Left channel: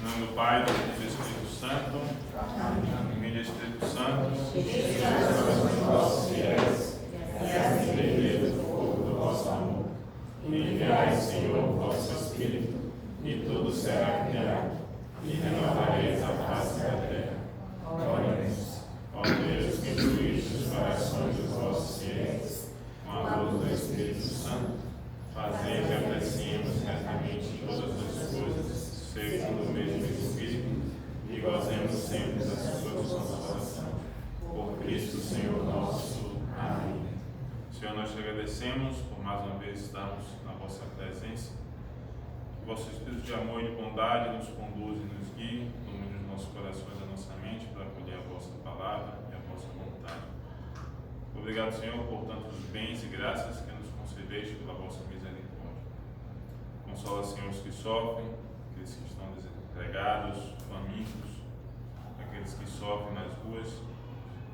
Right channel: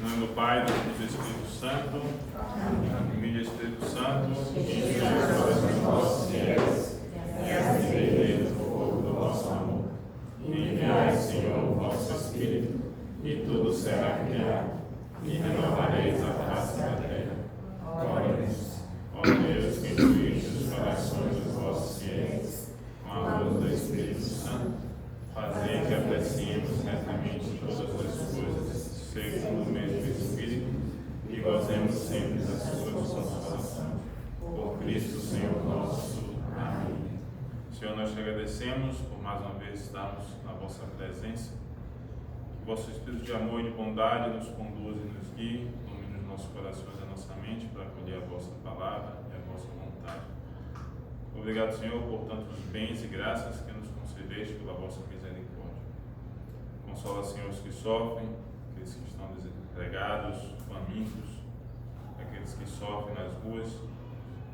Em nome do Pai, do Filho e do Espírito Santo. Amém. Espírito Santo, os vossos fiéis, e as igrejas do fogo do vosso amor. Enviai, Senhor, o vosso Espírito, e tudo será criado, e renovareis a face da terra. Oremos, ó Deus, que instruíste os corações dos vossos fiéis, com a luz do Espírito Santo, fazei que apreciemos retamente todas as coisas, segundo o mesmo Espírito, e gozemos sempre da sua consolação. Por Cristo, Senhor nosso. Amém. Senhor, nós te agradecemos por mais uma vez estarmos na vossa presença. Que o vosso Espírito de amor e de bondade nos conduza e nos guie, ilumine os nossos corações e a nossa mente para acolher a vossa palavra e a vossa vontade. Obrigado, Senhor, por tantos bens e graças que nos concedeste pela vossa misericórdia. Consola, Senhor, os que sofrem, aqueles que estão desempregados, famintos, aqueles que sofrem nas ruas,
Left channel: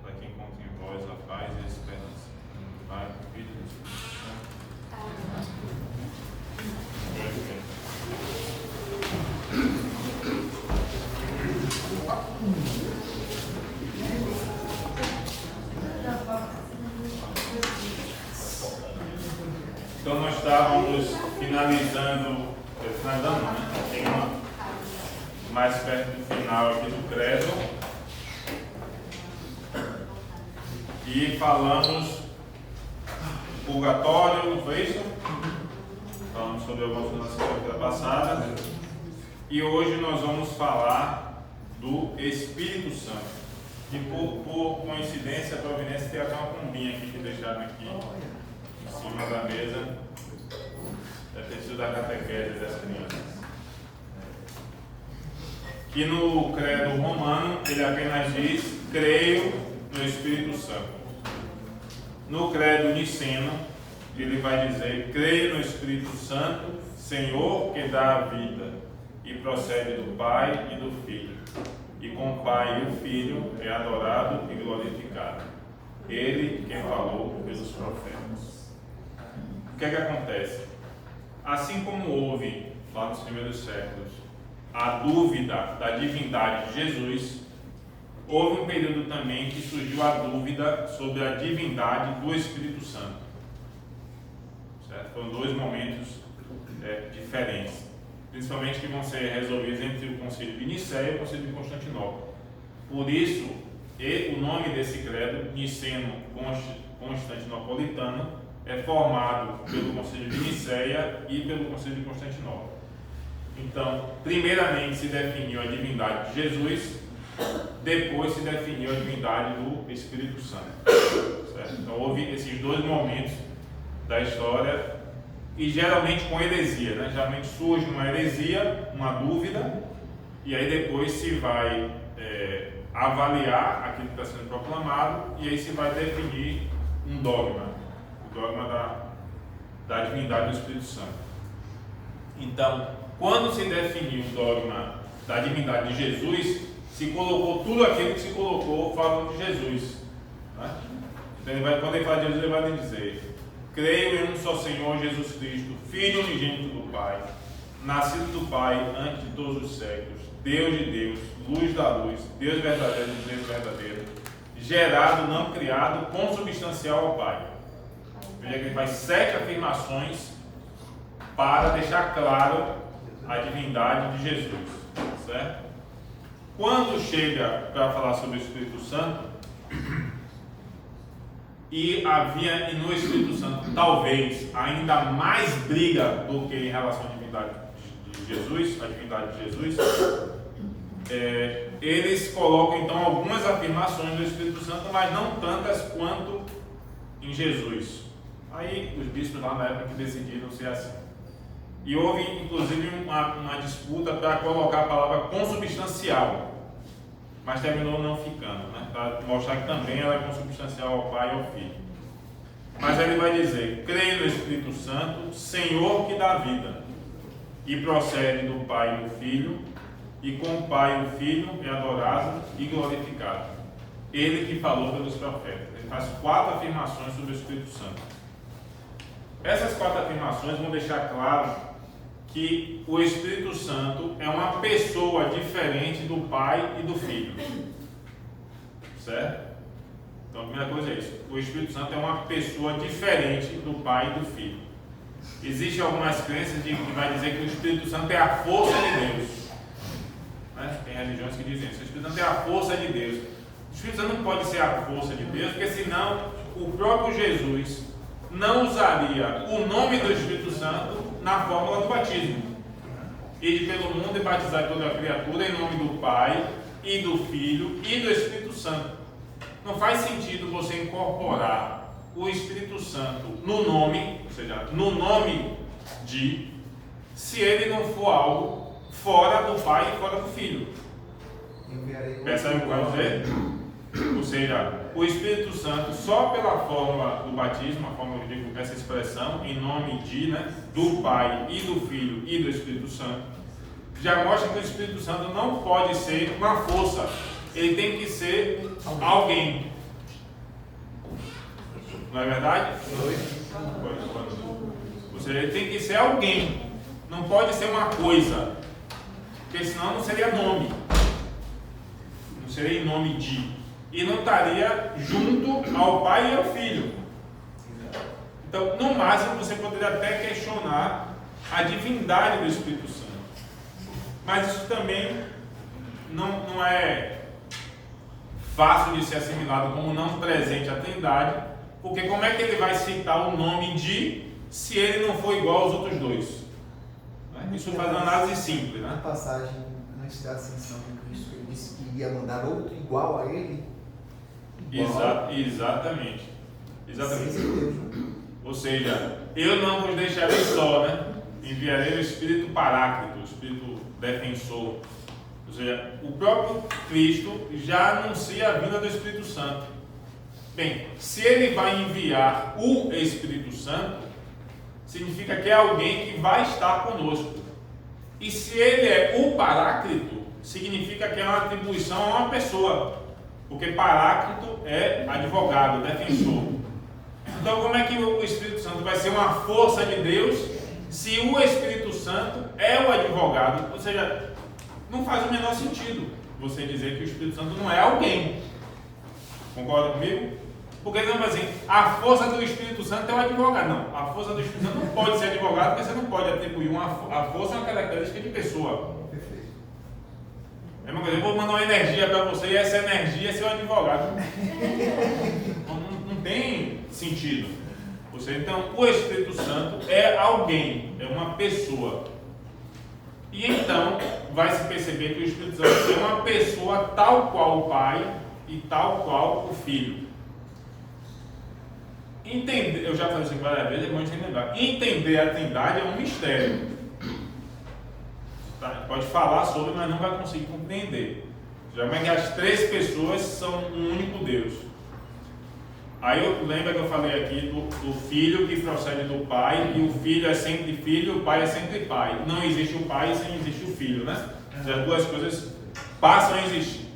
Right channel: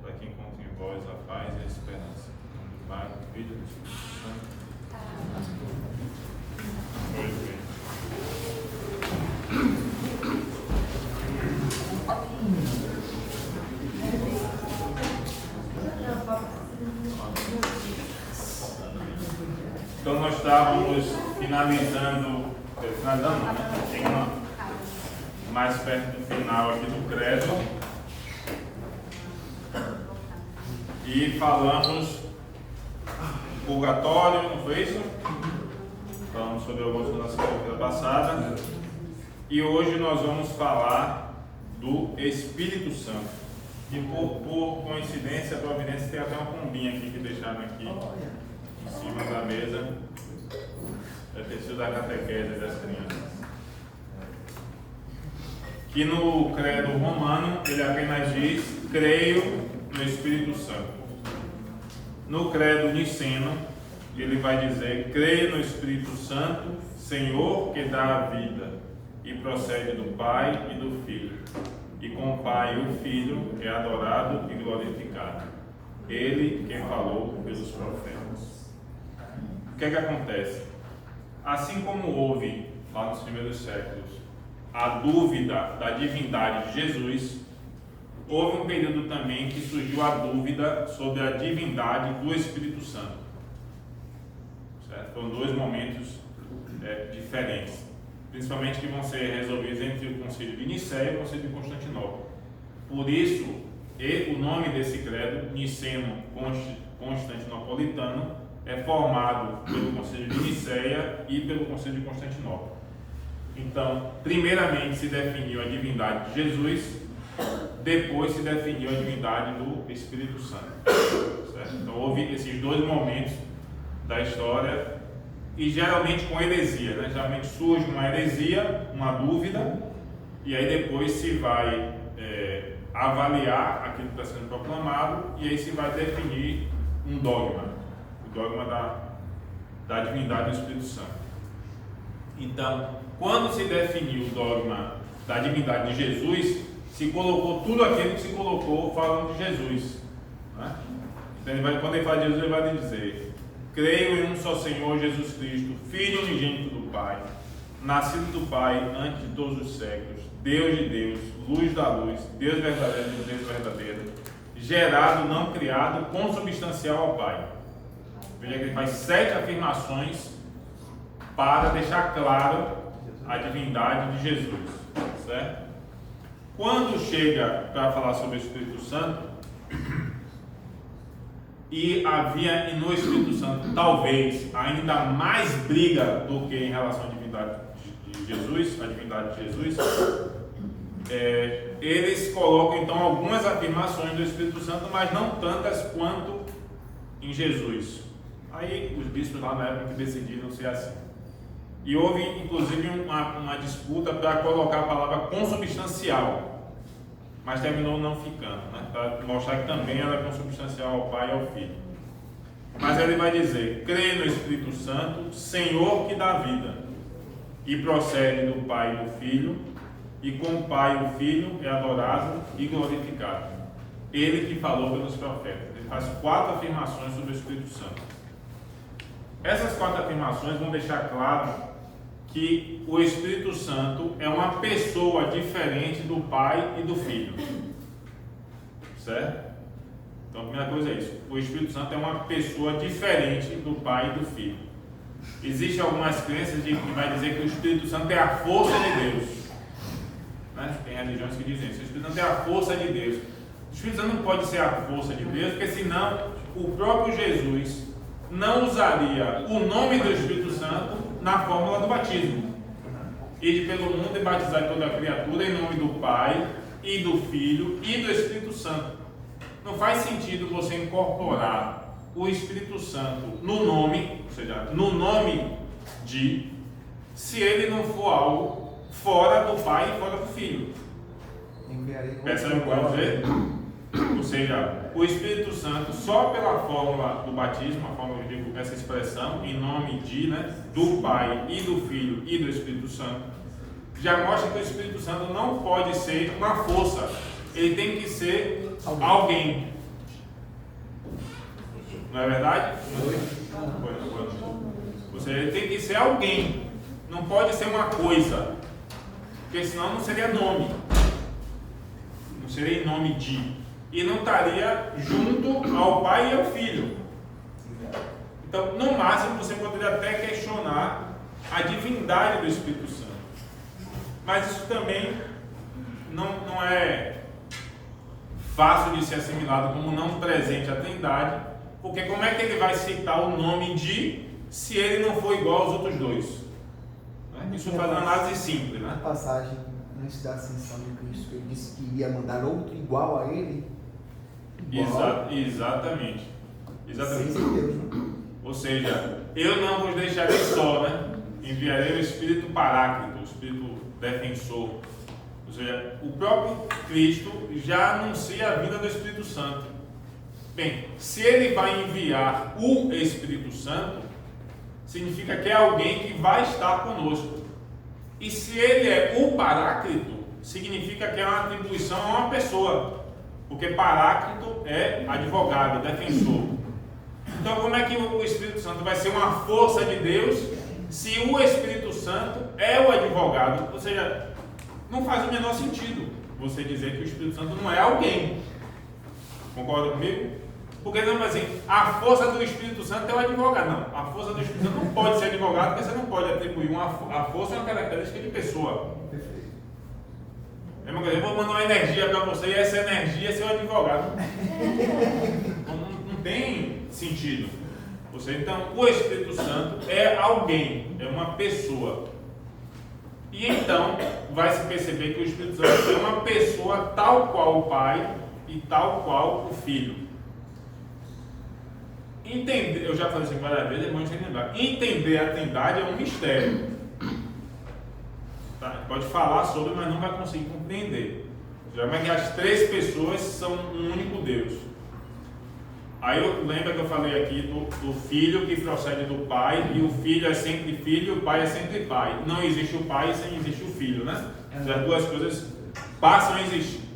para que encontrem em vós a paz e a esperança. Em nome do Pai, do Filho e do Espírito Santo. Pois bem. Então nós estávamos finalizando não, né? Chegando mais perto do final aqui do credo. E falamos do purgatório, não foi isso? Falamos sobre algumas coisas na semana passada. E hoje nós vamos falar do Espírito Santo. E por coincidência, providência, tem até uma pombinha aqui que deixaram aqui em cima da mesa. Deve ter sido da catequese das crianças. Que no credo romano ele apenas diz: creio no Espírito Santo. No credo niceno ele vai dizer: creio no Espírito Santo, Senhor que dá a vida, e procede do Pai e do Filho, e com o Pai e o Filho é adorado e glorificado, ele que falou pelos profetas. O que é que acontece? Assim como houve lá nos primeiros séculos a dúvida da divindade de Jesus, houve um período também que surgiu a dúvida sobre a divindade do Espírito Santo. Certo? Foram dois momentos diferentes, principalmente que vão ser resolvidos entre o Concílio de Nicéia e o Concílio de Constantinopla. Por isso, o nome desse credo, niceno-constantinopolitano, é formado pelo Concílio de Nicéia e pelo Concílio de Constantinopla. Então, primeiramente se definiu a divindade de Jesus, depois se definiu a divindade do Espírito Santo. Certo? Então, houve esses dois momentos da história, e geralmente com heresia, né? Geralmente surge uma heresia, uma dúvida, e aí depois se vai avaliar aquilo que está sendo proclamado, e aí se vai definir um dogma. Dogma da divindade do Espírito Santo. Então, quando se definiu o dogma da divindade de Jesus, se colocou tudo aquilo que se colocou falando de Jesus, né? Então, quando ele fala de Jesus, ele vai dizer: creio em um só Senhor Jesus Cristo, Filho unigênito do Pai, nascido do Pai antes de todos os séculos, Deus de Deus, luz da luz, Deus verdadeiro de Deus verdadeiro, gerado, não criado, consubstancial ao Pai. Veja que ele faz 7 afirmações para deixar claro a divindade de Jesus, certo? Quando chega para falar sobre o Espírito Santo, e havia no Espírito Santo talvez ainda mais briga do que em relação à divindade de Jesus, a divindade de Jesus, eles colocam então algumas afirmações do Espírito Santo, mas não tantas quanto em Jesus. Aí os bispos lá na época que decidiram ser assim. E houve inclusive uma disputa para colocar a palavra consubstancial, mas terminou não ficando, né? Para mostrar que também ela é consubstancial ao Pai e ao Filho. Mas ele vai dizer: creio no Espírito Santo, Senhor que dá vida, e procede do Pai e do Filho, e com o Pai e o Filho é adorado e glorificado, ele que falou pelos profetas. Ele faz 4 afirmações sobre o Espírito Santo. Essas 4 afirmações vão deixar claro que o Espírito Santo é uma pessoa diferente do Pai e do Filho. Certo? Então a primeira coisa é isso. O Espírito Santo é uma pessoa diferente do Pai e do Filho. Existem algumas crenças que vai dizer que o Espírito Santo é a força de Deus. Né? Tem religiões que dizem isso. O Espírito Santo é a força de Deus. O Espírito Santo não pode ser a força de Deus, porque senão o próprio Jesus não usaria o nome do Espírito Santo na fórmula do batismo. Ide pelo mundo e batizar toda a criatura em nome do Pai e do Filho e do Espírito Santo. Não faz sentido você incorporar o Espírito Santo no nome, ou seja, no nome de, se ele não for algo fora do Pai e fora do Filho. Percebe o que eu quero dizer? Ou seja, o Espírito Santo, só pela fórmula do batismo, a fórmula que eu digo, essa expressão, em nome de, né, do Pai e do Filho e do Espírito Santo, já mostra que o Espírito Santo não pode ser uma força, ele tem que ser alguém. Não é verdade? Ou seja, ele tem que ser alguém, não pode ser uma coisa, porque senão não seria nome, não seria em nome de, e não estaria junto ao Pai e ao Filho. Então, no máximo, você poderia até questionar a divindade do Espírito Santo, mas isso também não é fácil de ser assimilado como não presente à Trindade, porque como é que ele vai citar o nome de, se ele não for igual aos outros dois? Né? Isso faz uma análise simples, né? A passagem antes da ascensão de Cristo, ele disse que iria mandar outro igual a ele. Exatamente. Ou seja, eu não vos deixarei só, né? Enviarei o Espírito Paráclito, o Espírito Defensor. Ou seja, o próprio Cristo já anuncia a vinda do Espírito Santo. Bem, se ele vai enviar o Espírito Santo, significa que é alguém que vai estar conosco. E se ele é o Paráclito, significa que é uma atribuição a uma pessoa, porque Paráclito é advogado, defensor. Então, como é que o Espírito Santo vai ser uma força de Deus se o Espírito Santo é o advogado? Ou seja, não faz o menor sentido você dizer que o Espírito Santo não é alguém. Concorda comigo? Porque não, assim, a força do Espírito Santo é o advogado. Não, a força do Espírito Santo não pode ser advogado, porque você não pode atribuir a força a uma característica de pessoa. É uma coisa, eu vou mandar uma energia para você e essa energia é seu advogado. Não tem sentido. Então, o Espírito Santo é alguém, é uma pessoa. E então, vai se perceber que o Espírito Santo é uma pessoa tal qual o Pai e tal qual o Filho. Entender, eu já falei isso aqui várias vezes, é bom a gente lembrar. Entender a Trindade é um mistério. Tá? Pode falar sobre, mas não vai conseguir compreender. Já como é que as três pessoas são um único Deus. Aí eu lembro que eu falei aqui do Filho que procede do Pai, e o Filho é sempre Filho, e o Pai é sempre Pai. Não existe o Pai sem existir o Filho, né? As duas coisas passam a existir.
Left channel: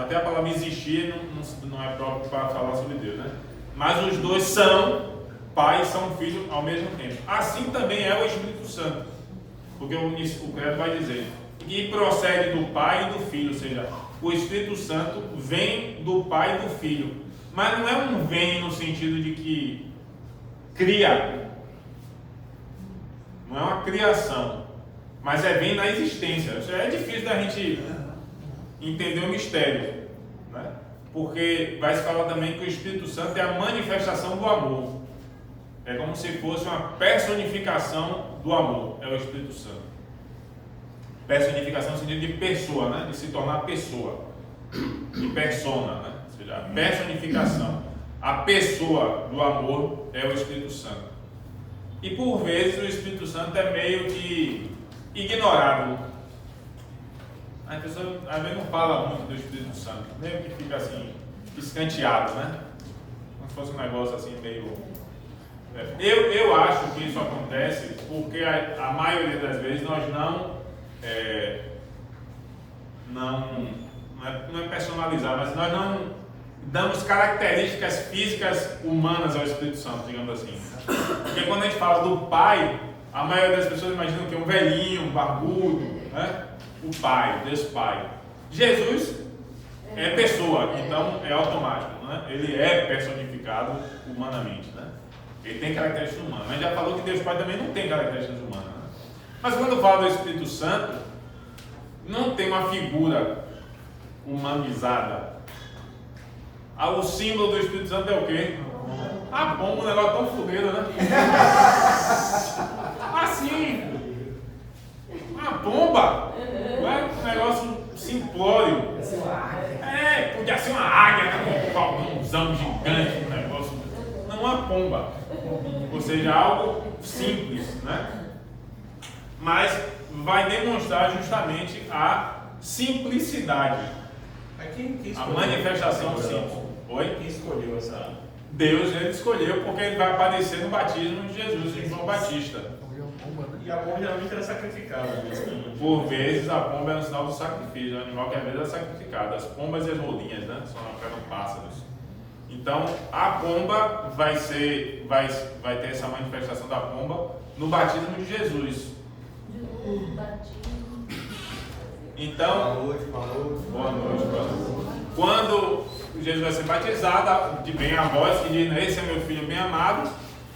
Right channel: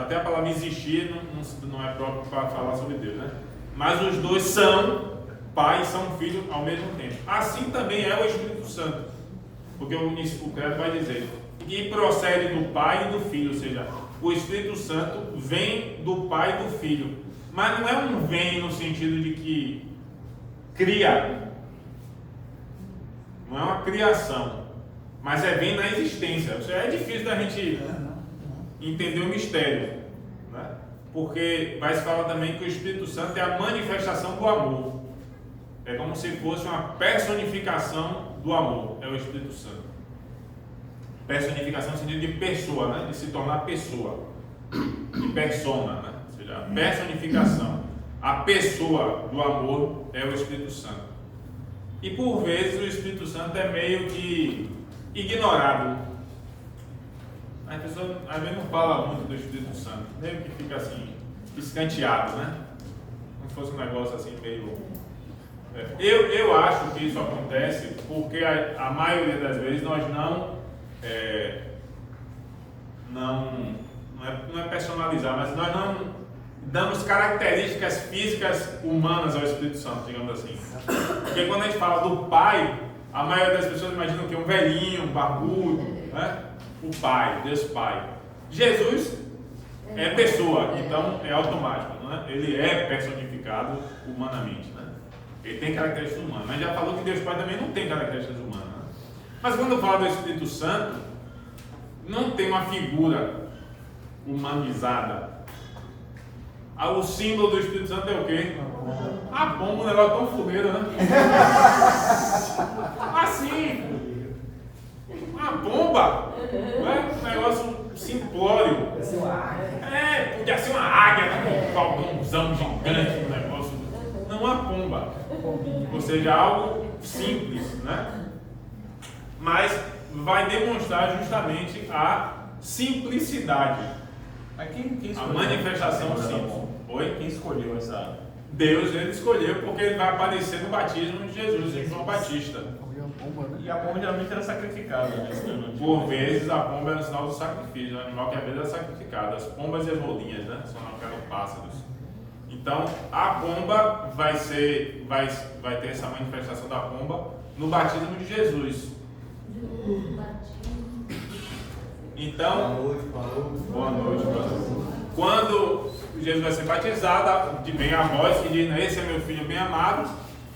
Até a palavra existir não é próprio para falar sobre Deus, né? Mas os dois são Pai e são Filho ao mesmo tempo. Assim também é o Espírito Santo, porque o credo vai dizer que procede do Pai e do Filho, ou seja, o Espírito Santo vem do Pai e do Filho, mas não é um vem no sentido de que cria, não é uma criação, mas vem na existência. Ou seja, é difícil da gente entender o mistério, né? Porque vai se falar também que o Espírito Santo é a manifestação do amor. É como se fosse uma personificação do amor. É o Espírito Santo. Personificação no sentido de pessoa, né? De se tornar pessoa. De persona, né? Ou seja, a personificação. A pessoa do amor é o Espírito Santo. E por vezes o Espírito Santo é meio que ignorado. As pessoas às vezes não falam muito do Espírito Santo, meio que fica assim, escanteado, né? Como se fosse um negócio assim meio... Eu acho que isso acontece porque a maioria das vezes nós não é personalizar, mas nós não damos características físicas humanas ao Espírito Santo, digamos assim. Porque quando a gente fala do Pai, A maioria das pessoas imaginam que é um velhinho, um barbudo, né? O Pai, Deus Pai. Jesus é pessoa, então é automático, né? Ele é personificado humanamente, né? Ele tem características humanas, mas já falou que Deus Pai também não tem características humanas, né? Mas quando fala do Espírito Santo, não tem uma figura humanizada. O símbolo do Espírito Santo é o quê? A pomba, um negócio tão fuleiro, né? Assim, uma pomba, né? Um negócio simplório. Podia ser uma águia, né? Um falcãozão gigante, um negócio. Não uma pomba. Ou seja, algo simples, né? Mas vai demonstrar justamente a simplicidade. A manifestação simples. Oi? Quem escolheu essa? Deus, ele escolheu porque ele vai aparecer no batismo de Jesus, em João Batista. E a pomba geralmente era sacrificada. Por vezes a pomba era um sinal do sacrifício, o animal que às vezes era sacrificado. As pombas e as rolinhas, né? Só não eram pássaros. Então a pomba vai ter essa manifestação da pomba no batismo de Jesus. Então, boa noite. Quando Jesus vai ser batizado, vem a voz que diz: esse é meu filho bem amado,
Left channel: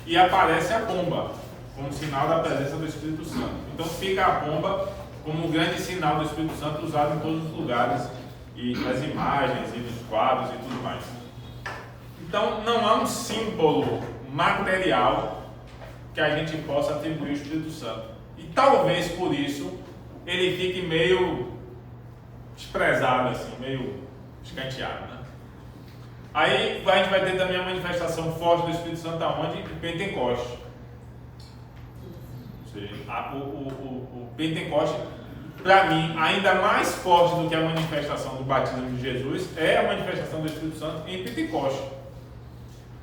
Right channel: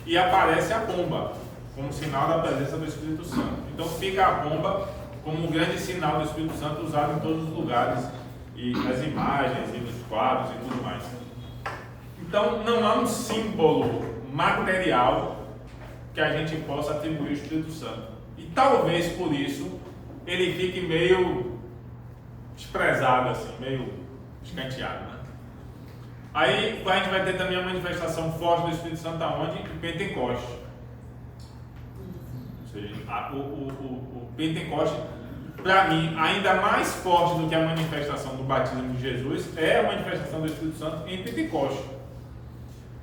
e aparece a pomba como sinal da presença do Espírito Santo. Então fica a pomba como um grande sinal do Espírito Santo usado em todos os lugares, e nas imagens, e nos quadros e tudo mais. Então não há um símbolo material que a gente possa atribuir ao Espírito Santo. E talvez por isso ele fique meio desprezado, assim, meio escanteado, né? Aí a gente vai ter também a manifestação forte do Espírito Santo aonde? Em Pentecoste. Ou seja, o Pentecoste, para mim, ainda mais forte do que a manifestação do batismo de Jesus, é a manifestação do Espírito Santo em Pentecoste.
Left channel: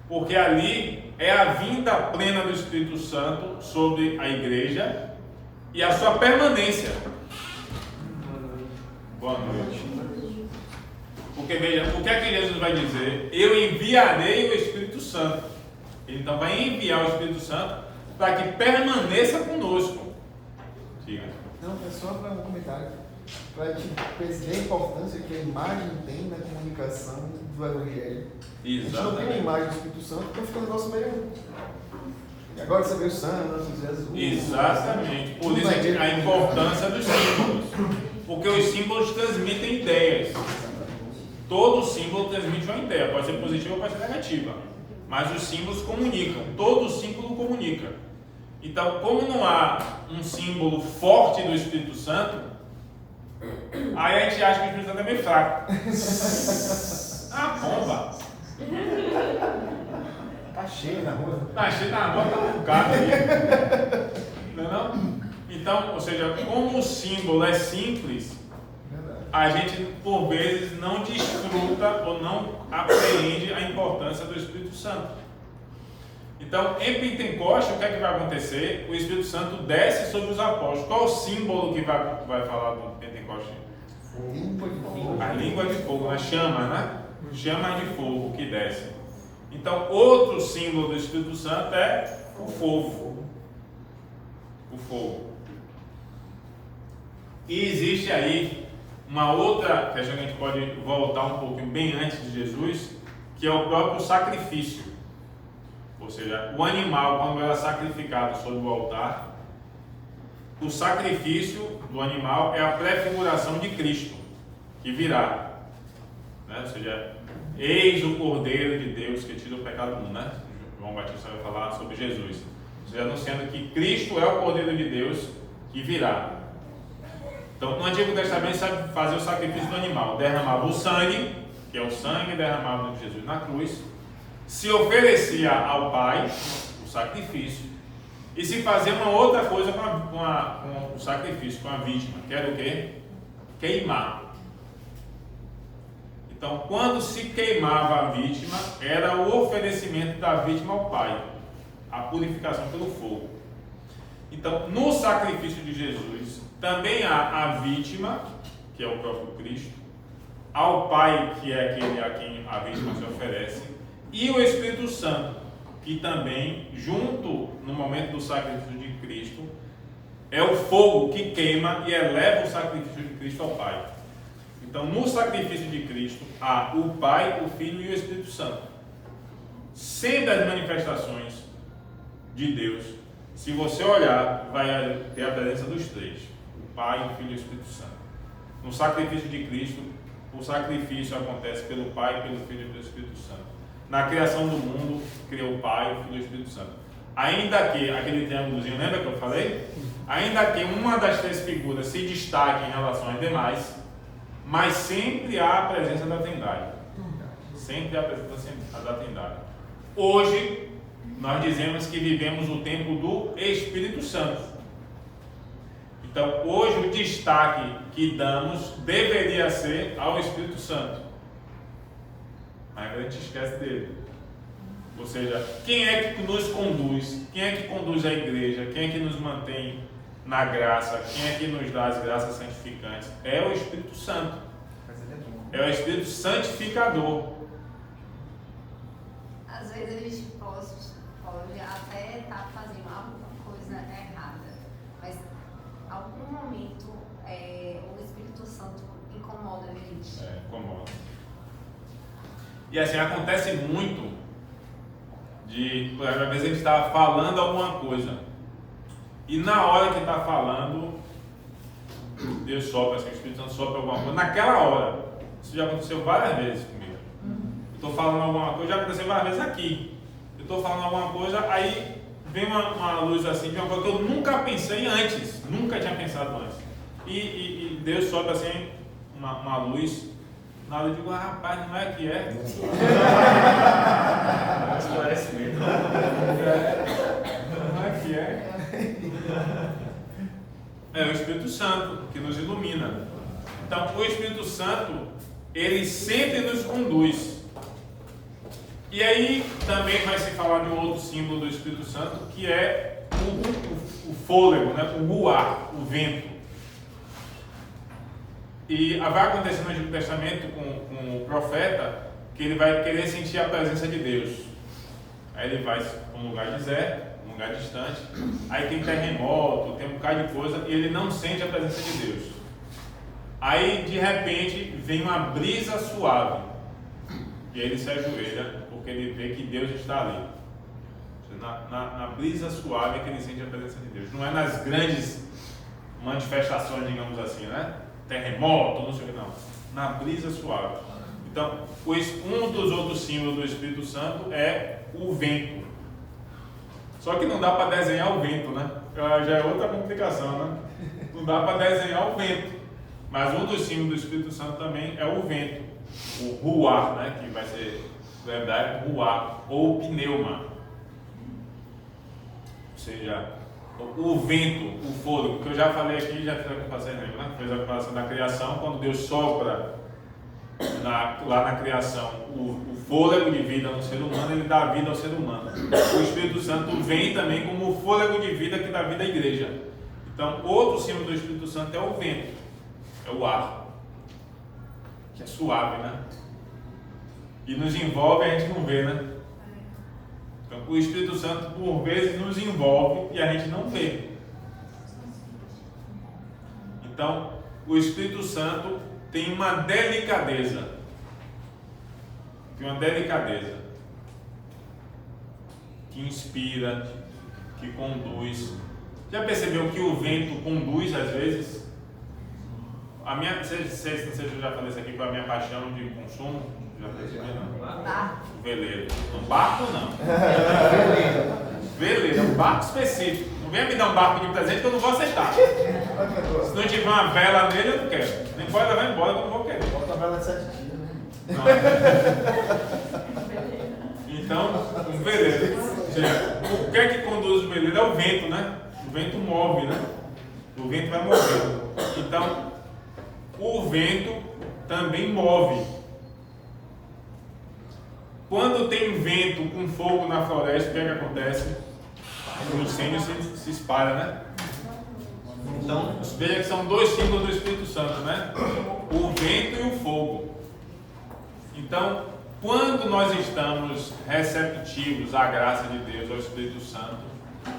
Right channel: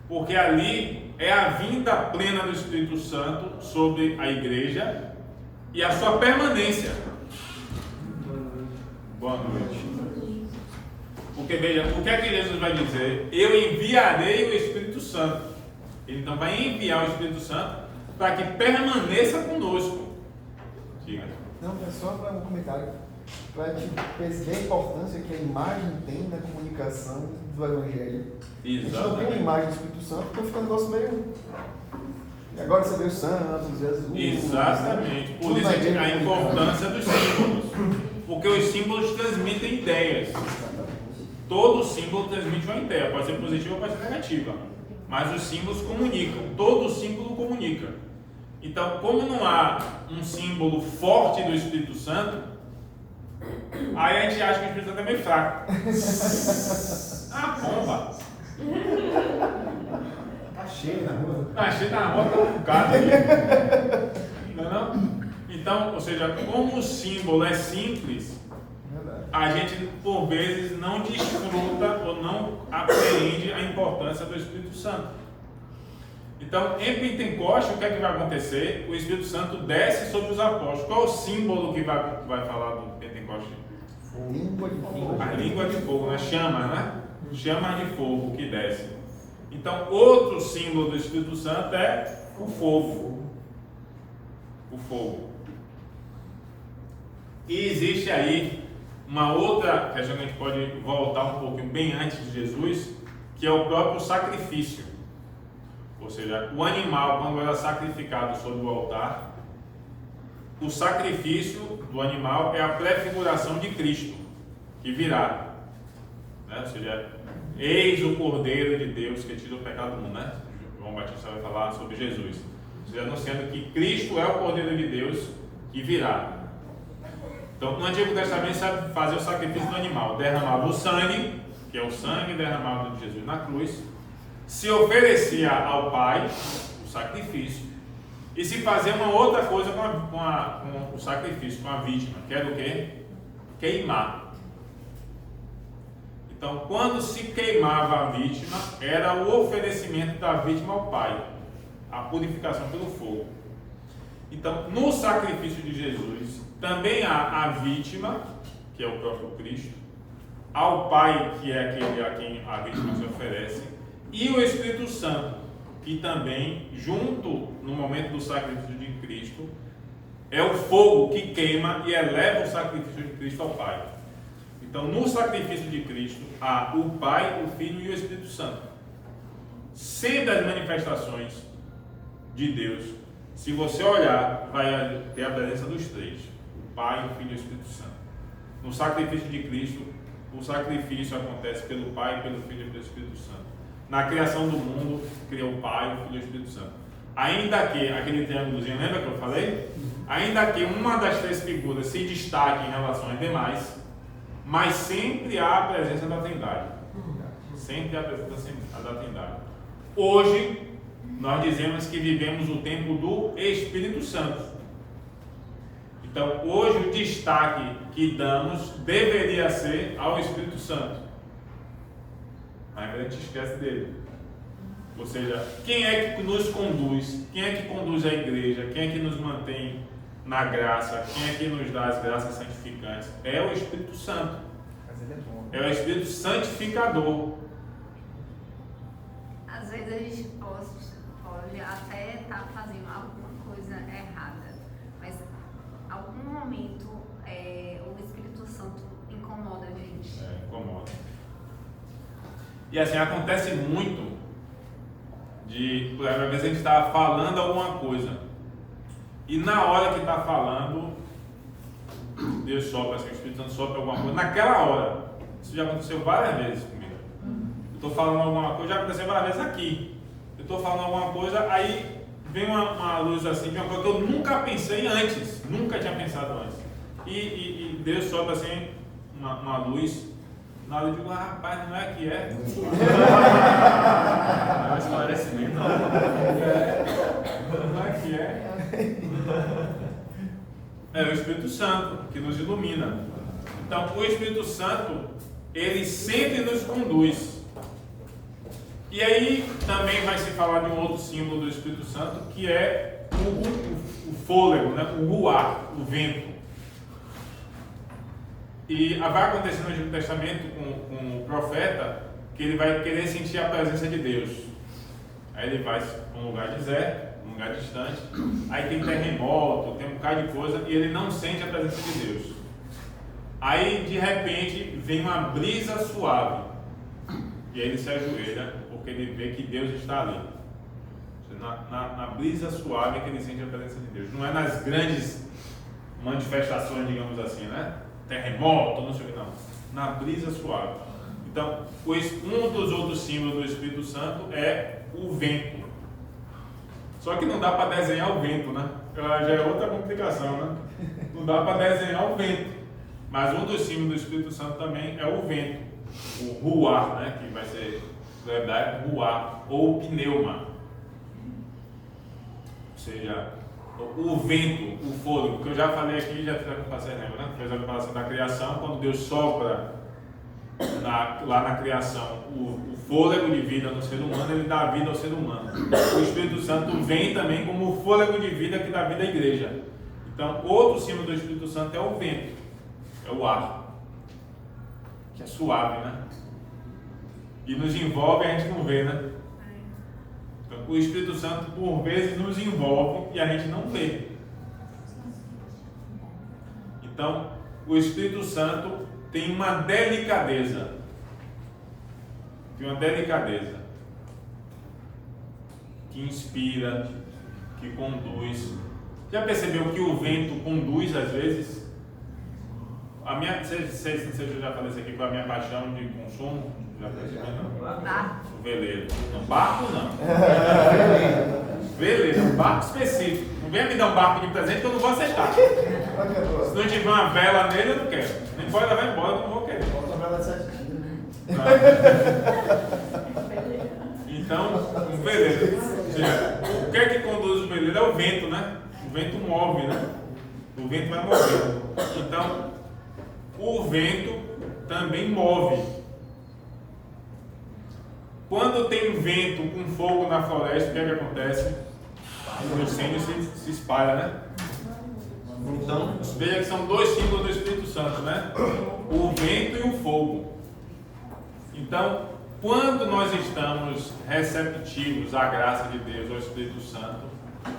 Porque ali é a vinda plena do Espírito Santo sobre a igreja e a sua permanência. Boa noite. Porque veja, o que é que Jesus vai dizer? Eu enviarei o Espírito Santo. Ele então vai enviar o Espírito Santo para que permaneça conosco. Diga. Não, é só para um comentário. Para te perceber a importância que a imagem tem na comunicação do Evangelho. Exatamente. A gente não tem a imagem do Espírito Santo, porque fica um negócio meio. E agora você vê o santo, Jesus. Exatamente. Por isso é que a importância dos símbolos. Porque os símbolos transmitem ideias. Todo símbolo transmite uma ideia, pode ser positiva ou pode ser negativa. Mas os símbolos comunicam, todo símbolo comunica. Então, como não há um símbolo forte do Espírito Santo, aí a gente acha que o Espírito Santo é meio fraco. Bomba! Tá cheio na rua. Tá cheio na rua, tá bocado aí. Não é não? Então, ou seja, como o símbolo é simples, a gente por vezes não desfruta ou não apreende a importância do Espírito Santo. Então, em Pentecoste, o que é que vai acontecer? O Espírito Santo desce sobre os apóstolos. Qual o símbolo que vai falar do Pentecoste? Língua de fogo. A língua de fogo, né? Chama, né? Chamas de fogo que desce. Então, outro símbolo do Espírito Santo é o fogo. O fogo. E existe aí uma outra questão que a gente pode voltar um pouquinho bem antes de Jesus, que é o próprio sacrifício. Ou seja, o animal, quando era sacrificado sobre o altar, o sacrifício do animal é a prefiguração de Cristo, que virá. Né? Ou seja, eis o Cordeiro de Deus que tira o pecado do mundo. Né? João Batista vai falar sobre Jesus. Ou seja, anunciando que Cristo é o Cordeiro de Deus que virá. Então, no Antigo Testamento, sabe fazer o sacrifício do animal. Derramava o sangue, que é o sangue derramado de Jesus na cruz. Se oferecia ao Pai o sacrifício. E se fazia uma outra coisa com o sacrifício, com a vítima. Que era o quê? Queimar. Então, quando se queimava a vítima, era o oferecimento da vítima ao Pai. A purificação pelo fogo. Então, no sacrifício de Jesus, também há a vítima, que é o próprio Cristo, ao Pai, que é aquele a quem a vítima se oferece, e o Espírito Santo, que também, junto no momento do sacrifício de Cristo, é o fogo que queima e eleva o sacrifício de Cristo ao Pai. Então, no sacrifício de Cristo, há o Pai, o Filho e o Espírito Santo. Sempre as manifestações de Deus, se você olhar, vai ter a presença dos três: o Pai, o Filho e o Espírito Santo. No sacrifício de Cristo, o sacrifício acontece pelo Pai, pelo Filho e pelo Espírito Santo. Na criação do mundo, cria o Pai, o Filho e o Espírito Santo. Ainda que, aquele triângulozinho, lembra que eu falei? Ainda que uma das três figuras se destaque em relação às demais, mas sempre há a presença da Trindade. Sempre há a presença da Trindade. Hoje, nós dizemos que vivemos o tempo do Espírito Santo. Então, hoje o destaque que damos deveria ser ao Espírito Santo. Mas a gente esquece dele. Ou seja, quem é que nos conduz? Quem é que conduz a igreja? Quem é que nos mantém na graça? Quem é que nos dá as graças santificantes? É o Espírito Santo. É o Espírito Santificador. Às vezes a gente pode até estar fazendo alguma coisa errada, mas em algum momento o Espírito Santo incomoda a gente. Incomoda. E assim, acontece muito por exemplo, às vezes a gente está falando alguma coisa e na hora que está falando, Deus sopra, assim, o Espírito Santo sopra alguma coisa, naquela hora. Isso já aconteceu várias vezes comigo. Eu estou falando alguma coisa, já aconteceu várias vezes aqui. Eu estou falando alguma coisa, aí vem uma luz assim, de uma coisa que eu nunca pensei antes, nunca tinha pensado antes. E Deus sopra assim, uma luz. Na hora eu digo, rapaz, não é que é? É um esclarecimento. Não é que é? É o Espírito Santo que nos ilumina. Então, o Espírito Santo, ele sempre nos conduz. E aí também vai se falar de um outro símbolo do Espírito Santo, que é o fôlego, né? O ruar, o vento. E vai acontecer no Antigo Testamento com o profeta que ele vai querer sentir a presença de Deus. Aí ele vai para um lugar deserto, um lugar distante, aí tem terremoto, tem um bocado de coisa e ele não sente a presença de Deus. Aí de repente vem uma brisa suave e aí ele se ajoelha porque ele vê que Deus está ali. Na brisa suave é que ele sente a presença de Deus. Não é nas grandes manifestações, digamos assim, né? Terremoto, não sei o que, não. Na brisa suave. Então, um dos outros símbolos do Espírito Santo é o vento. Só que não dá para desenhar o vento, né? Já é outra complicação, né? Não dá para desenhar o vento. Mas um dos símbolos do Espírito Santo também é o vento. O ruar, né? Que vai ser, no hebraico, ruar. Ou pneuma. Ou seja, o vento, o fôlego, que eu já falei aqui, já fiz a comparação, lembra, né? Fez a comparação da criação, quando Deus sopra lá na criação o fôlego de vida no ser humano, ele dá vida ao ser humano. O Espírito Santo vem também como o fôlego de vida que dá vida à igreja. Então, outro símbolo do Espírito Santo é o vento, é o ar, que é suave, né? E nos envolve, a gente não vê, né? Então, o Espírito Santo, por vezes, nos envolve e a gente não vê. Então, o Espírito Santo tem uma delicadeza. Tem uma delicadeza que inspira, que conduz. Já percebeu que o vento conduz às vezes? Não sei se eu já falei isso aqui com a minha paixão de consumo. Já percebeu, não? O veleiro. Não, barco não. Veleiro, é um barco específico. Não venha me dar um barco de presente que eu não vou aceitar. Se não tiver uma vela nele, eu não quero. Nem pode levar embora, eu não vou querer. Bota a vela de 7 quilos. Então, um veleiro. Ou seja, o que é que conduz o veleiro? É o vento, né? O vento move, né? O vento vai mover. Então, o vento também move. Quando tem vento com fogo na floresta, o que é que acontece? O incêndio se espalha, né? Então, veja que são dois símbolos do Espírito Santo, né? O vento e o fogo. Então, quando nós estamos receptivos à graça de Deus, ao Espírito Santo,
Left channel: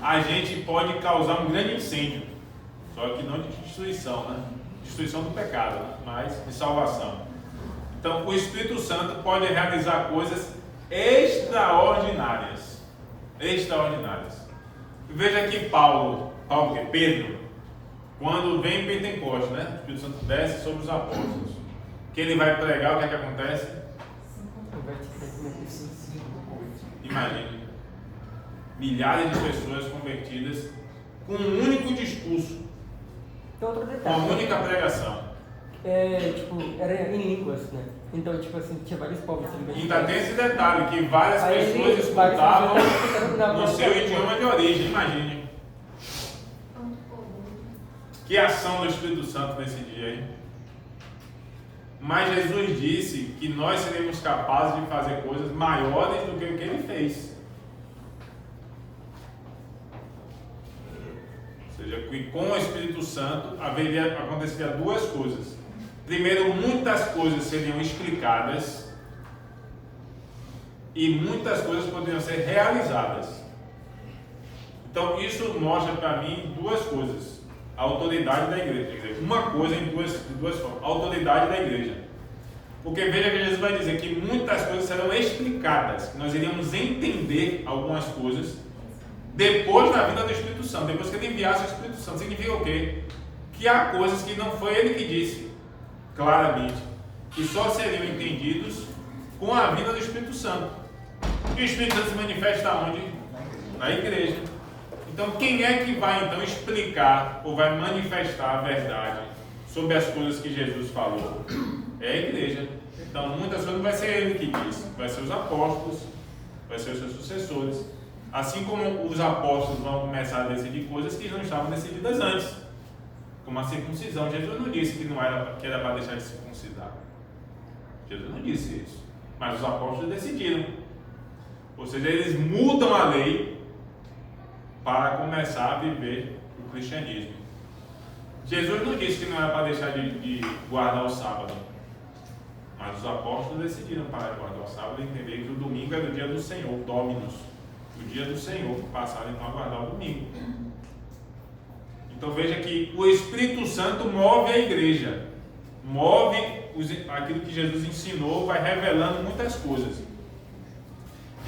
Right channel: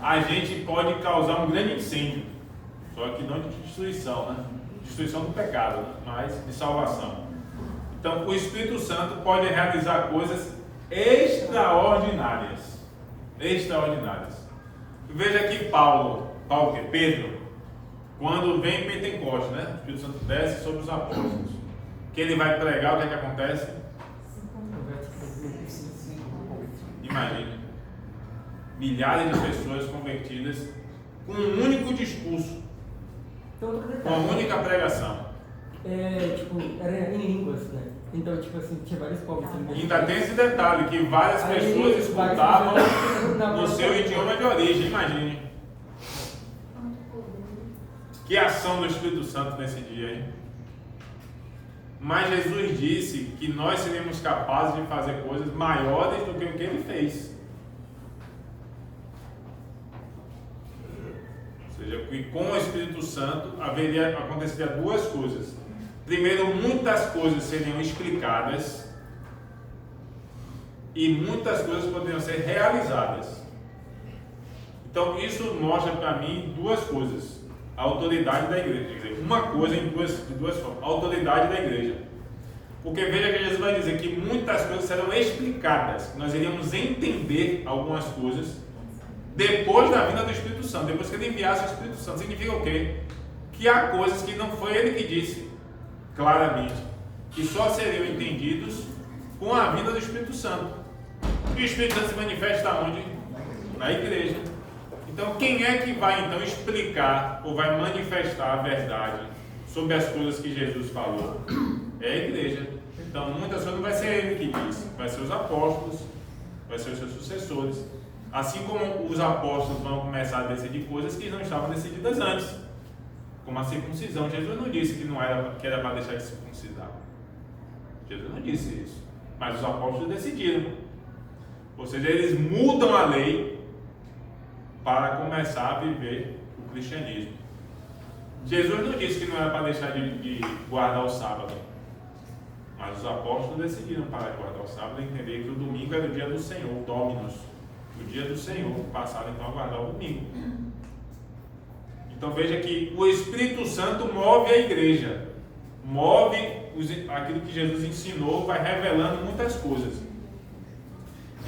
a gente pode causar um grande incêndio, só que não de destruição, né? Destruição do pecado, né? Mas de salvação. Então, o Espírito Santo pode realizar coisas extraordinárias. Extraordinárias. Veja que Pedro, quando vem Pentecostes, né? O Espírito Santo desce sobre os apóstolos, que ele vai pregar, o que é que acontece? Imagine, milhares de pessoas convertidas com um único discurso, com uma única pregação. Era em línguas, né? Então, tinha vários povos também. Ainda tem esse detalhe, que várias pessoas escutavam no seu idioma de origem, imagine. Que ação do Espírito Santo nesse dia, hein? Mas Jesus disse que nós seremos capazes de fazer coisas maiores do que o que ele fez. Ou seja, que com o Espírito Santo aconteceria duas coisas. Primeiro, muitas coisas seriam explicadas e muitas coisas poderiam ser realizadas. Então, isso mostra para mim duas coisas. A autoridade da igreja. Quer dizer, uma coisa de duas formas. A autoridade da igreja. Porque veja que Jesus vai dizer que muitas coisas serão explicadas. Nós iríamos entender algumas coisas depois da vinda do Espírito Santo. Depois que ele enviasse o Espírito Santo. Significa o quê? Que há coisas que não foi ele que disse claramente, que só seriam entendidos com a vinda do Espírito Santo. E o Espírito Santo se manifesta onde? Na igreja. Então, quem é que vai então explicar ou vai manifestar a verdade sobre as coisas que Jesus falou? É a igreja. Então, muitas coisas não vai ser ele que diz, vai ser os apóstolos, vai ser os seus sucessores. Assim como os apóstolos vão começar a decidir coisas que não estavam decididas antes, como a circuncisão. Jesus não disse que era para deixar de circuncidar. Jesus não disse isso. Mas os apóstolos decidiram. Ou seja, eles mudam a lei para começar a viver o cristianismo. Jesus não disse que não era para deixar de guardar o sábado, mas os apóstolos decidiram parar de guardar o sábado e entender que o domingo era o dia do Senhor, o Dominus, o dia do Senhor, passaram então a guardar o domingo. Então veja que o Espírito Santo move a igreja, move aquilo que Jesus ensinou, vai revelando muitas coisas.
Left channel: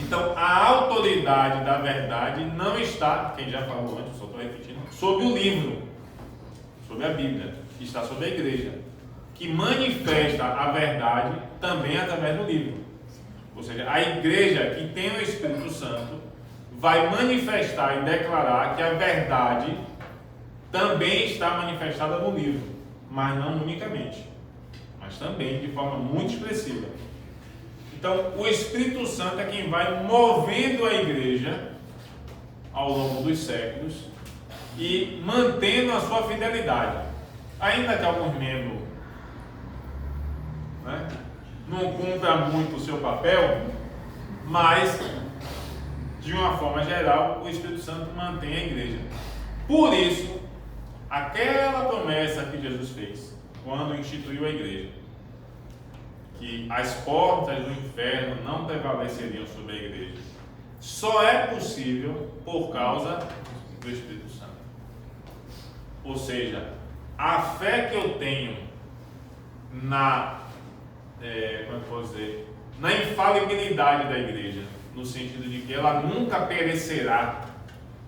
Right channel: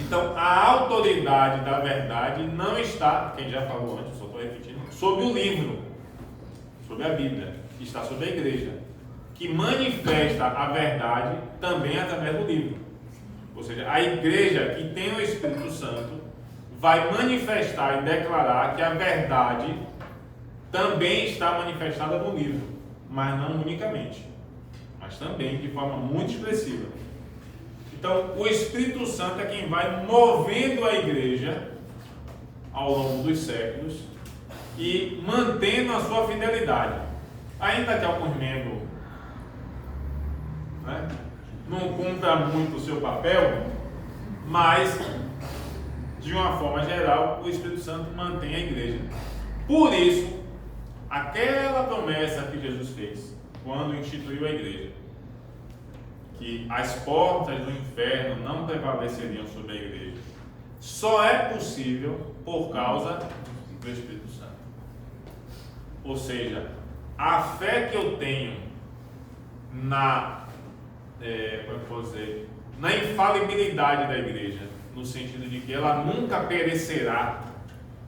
Então, a autoridade da verdade não está, quem já falou antes, só estou repetindo, sobre o livro, sobre a Bíblia, está sobre a igreja, que manifesta a verdade também através do livro. Ou seja, a igreja que tem o Espírito Santo vai manifestar e declarar que a verdade também está manifestada no livro, mas não unicamente, mas também de forma muito expressiva. Então, o Espírito Santo é quem vai movendo a igreja ao longo dos séculos e mantendo a sua fidelidade. Ainda que alguns membros não cumpram muito o seu papel, mas, de uma forma geral, o Espírito Santo mantém a igreja. Por isso, aquela promessa que Jesus fez, quando instituiu a igreja, que as portas do inferno não prevaleceriam sobre a igreja, só é possível por causa do Espírito Santo. Ou seja, a fé que eu tenho na infalibilidade da igreja, no sentido de que ela nunca perecerá,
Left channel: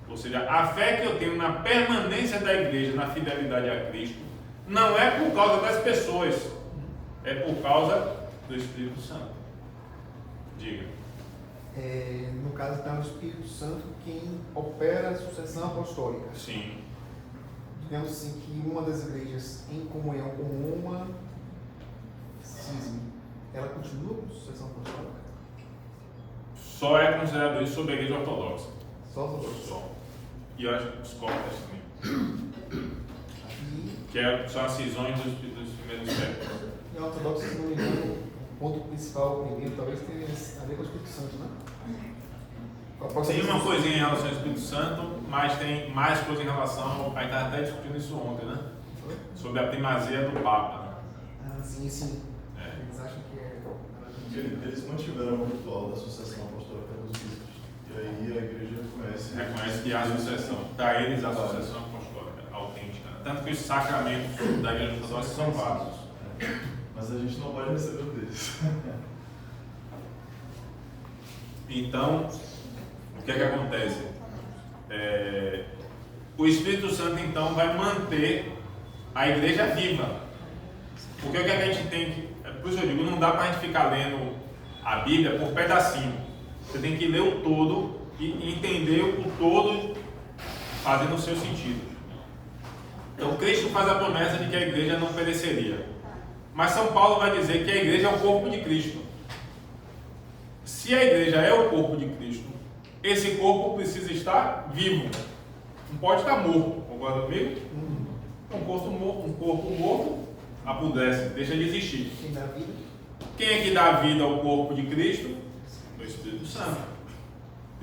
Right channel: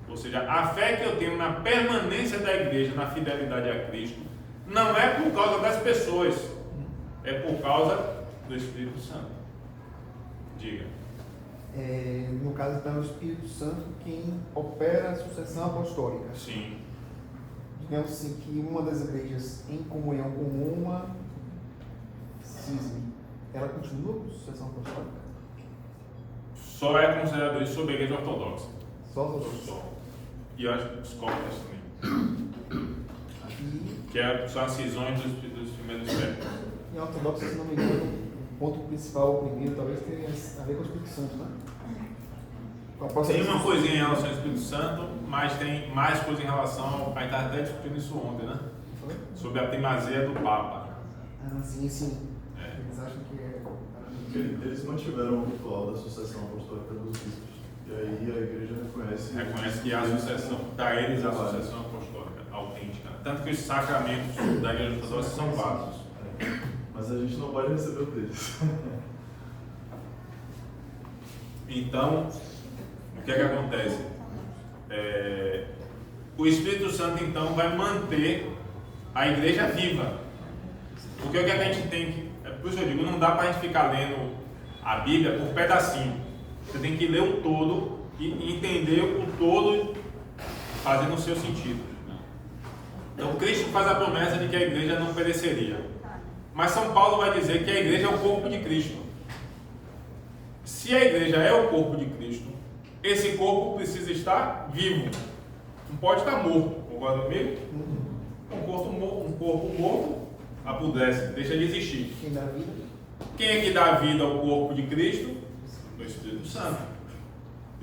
ou seja, a fé que eu tenho na permanência da igreja, na fidelidade a Cristo, não é por causa das pessoas, é por causa do Espírito Santo. Diga. No caso, então, é o Espírito Santo quem opera a sucessão apostólica. Sim. Digamos assim, que uma das igrejas em comunhão com uma cisne, ela continua com sucessão apostólica? Só é considerado isso sobre a igreja ortodoxa. Só. E eu acho que os cóptas também. Que são as cisões dos primeiros séculos. Em ortodoxa, se não me engano, o ponto principal, o primeiro, talvez tenha a ver com o Espírito Santo, né? Tem uma coisinha em relação ao Espírito Santo, mas tem mais coisa em relação. A gente estava até discutindo isso ontem, né? Sobre a primazia do Papa. Sim. É. Eles acham que é. Eles mantiveram o ritual da sucessão apostólica dos bispos. E aí a igreja Reconhece que há sucessão. Para eles, a sucessão apostólica autêntica. Tanto que os sacramentos da igreja ortodoxa são vários. Mas a gente não pode receber um deles. Então, o que é que acontece? O Espírito Santo, então, vai manter a igreja viva. Porque o que é que a gente tem que... Por isso eu digo, não dá para a gente ficar lendo a Bíblia por pedacinho. Você tem que ler o todo e entender o todo fazendo o seu sentido. Então, Cristo faz a promessa de que a igreja não pereceria. Mas São Paulo vai dizer que a igreja é o corpo de Cristo. Se a igreja é o corpo de Cristo, esse corpo precisa estar vivo. Não pode estar morto. Concorda comigo? Um corpo morto apodrece, deixa de existir. Quem é que dá vida ao corpo de Cristo? O Espírito Santo.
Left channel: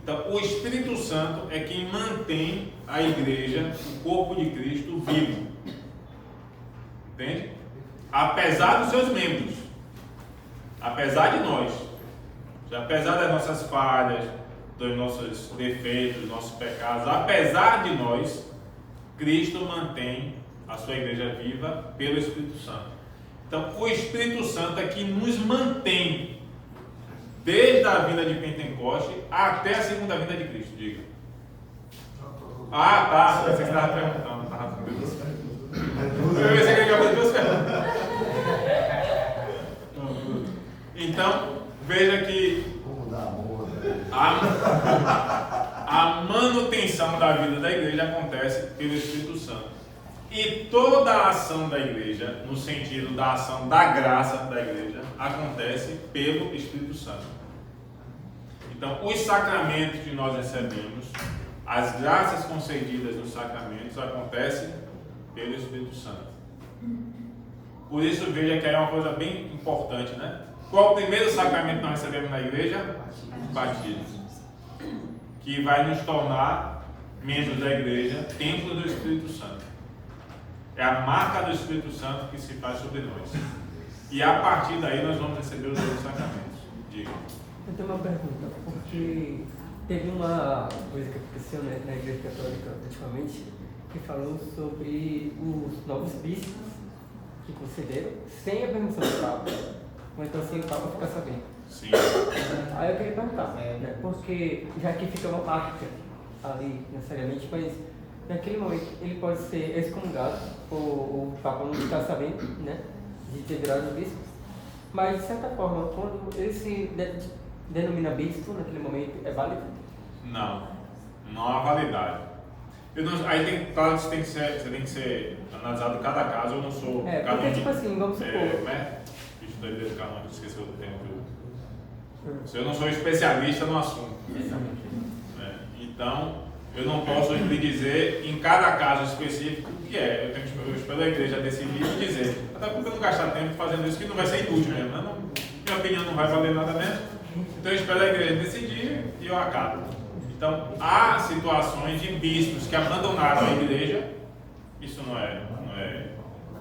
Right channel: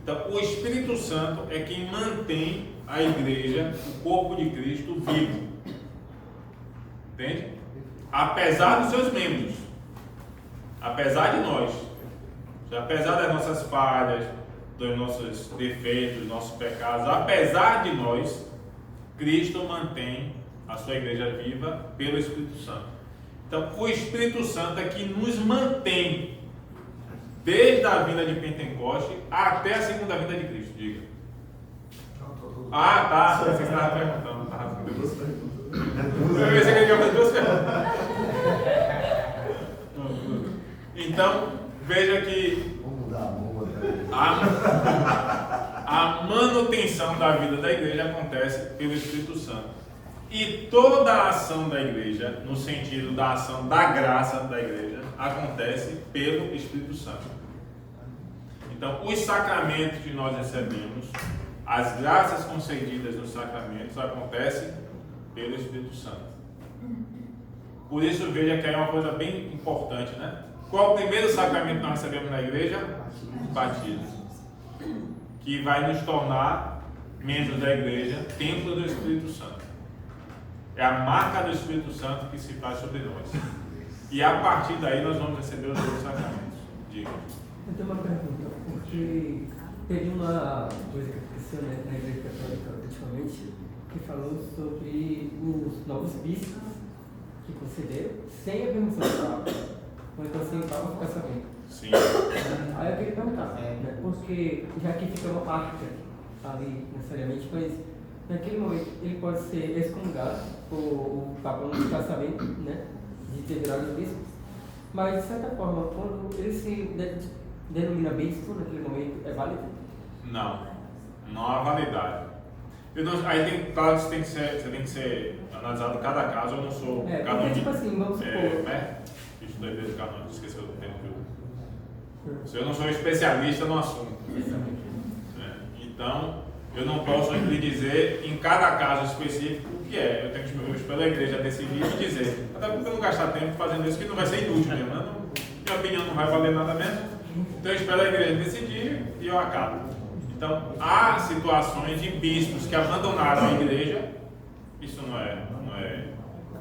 Então, o Espírito Santo é quem mantém a igreja, o corpo de Cristo, vivo. Entende? Apesar dos seus membros, apesar de nós, apesar das nossas falhas, dos nossos defeitos, dos nossos pecados, apesar de nós, Cristo mantém a sua igreja viva pelo Espírito Santo. Então, o Espírito Santo é que nos mantém desde a vinda de Pentecoste até a segunda vinda de Cristo. Diga. Ah, tá. Você estava perguntando. Eu pensei que ele ia fazer duas perguntas. Então, veja que a manutenção da vida da igreja acontece pelo Espírito Santo. E toda a ação da igreja, no sentido da ação da graça da igreja, acontece pelo Espírito Santo. Então, os sacramentos que nós recebemos, as graças concedidas nos sacramentos, acontecem pelo Espírito Santo. Por isso, veja que aí é uma coisa bem importante, né? Qual o primeiro sacramento que nós recebemos na igreja? O batismo. Que vai nos tornar membros da igreja, templo do Espírito Santo. É a marca do Espírito Santo que se faz sobre nós. E a partir daí nós vamos receber os outros sacramentos. Diga. Eu tenho uma pergunta, porque teve uma coisa que aconteceu na Igreja Católica ultimamente, que falou sobre os novos bispos que concederam sem a permissão do Papa, ou então sem o Papa ficar sabendo. Sim. Aí eu queria perguntar, né, porque já que fica uma marca ali necessariamente, mas naquele momento ele pode ser excomungado, ou o Papa não ficar sabendo, né, de ter virado bispo, mas de certa forma, quando ele se denomina bispo, naquele momento é válido? Não há validade. Aí tem, claro que você tem que ser analisado cada caso. Eu não sou porque, tipo assim, vamos supor. Bicho da igreja canônica, esqueci o termo que eu não sou especialista no assunto. Então, eu não posso lhe dizer em cada caso específico o que é. Eu espero a igreja decidir e dizer. Até porque eu não gastar tempo fazendo isso, que não vai ser inútil mesmo. Né? Minha opinião não vai valer nada mesmo. Então, eu espero a igreja decidir e eu acato. Então, há situações de bispos que abandonaram a igreja. Isso não é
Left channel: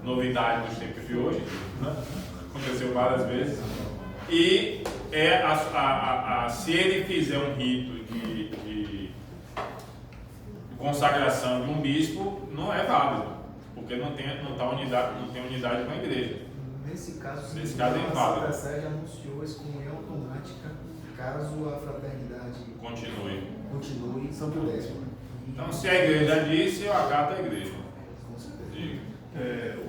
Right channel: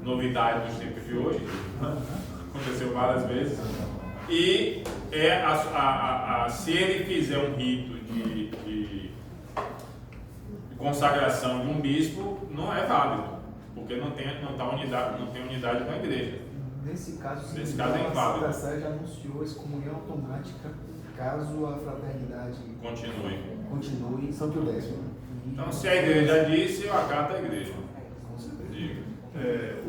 novidade dos tempos de hoje. Né? Aconteceu várias vezes. E se ele fizer um rito de consagração de um bispo, não é válido, porque não tem unidade com a igreja. Nesse caso é inválido. A Sede anunciou a excomunhão automática caso a fraternidade continue em Santo Décimo. Então, se a igreja disse, eu acato a igreja. Diga.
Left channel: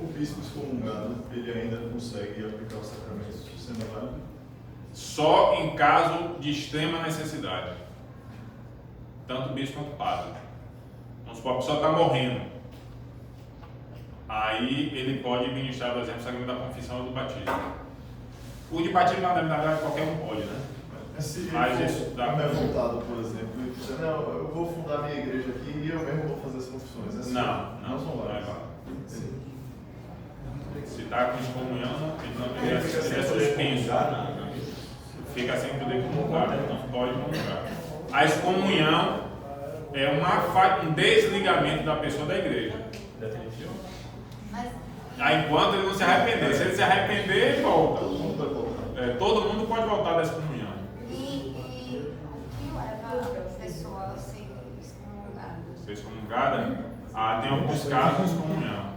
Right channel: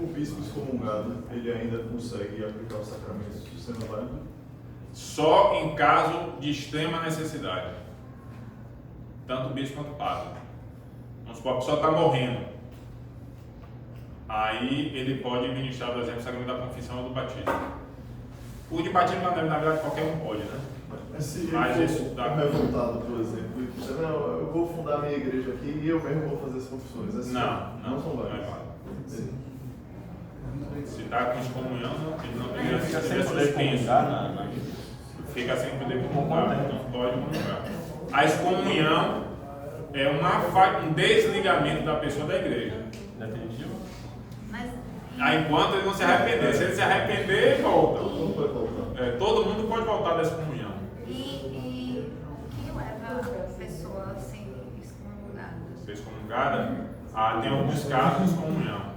O bispo excomungado, ele ainda consegue aplicar os sacramentos sendo válido? Só em caso de extrema necessidade. Tanto o bispo quanto o padre. Vamos supor, a pessoa está morrendo. Aí ele pode ministrar, por exemplo, o sacramento da confissão ou do batismo. O de batismo, na verdade, qualquer um pode, né? Mas isso dá revoltado, por exemplo, e dizer, não, eu vou fundar minha igreja aqui e eu mesmo vou fazer as confissões. Assim, não são válidas. Se está com excomunhão, ele é suspenso. Fica sem poder comungar, não pode comungar. A excomunhão é um desligamento da pessoa da igreja. Enquanto ele não se arrepender. Se ele se arrepender, volta. todo mundo pode voltar da excomunhão. E o que leva a pessoa a ser excomungada? Ser excomungada? Tem alguns casos de excomunhão.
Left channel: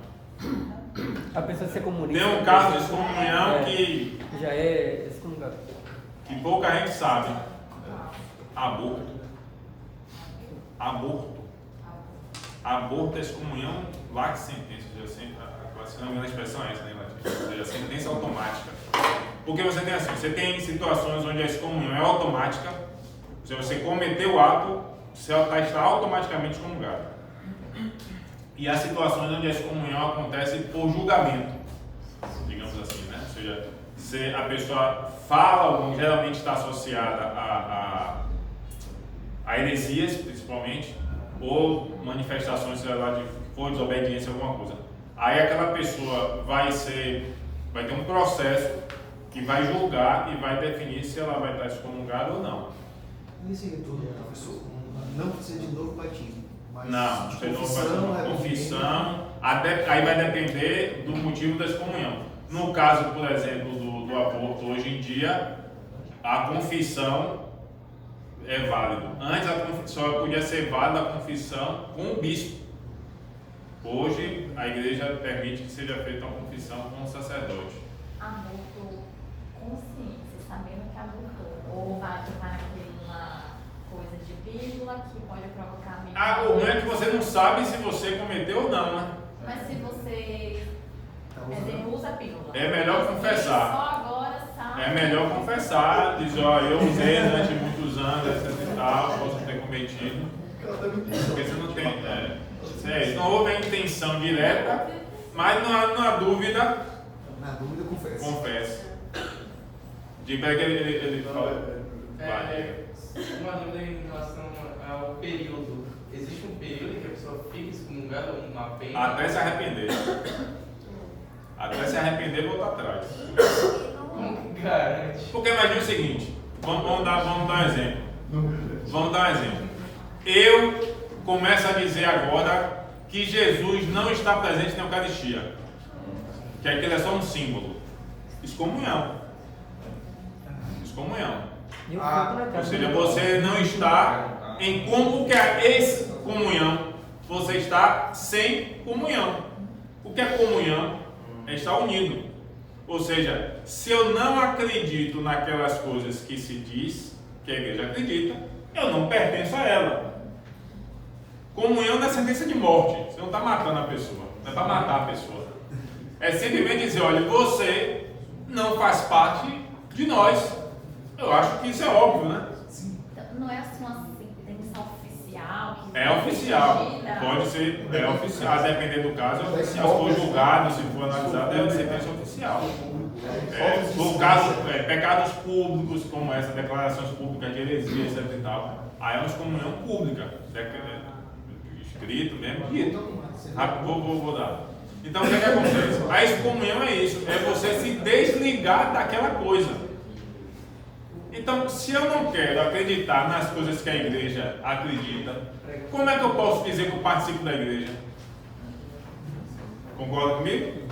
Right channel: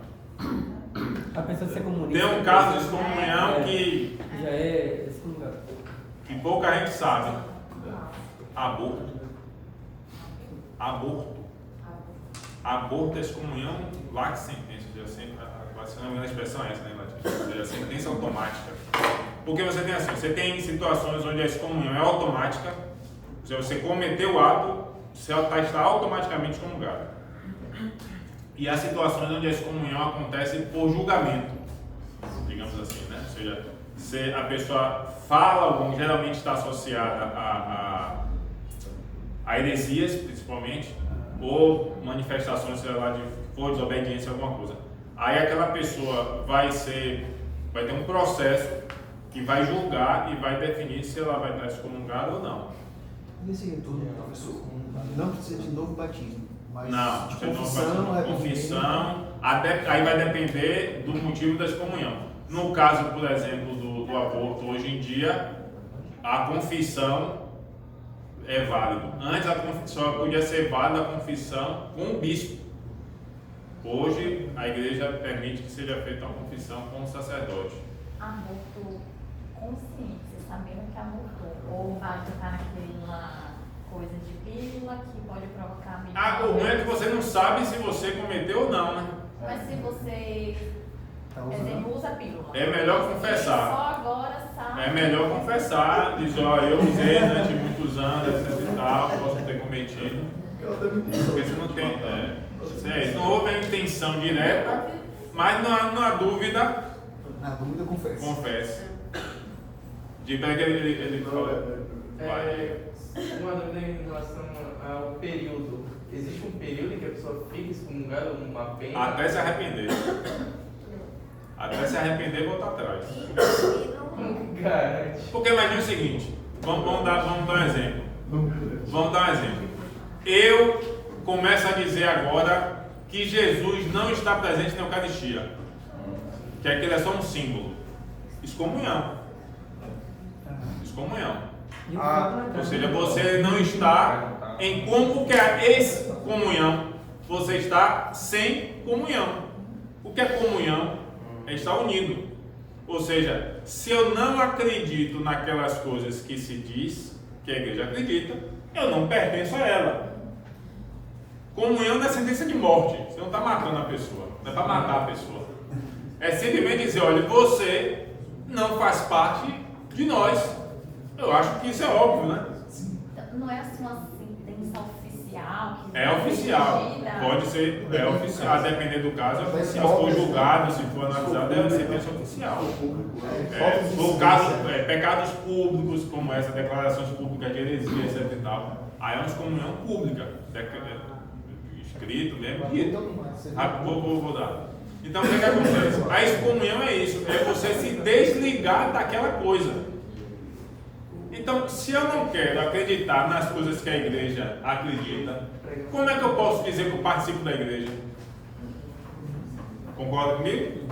A pessoa ser comunista. Tem um caso de excomunhão que já é excomungado. Que pouca gente sabe. Aborto. Aborto é excomunhão lax sentença. Se não me engano, a expressão é essa, né, latim? Ou seja, sentença automática. Porque você tem situações onde a excomunhão é automática. Ou seja, você cometeu o ato, você está automaticamente excomungado. E há situações onde a excomunhão acontece por julgamento, digamos assim, né? Ou seja, se a pessoa fala algo, geralmente está associada a heresias, principalmente, ou manifestações, sei lá, de for desobediência, alguma coisa. Aí aquela pessoa vai ter um processo que vai julgar e vai definir se ela vai estar excomungada ou não. Nesse retorno, professor, não precisa de novo batismo. Não, de novo batismo, confissão, aí vai depender do motivo da excomunhão. No caso, por exemplo, do aborto, hoje em dia, a confissão é válida. Antes só podia ser válida a confissão com o bispo. Hoje, a igreja permite que seja feita uma confissão com o sacerdote. Aborto consciência, sabendo que abortou. Ou vai ficar naquela coisa de pílula que pode provocar... O ruim é que você não sabe se você cometeu ou não, né? Mas se você, por exemplo, usa pílula... É melhor confessar. Só agora sabe... É melhor confessar, dizer, eu usei durante muitos anos, etc e tal, posso ter cometido. Porque você não tem... não houve a intenção direta, mas não há dúvida. Na dúvida, Confesse. Diga que ele fala. Uma dúvida em relação ao período. Existe um período em que a pessoa fica excomungada ou uma pena? Até se arrepender. Até se arrepender e voltar atrás. Garante. Porque imagine o seguinte, vamos dar um exemplo. Vamos dar um exemplo. Eu começo a dizer agora que Jesus não está presente na Eucaristia. Que aquilo é só um símbolo. Excomunhão. Ou seja, você não está em como que é excomunhão. Você está sem comunhão. O que é comunhão? É estar unido. Ou seja, se eu não acredito naquelas coisas que se diz que a igreja acredita, eu não pertenço a ela. Comunhão não é sentença de morte. Você não está matando a pessoa. Não é para matar a pessoa. É simplesmente dizer, olha, você não faz parte de nós. Eu acho que isso é óbvio, né? Não é assim uma sentença oficial? É oficial. Pode ser, é oficial. A depender do caso, é oficial. Se for julgado, se for analisado, é sentença oficial. No caso, pecados públicos, como essa, declarações públicas de heresia, etc e tal, aí é uma excomunhão pública. Escrito mesmo, dito. Vou dar. Então, o que acontece? A excomunhão é isso, é você se desligar daquela coisa. Então, se eu não quero acreditar nas coisas que a igreja acredita, como é que eu posso dizer que eu participo da igreja? Concorda comigo?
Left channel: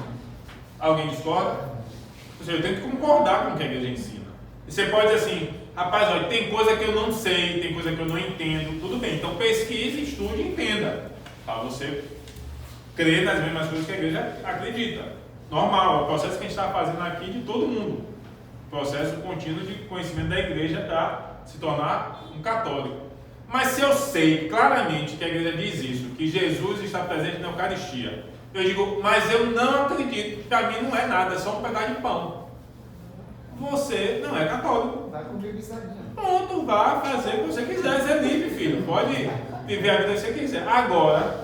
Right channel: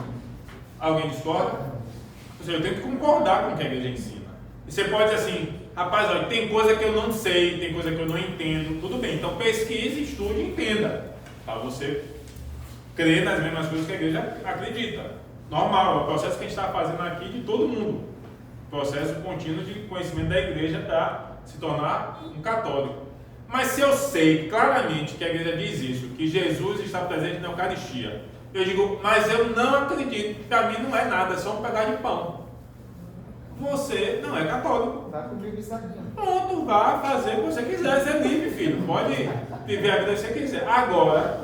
Alguém discorda? Ou seja, eu tenho que concordar com o que a igreja ensina. E você pode dizer assim, rapaz, olha, tem coisa que eu não sei, tem coisa que eu não entendo, tudo bem. Então, pesquise, estude e entenda. Para você crer nas mesmas coisas que a igreja acredita. Normal, é o processo que a gente está fazendo aqui de todo mundo. Processo contínuo de conhecimento da igreja para se tornar um católico. Mas se eu sei claramente que a igreja diz isso, que Jesus está presente na Eucaristia, eu digo, mas eu não acredito, para mim não é nada, é só um pedaço de pão. Você não é católico. Pronto, vá fazer o que você quiser, você é livre, filho. Pode viver a vida que você quiser. Agora,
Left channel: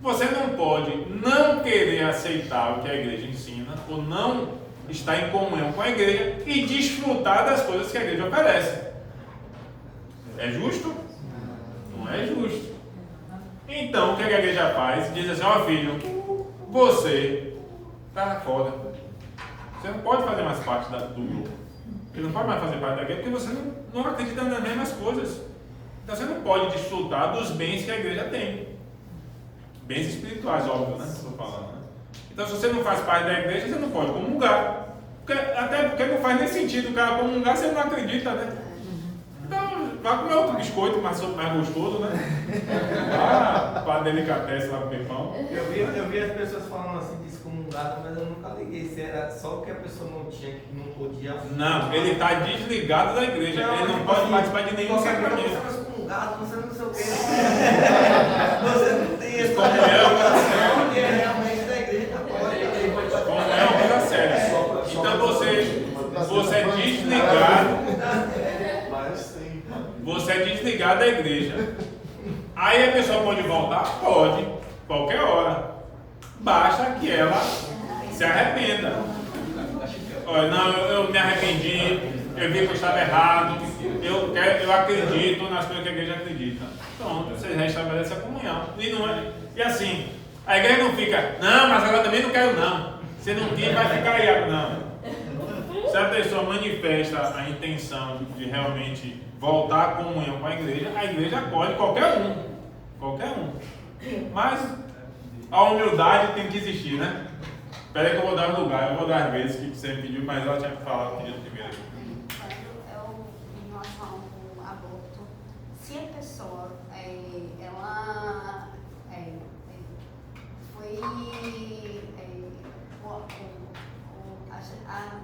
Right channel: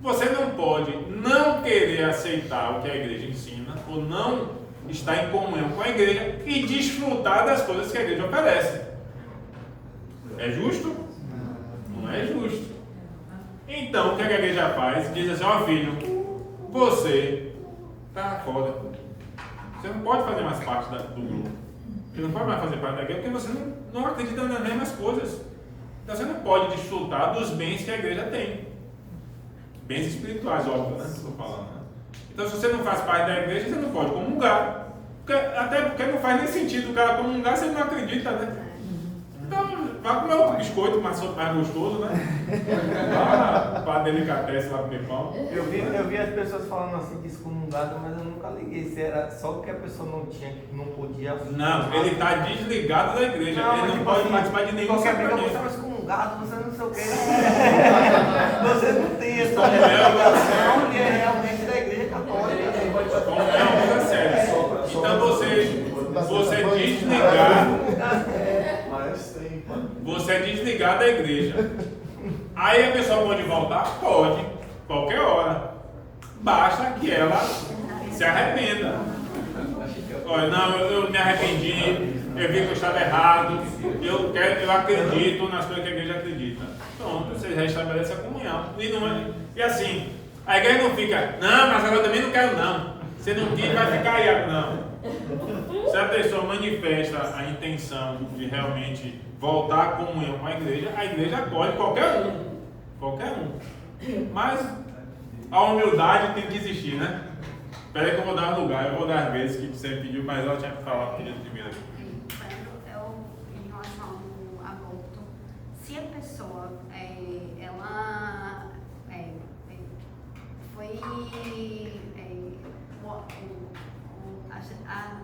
você não pode não querer aceitar o que a igreja ensina, ou não estar em comunhão com a igreja e desfrutar das coisas que a igreja oferece. É justo? Não é justo. Então, o que a igreja faz? Diz assim, ó filho, você está fora. Você não pode fazer mais parte do grupo. Você não pode mais fazer parte da igreja porque você não acredita nas mesmas coisas. Então, você não pode desfrutar dos bens que a igreja tem. Bens espirituais, óbvio, né? Estou falando, né? Então, se você não faz parte da igreja, você não pode comungar. Até porque não faz nem sentido o cara comungar se ele não acredita, né? Então, vai comer outro biscoito mais gostoso, né? Lá para delicatesse, lá comer pão. Eu vi as pessoas falando assim de excomungar, mas eu nunca liguei se era só porque a pessoa não podia. Não, ele está desligado da igreja. Ele não pode participar de nenhum sacramento. Você não excomungado, você não sei o quê. Você não tem isso. Excomunhão é uma coisa séria. Realmente da igreja pode. Excomunhão é uma coisa séria. Então você é desligado. Você é desligado da igreja. Aí a pessoa pode voltar? Pode, qualquer hora. Basta que ela se arrependa. Olha, não, eu me arrependi, eu vi que eu estava errado, eu acredito nas coisas que a igreja acredita. Pronto, você restabelece a comunhão. E assim, a igreja não fica, não, mas agora também não quero não. Se não quer, vai ficar aí, não. Se a pessoa manifesta a intenção de realmente voltar à comunhão com a igreja acolhe qualquer um. Mas a humildade tem que existir, né? Espera aí que eu vou dar um lugar, eu vou dar as vezes que você pediu, mas ela tinha que falar pedido primeiro aqui. Em relação ao aborto, se a pessoa ela foi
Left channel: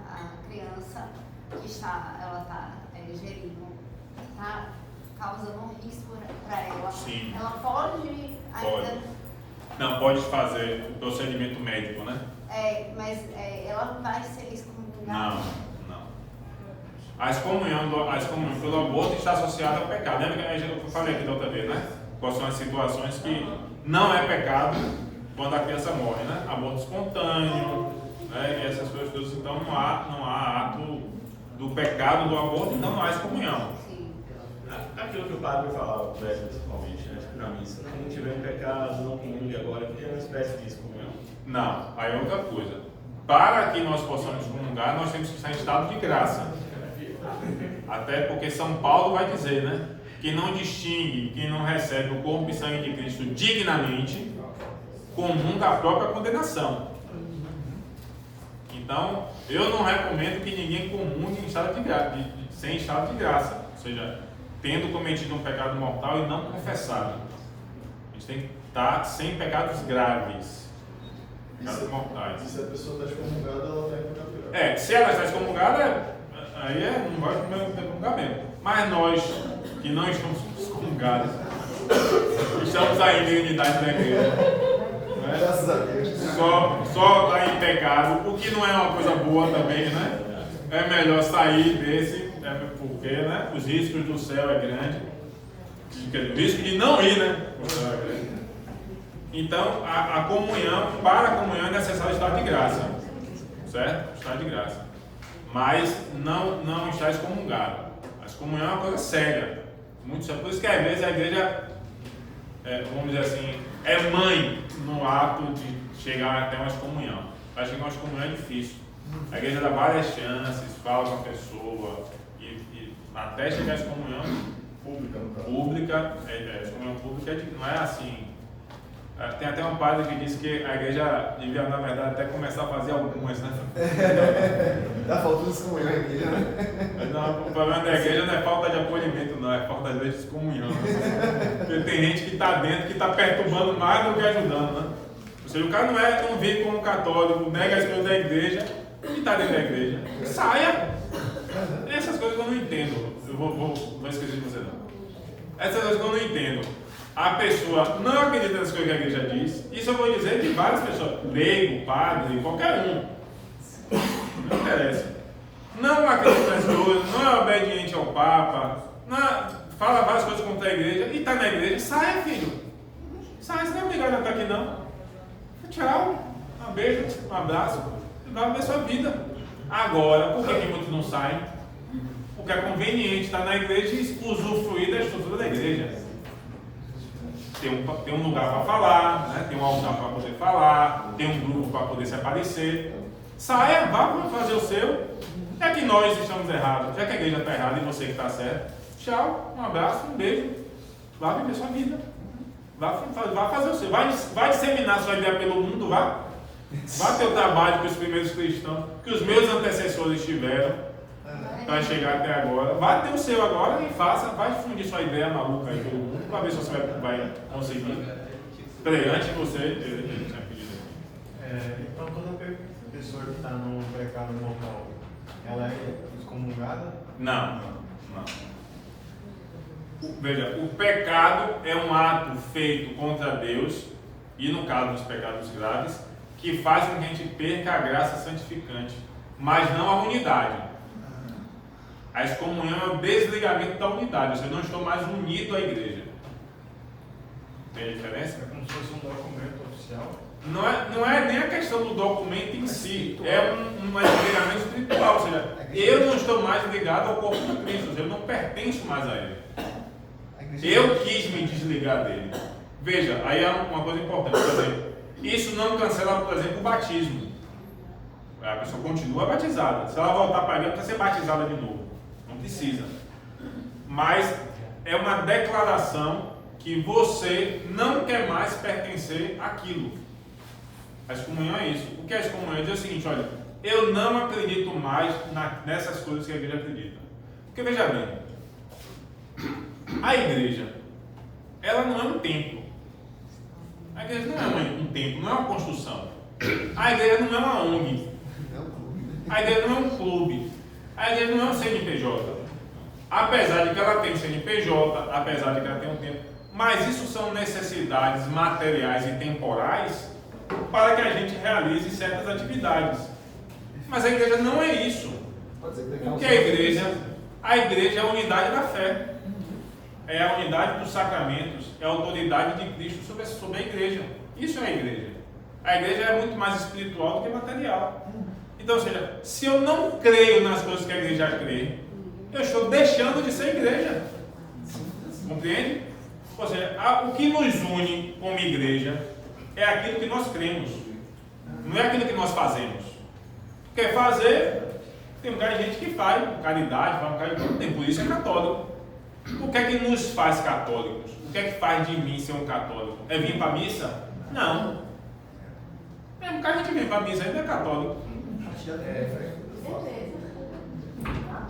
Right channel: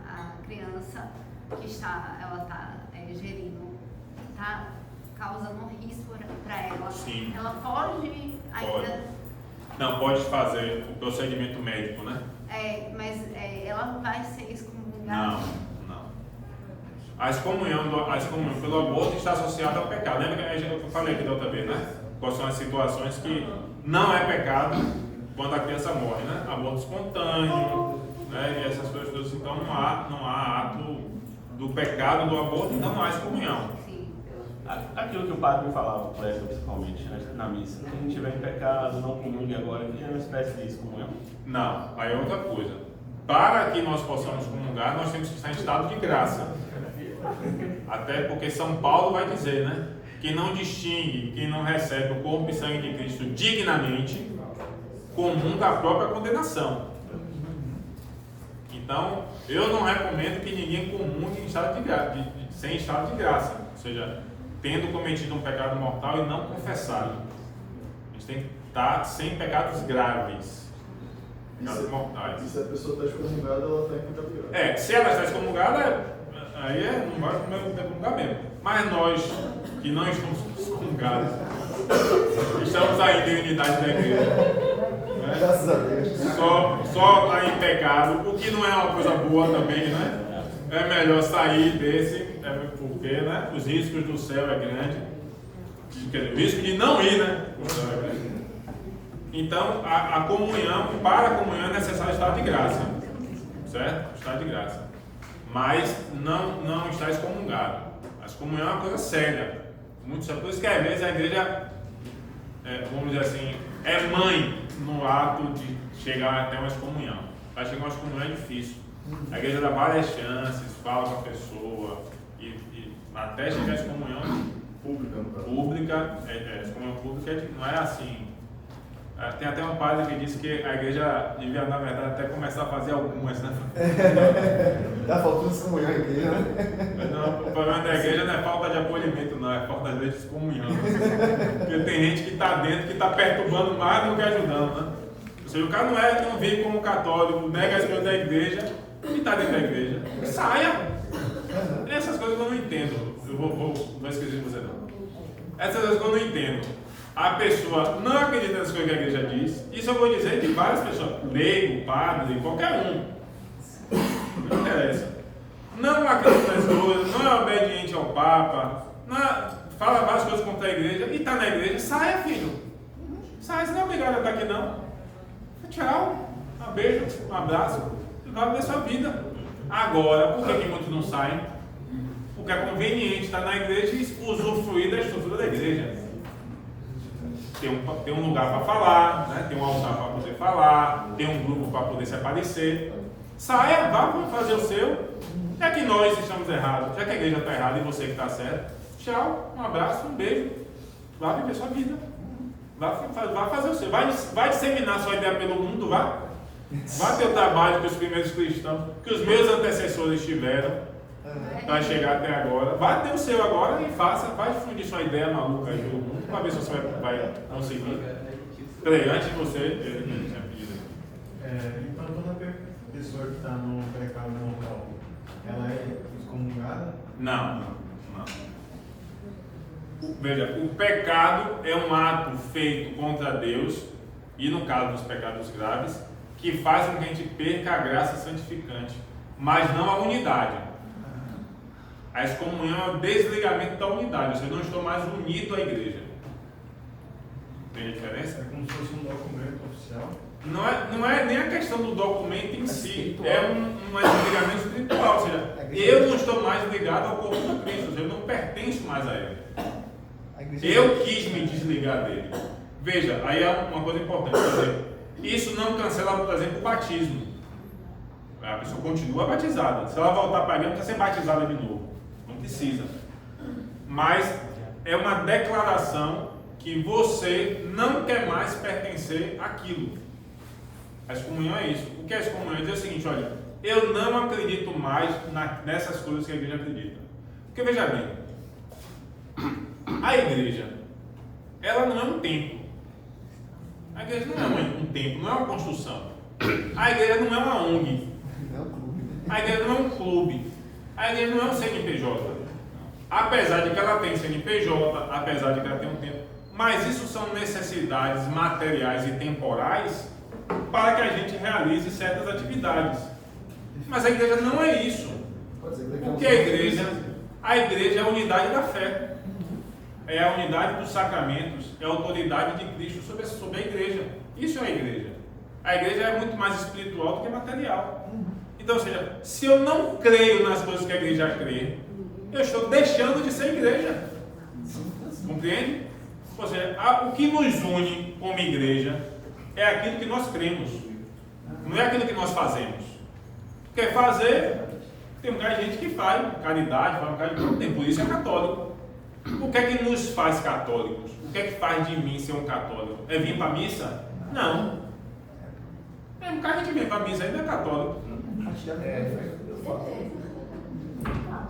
a criança que ela está gerindo, está causando um risco para ela. Sim. Ela pode ainda. Não, pode fazer o procedimento médico, né? Mas ela vai ser excomungada. Não. A excomunhão pelo aborto está associada ao pecado. Lembra que eu falei aqui da outra vez, né? Quais são as situações que não é pecado quando a criança morre, né? Aborto espontâneo, né? E essas coisas todas. Então não há ato do pecado do aborto, então não há excomunhão. Aquilo que o padre falava, principalmente, né, na missa, quem tiver em pecado, não comungue agora, que é uma espécie de excomunhão. Não, aí é outra coisa. Para que nós possamos comungar, nós temos que estar em estado de graça. Até porque São Paulo vai dizer, né? Que não distingue, quem não recebe o corpo e sangue de Cristo dignamente, comunga a própria condenação. Então, eu não recomendo que ninguém comungue em estado sem estado de graça. Ou seja, tendo cometido um pecado mortal e não confessado. A gente tem que estar sem pecados graves. Pecados mortais. E se a pessoa está excomungada, ela está em pecado grave. Se ela está excomungada, aí não vai comungar mesmo. Mas nós, que não estamos excomungados, estamos ainda em unidade da igreja. Só está em pecado, o que não é uma coisa boa também, né? É melhor sair desse, porque, né, os riscos do céu é grande, o risco de não ir, né, o céu é grande. Então, a comunhão, para a comunhão é necessário estado de graça, certo? Estado de graça, mas não está excomungado. A excomunhão é uma coisa séria, muito séria. Por isso que às vezes a igreja, vamos dizer assim, é mãe no ato de chegar até uma excomunhão. Para chegar a uma excomunhão é difícil. A igreja dá várias chances, fala com a pessoa e até chegar a excomunhão pública, excomunhão pública não é assim. Tem até um padre que disse que a igreja devia, na verdade, até começar a fazer algumas, né? Já faltou excomunhão aqui, né? Não, o problema da igreja não é falta de acolhimento, não, é falta de excomunhão. Porque tem gente que está dentro, que está perturbando mais do que ajudando, né? Ou seja, o cara não vive como católico, nega as coisas da igreja e está dentro da igreja. Saia! Essas coisas eu não entendo. Eu vou esquecer de você não. Essas coisas que eu não entendo. A pessoa não acredita nas coisas que a igreja diz. Isso eu vou dizer de várias pessoas. Leigo, padre, qualquer um. Não interessa. Não acredita nas coisas, não é obediente ao Papa, fala várias coisas contra a igreja e está na igreja. Saia, filho. Saia, você não é obrigado a estar aqui não. Tchau, um beijo, um abraço, e vai ver sua vida. Agora, por que muitos não saem? Porque é conveniente estar na igreja e usufruir da estrutura da igreja. Tem um lugar para falar, né? Tem um altar para poder falar, tem um grupo para poder se aparecer. Saia, vá para fazer o seu. É que nós estamos errados, já que a igreja está errada e você que está certo. Tchau, um abraço, um beijo. Vá viver sua vida. Vá fazer o seu. Vai disseminar sua ideia pelo mundo, vá. Vá ter o trabalho que os primeiros cristãos, que os meus antecessores tiveram para chegar até agora. Vá ter o seu agora e faça, vai difundir sua ideia maluca aí pelo mundo, para ver se você vai conseguir. Peraí, antes de você, ele tinha pedido aqui. Então toda pessoa que está no pecado mortal, ela é excomungada? Não. Veja, o pecado é um ato feito contra Deus, e no caso dos pecados graves, que faz com que a gente perca a graça santificante, mas não a unidade. A excomunhão é o desligamento da unidade, ou seja, eu não estou mais unido à igreja. Tem a diferença? É como se fosse um documento oficial? Não é nem a questão do documento em si, é um desligamento espiritual, ou seja, eu não estou mais ligado ao corpo de Cristo, ou seja, eu não pertenço mais a Ele. Eu quis me desligar dele. Veja, aí há uma coisa importante, por exemplo, isso não cancela, por exemplo, o batismo. A pessoa continua batizada. Se ela voltar para a igreja, não precisa ser batizada de novo. Não precisa. Mas é uma declaração que você não quer mais pertencer àquilo. A excomunhão é isso. O que é a excomunhão? É dizer o seguinte, olha, eu não acredito mais nessas coisas que a igreja acredita. Porque veja bem, a igreja, ela não é um templo. A igreja não é um templo, não é uma construção. A igreja não é uma ONG. A igreja não é um clube. A igreja não é um CNPJ. Apesar de que ela tem CNPJ, apesar de que ela tem um templo, mas isso são necessidades materiais e temporais para que a gente realize certas atividades. Mas a igreja não é isso. O que é a igreja? A igreja é a unidade da fé. É a unidade dos sacramentos, é a autoridade de Cristo sobre a igreja. Isso é a igreja. A igreja é muito mais espiritual do que material. Então, ou seja, se eu não creio nas coisas que a igreja crê, eu estou deixando de ser igreja. Compreende? Ou seja, o que nos une como igreja é aquilo que nós cremos, não é aquilo que nós fazemos. Quer fazer, tem um bocado de gente que faz caridade, faz um bocado de coisa, tem, por isso é católico. O que é que nos faz católicos? O que é que faz de mim ser um católico? É vir para a missa? Não. É um bocado de gente vem para a missa, ainda é católico.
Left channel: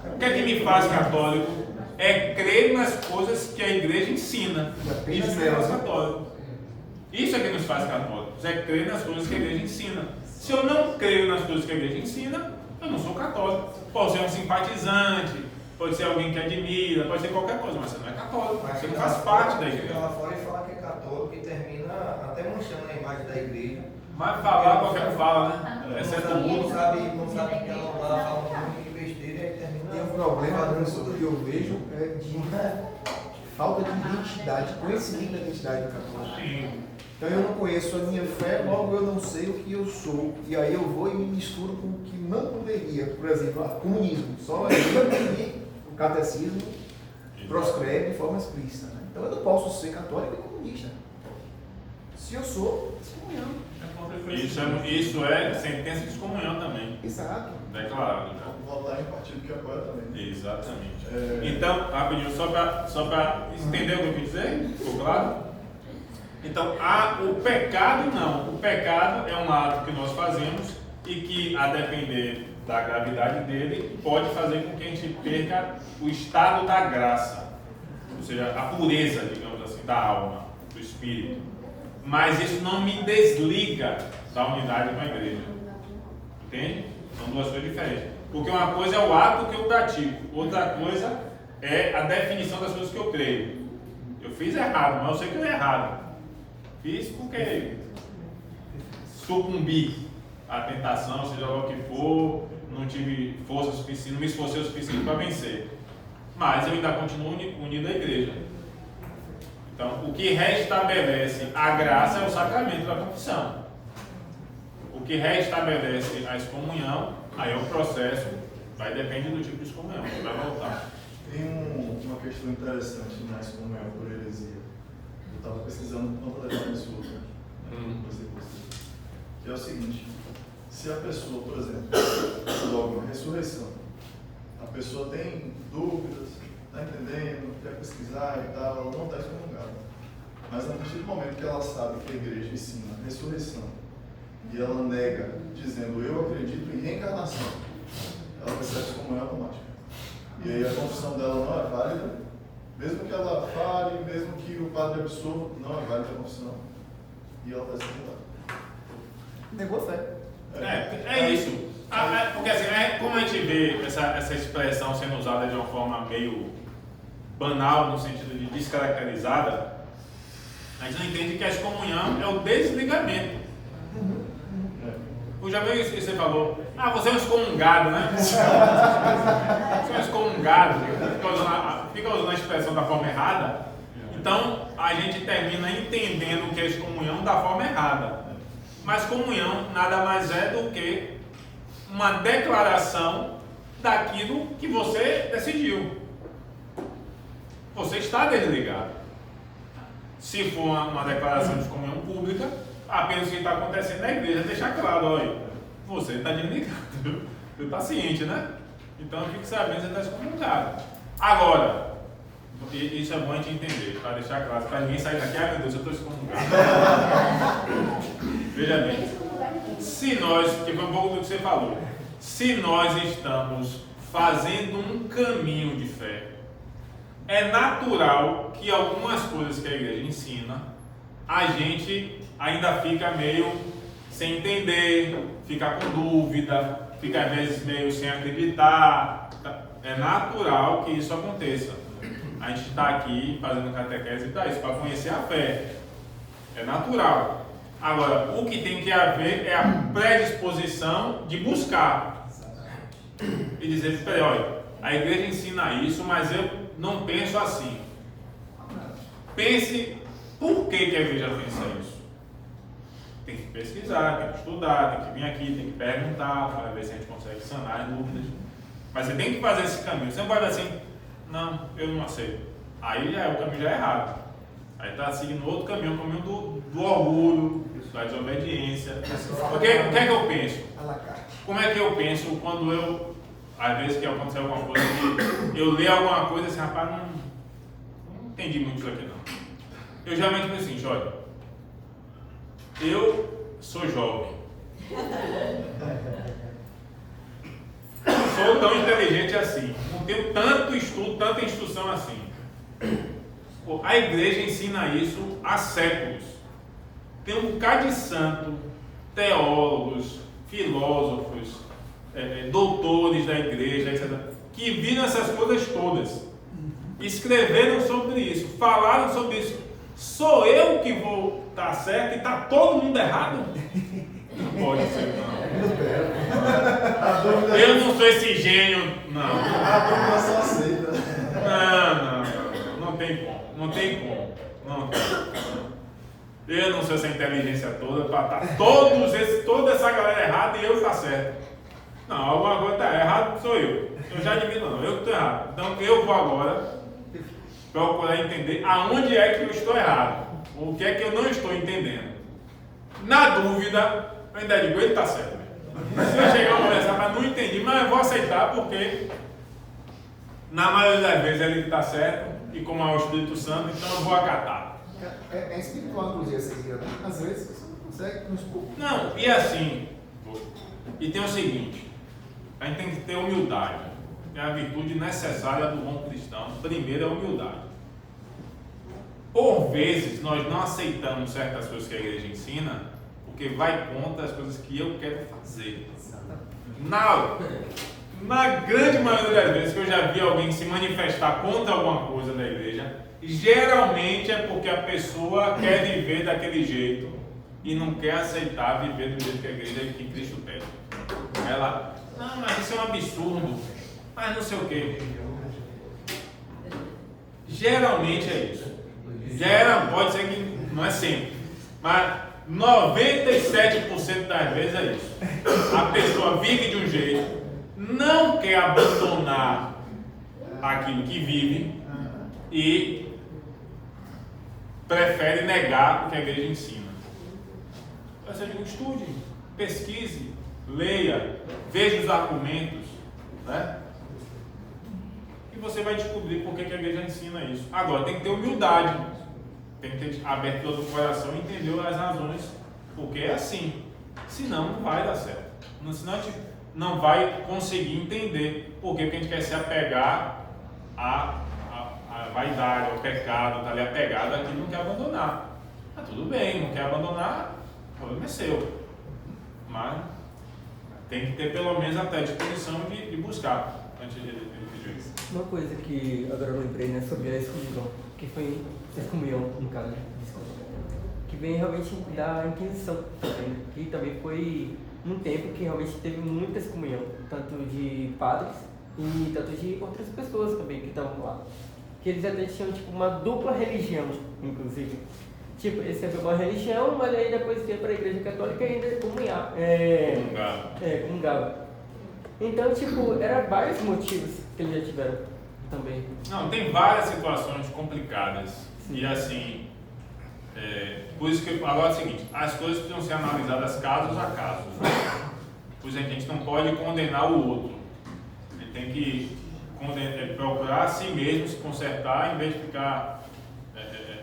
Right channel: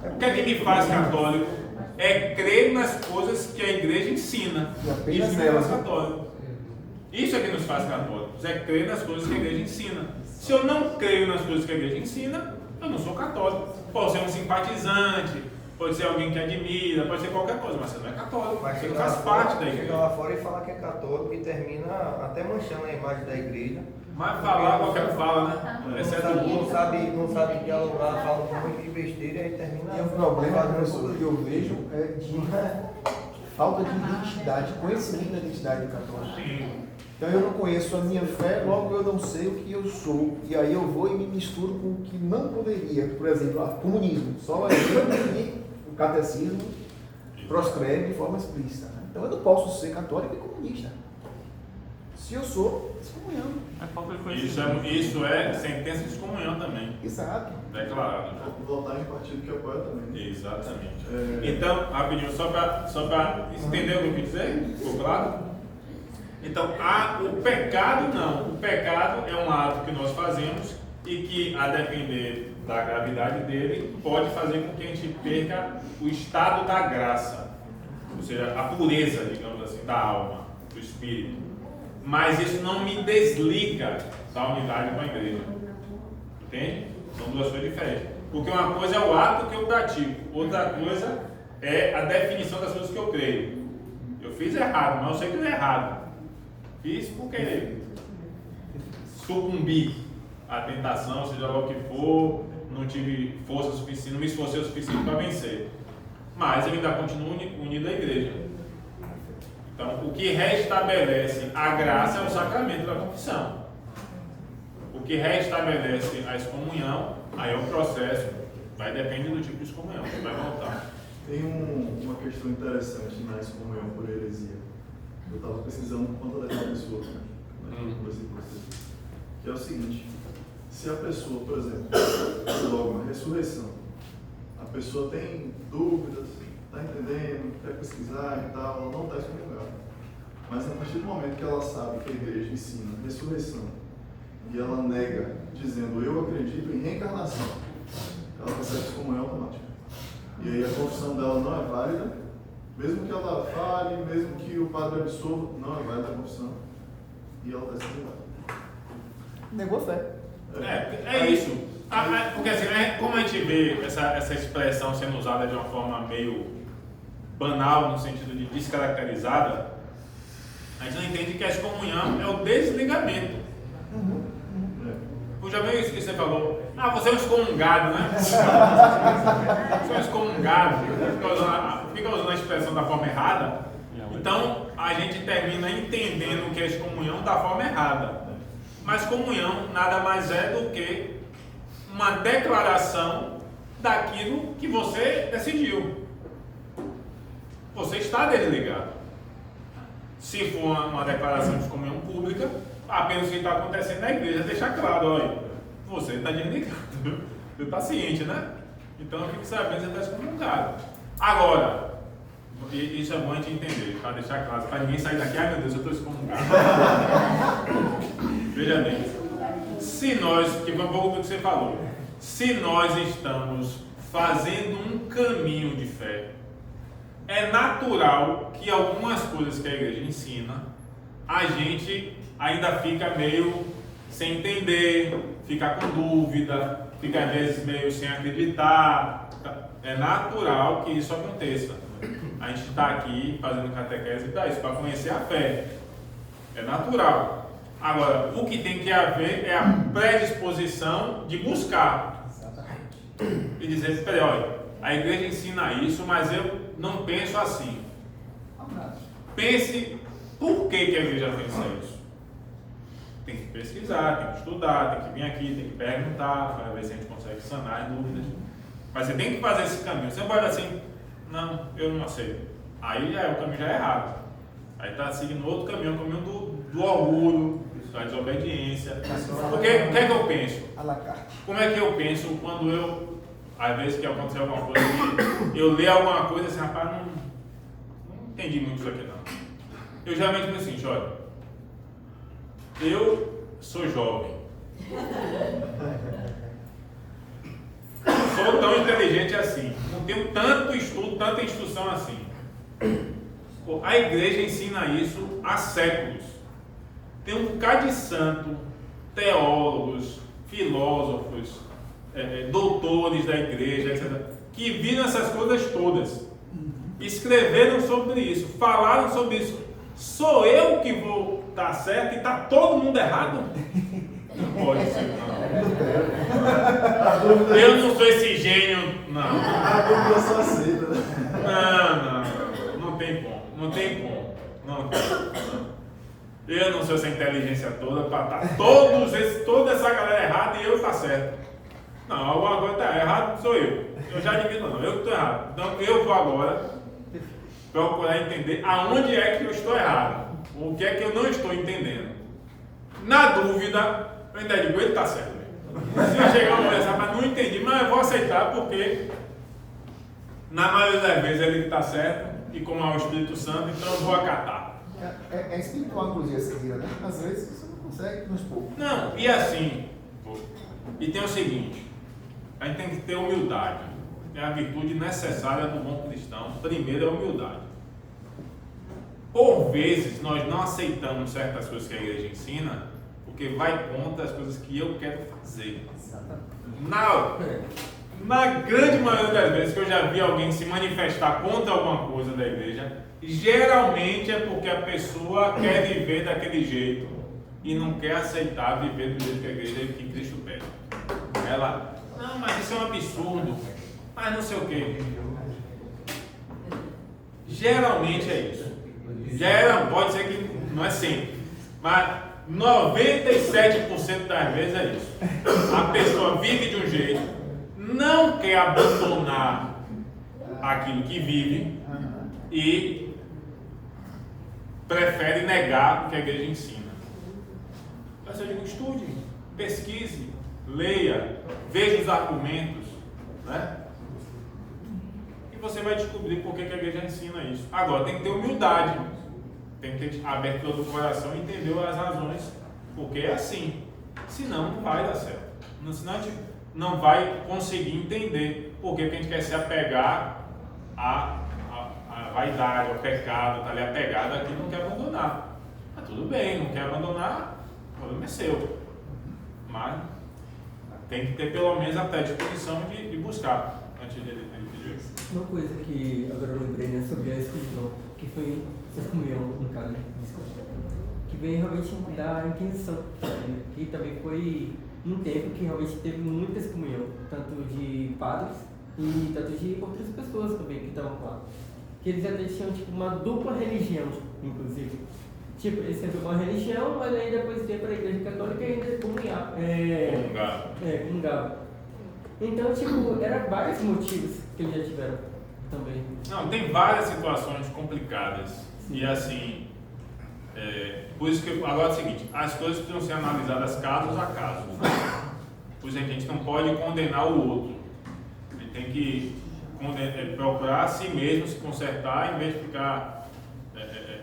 O que é que me faz católico? É crer nas coisas que a igreja ensina. Isso me faz católico. Isso é que nos faz católicos, é crer nas coisas que a igreja ensina. Se eu não creio nas coisas que a igreja ensina, eu não sou católico. Pode ser um simpatizante, pode ser alguém que admira, pode ser qualquer coisa, mas você não é católico, você não faz parte da igreja. Fica lá fora e fala que é católico e termina até manchando a imagem da igreja. Mas falar, qualquer um fala, né? Exceto o mundo. Não sabe que ela fala um monte de besteira e termina. E o problema que eu vejo é de falta de identidade, conhecimento da identidade católica. Sim. Então eu não conheço a minha fé, logo eu não sei o que eu sou. E aí eu vou e me misturo com o que não poderia. Por exemplo, comunismo. Só que o catecismo proscreve de forma explícita. Né? Então eu não posso ser católico e comunista. Se eu sou, excomunhão. Isso é sentença de excomunhão também. Exato. Declarado. Votar em partido que apoia também. Exatamente. Então, rapidinho, só para entender o que eu quis dizer, ficou claro? Então, o pecado não. O pecado é um ato que nós fazemos e que, a depender da gravidade dele, pode fazer com que a gente perca o estado da graça, ou seja, a pureza, digamos assim, da alma, do espírito. Mas isso não me desliga da unidade com a igreja. Entende? São duas coisas diferentes. Porque uma coisa é o ato que eu pratico, outra coisa é a definição das coisas que eu creio. Eu fiz errado, mas eu sei que eu é errado. Fiz porque sucumbi à tentação, seja lá o que for, não tive força suficiente, não me esforcei o suficiente para vencer. Mas eu ainda continuo unido à igreja. Então, o que restabelece a graça é o sacramento da confissão. O que restabelece a excomunhão, aí é o processo, vai depender do tipo de excomunhão, que vai voltar. Tem uma questão interessante na excomunhão por heresia. Eu estava pesquisando por conta dessa pessoa, que é o seguinte: se a pessoa, por exemplo, logo uma ressurreição, a pessoa tem dúvidas, está entendendo, quer pesquisar e tal, ela não está excomungada. Mas a partir do momento que ela sabe que a igreja ensina a ressurreição e ela nega, dizendo eu acredito em reencarnação, ela recebe excomunhão automática. E aí a confissão dela não é válida, mesmo que ela fale, mesmo que o padre absolva, não é válida a confissão, e ela está sendo válida. Negou a fé. É isso. Porque assim, como a gente vê essa expressão sendo usada de uma forma meio banal, no sentido de descaracterizada, a gente não entende que a excomunhão é o desligamento. Já viu isso que você falou? Você é um excomungado, né? Você é um excomungado. Fica usando a expressão da forma errada. Então, a gente termina entendendo que é excomunhão da forma errada. Mas comunhão nada mais é do que uma declaração daquilo que você decidiu. Você está desligado. Se for uma declaração de comunhão pública, apenas o que está acontecendo na igreja deixa claro, olha, você está desligado, você está ciente, né? Então fique sabendo que você está excomungado. Agora, isso é bom a gente entender, para deixar claro, para ninguém sair daqui, meu Deus, eu estou excomungado. Veja bem, se nós, que foi um pouco do que você falou, se nós estamos fazendo um caminho de fé, é natural que algumas coisas que a igreja ensina, a gente ainda fica meio sem entender, fica com dúvida, fica às vezes meio sem acreditar. É natural que isso aconteça. A gente está aqui fazendo catequese para isso, para conhecer a fé. É natural. Agora, o que tem que haver é a predisposição de buscar. E dizer, peraí, olha, a igreja ensina isso, mas eu não penso assim. Pense por que a igreja pensa isso. Tem que pesquisar, tem que estudar, tem que vir aqui, tem que perguntar para ver se a gente consegue sanar as dúvidas. Mas você tem que fazer esse caminho. Você não pode assim, não, eu não aceito. Aí o caminho já é errado. Aí está seguindo outro caminho, o caminho do orgulho, da desobediência. Porque o que é que eu penso? Como é que eu penso quando eu, às vezes que aconteceu alguma coisa, eu leio alguma coisa assim, rapaz, não entendi muito isso aqui não. Eu geralmente penso assim, olha, eu sou jovem. Não sou tão inteligente assim. Não tenho tanto estudo, tanta instrução assim. A igreja ensina isso há séculos. Tem um bocado de santo, teólogos, filósofos, doutores da igreja, etc., que viram essas coisas todas. Escreveram sobre isso, falaram sobre isso. Sou eu que vou estar certo e está todo mundo errado? Não pode ser, não. Eu não sou esse gênio, não. A dúvida só aceita. Não tem como. Não tem como. Não tem. Eu não sou essa inteligência toda para estar toda essa galera errada e eu estar certo. Não, alguma coisa está errado, sou eu. Eu já admito, não, eu que estou errado. Então eu vou agora procurar entender aonde é que eu estou errado. O que é que eu não estou entendendo. Na dúvida, eu ainda digo, ele está certo mesmo. Se eu chegar a conversar, mas não entendi, mas eu vou aceitar porque na maioria das vezes ele está certo e como é o Espírito Santo, então eu vou acatar. É espiritual, inclusive, essa ideia, né? Às vezes você não consegue nos poucos. Não, e assim, e tem o seguinte, a gente tem que ter humildade. É a virtude necessária do bom cristão. Primeiro é a humildade. Por vezes nós não aceitamos certas coisas que a igreja ensina porque vai contra as coisas que eu quero fazer. Na grande maioria das vezes que eu já vi alguém se manifestar contra alguma coisa da igreja, geralmente é porque a pessoa quer viver daquele jeito e não quer aceitar viver do jeito que a igreja e que Cristo pede. Ela, não, mas isso é um absurdo, mas não sei o que. Geralmente é isso. Pode ser que não é sempre, mas 97% das vezes é isso. A pessoa vive de um jeito, não quer abandonar aquilo que vive e prefere negar o que a igreja ensina. Eu digo, estude, pesquise, leia, veja os argumentos, né? E você vai descobrir por que a igreja ensina isso. Agora, tem que ter humildade, tem que ter a abertura do coração e entender as razões, porque é assim. Senão não vai dar certo. Senão a gente não vai conseguir entender por que a gente quer se apegar à vaidade, ao pecado, está ali apegado aqui, não quer abandonar. Mas tudo bem, não quer abandonar, o problema é seu. Mas tem que ter pelo menos a predisposição de buscar antes de pedir isso. Uma coisa que agora eu lembrei, né, sobre a excomunhão, que foi excomunhão, no caso, desculpa, que veio realmente da Inquisição, né, que também foi num tempo que realmente teve muita excomunhão, tanto de padres e tanto de outras pessoas também que estavam lá. Que eles até tinham tipo uma dupla religião, inclusive. Tipo, eles tinham uma religião, mas aí depois ia para a igreja católica e ainda comungava. Então, tipo, eram vários motivos que eles já tiveram também. Não, tem várias situações complicadas. Sim. E assim, por isso que agora é o seguinte, as coisas precisam ser analisadas casos a casos. Né? Pois a gente não pode condenar o outro. A gente tem que procurar a si mesmo se consertar em vez de ficar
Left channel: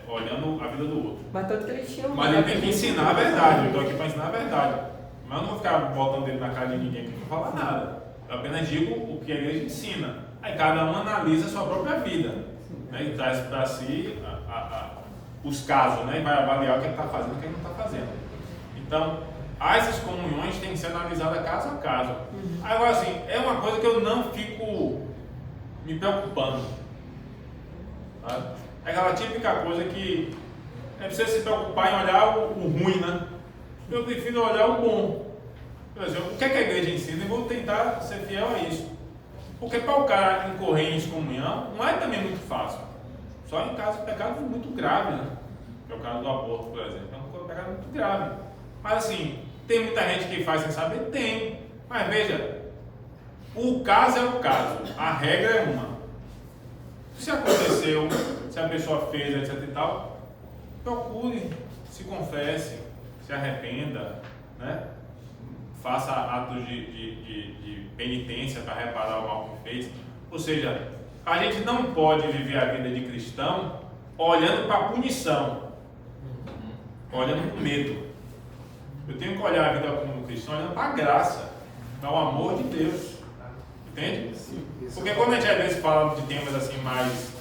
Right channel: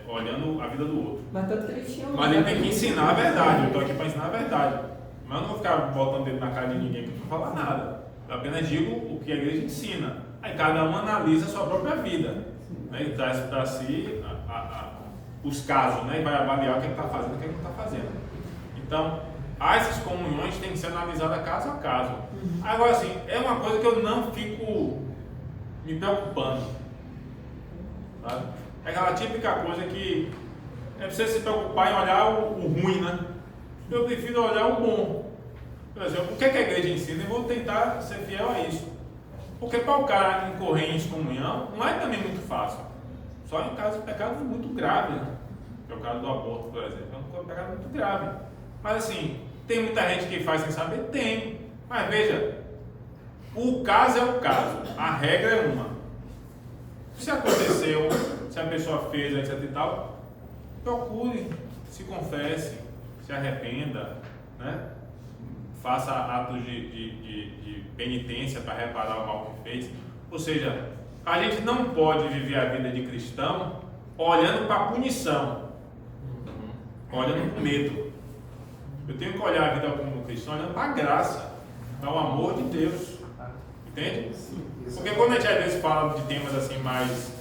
olhando a vida do outro. Mas tanto que eles tinham. Mas ele tem que ensinar a verdade. Eu estou aqui para ensinar a verdade. Mas eu não vou ficar botando dedo na cara de ninguém que não fala nada. Eu apenas digo o que a igreja ensina. Aí cada um analisa a sua própria vida. Né? E traz para si os casos, né? E vai avaliar o que ele está fazendo e o que ele não está fazendo. Então, as excomunhões têm que ser analisadas caso a caso. Agora, assim, é uma coisa que eu não fico me preocupando. Sabe? É aquela típica coisa que é preciso se preocupar em olhar o ruim, né? Eu prefiro olhar o bom. Por exemplo, o que a igreja ensina e vou tentar ser fiel a isso. Porque para o cara incorrer em excomunhão não é também muito fácil. Só em casos de pecados muito graves, né? Que é o caso do aborto, por exemplo. É um pecado muito grave. Mas assim, tem muita gente que faz sem saber? Tem. Mas veja, o caso é o caso. A regra é uma. Se aconteceu, se a pessoa fez, etc e tal, procure, se confesse, se arrependa, né? Faça atos de penitência para reparar o mal que fez. Ou seja, a gente não pode viver a vida de cristão olhando para a punição, olhando com medo. Eu tenho que olhar a vida como cristão olhando para a graça, para o amor de Deus. Entende? Porque quando a gente às vezes fala de temas assim mais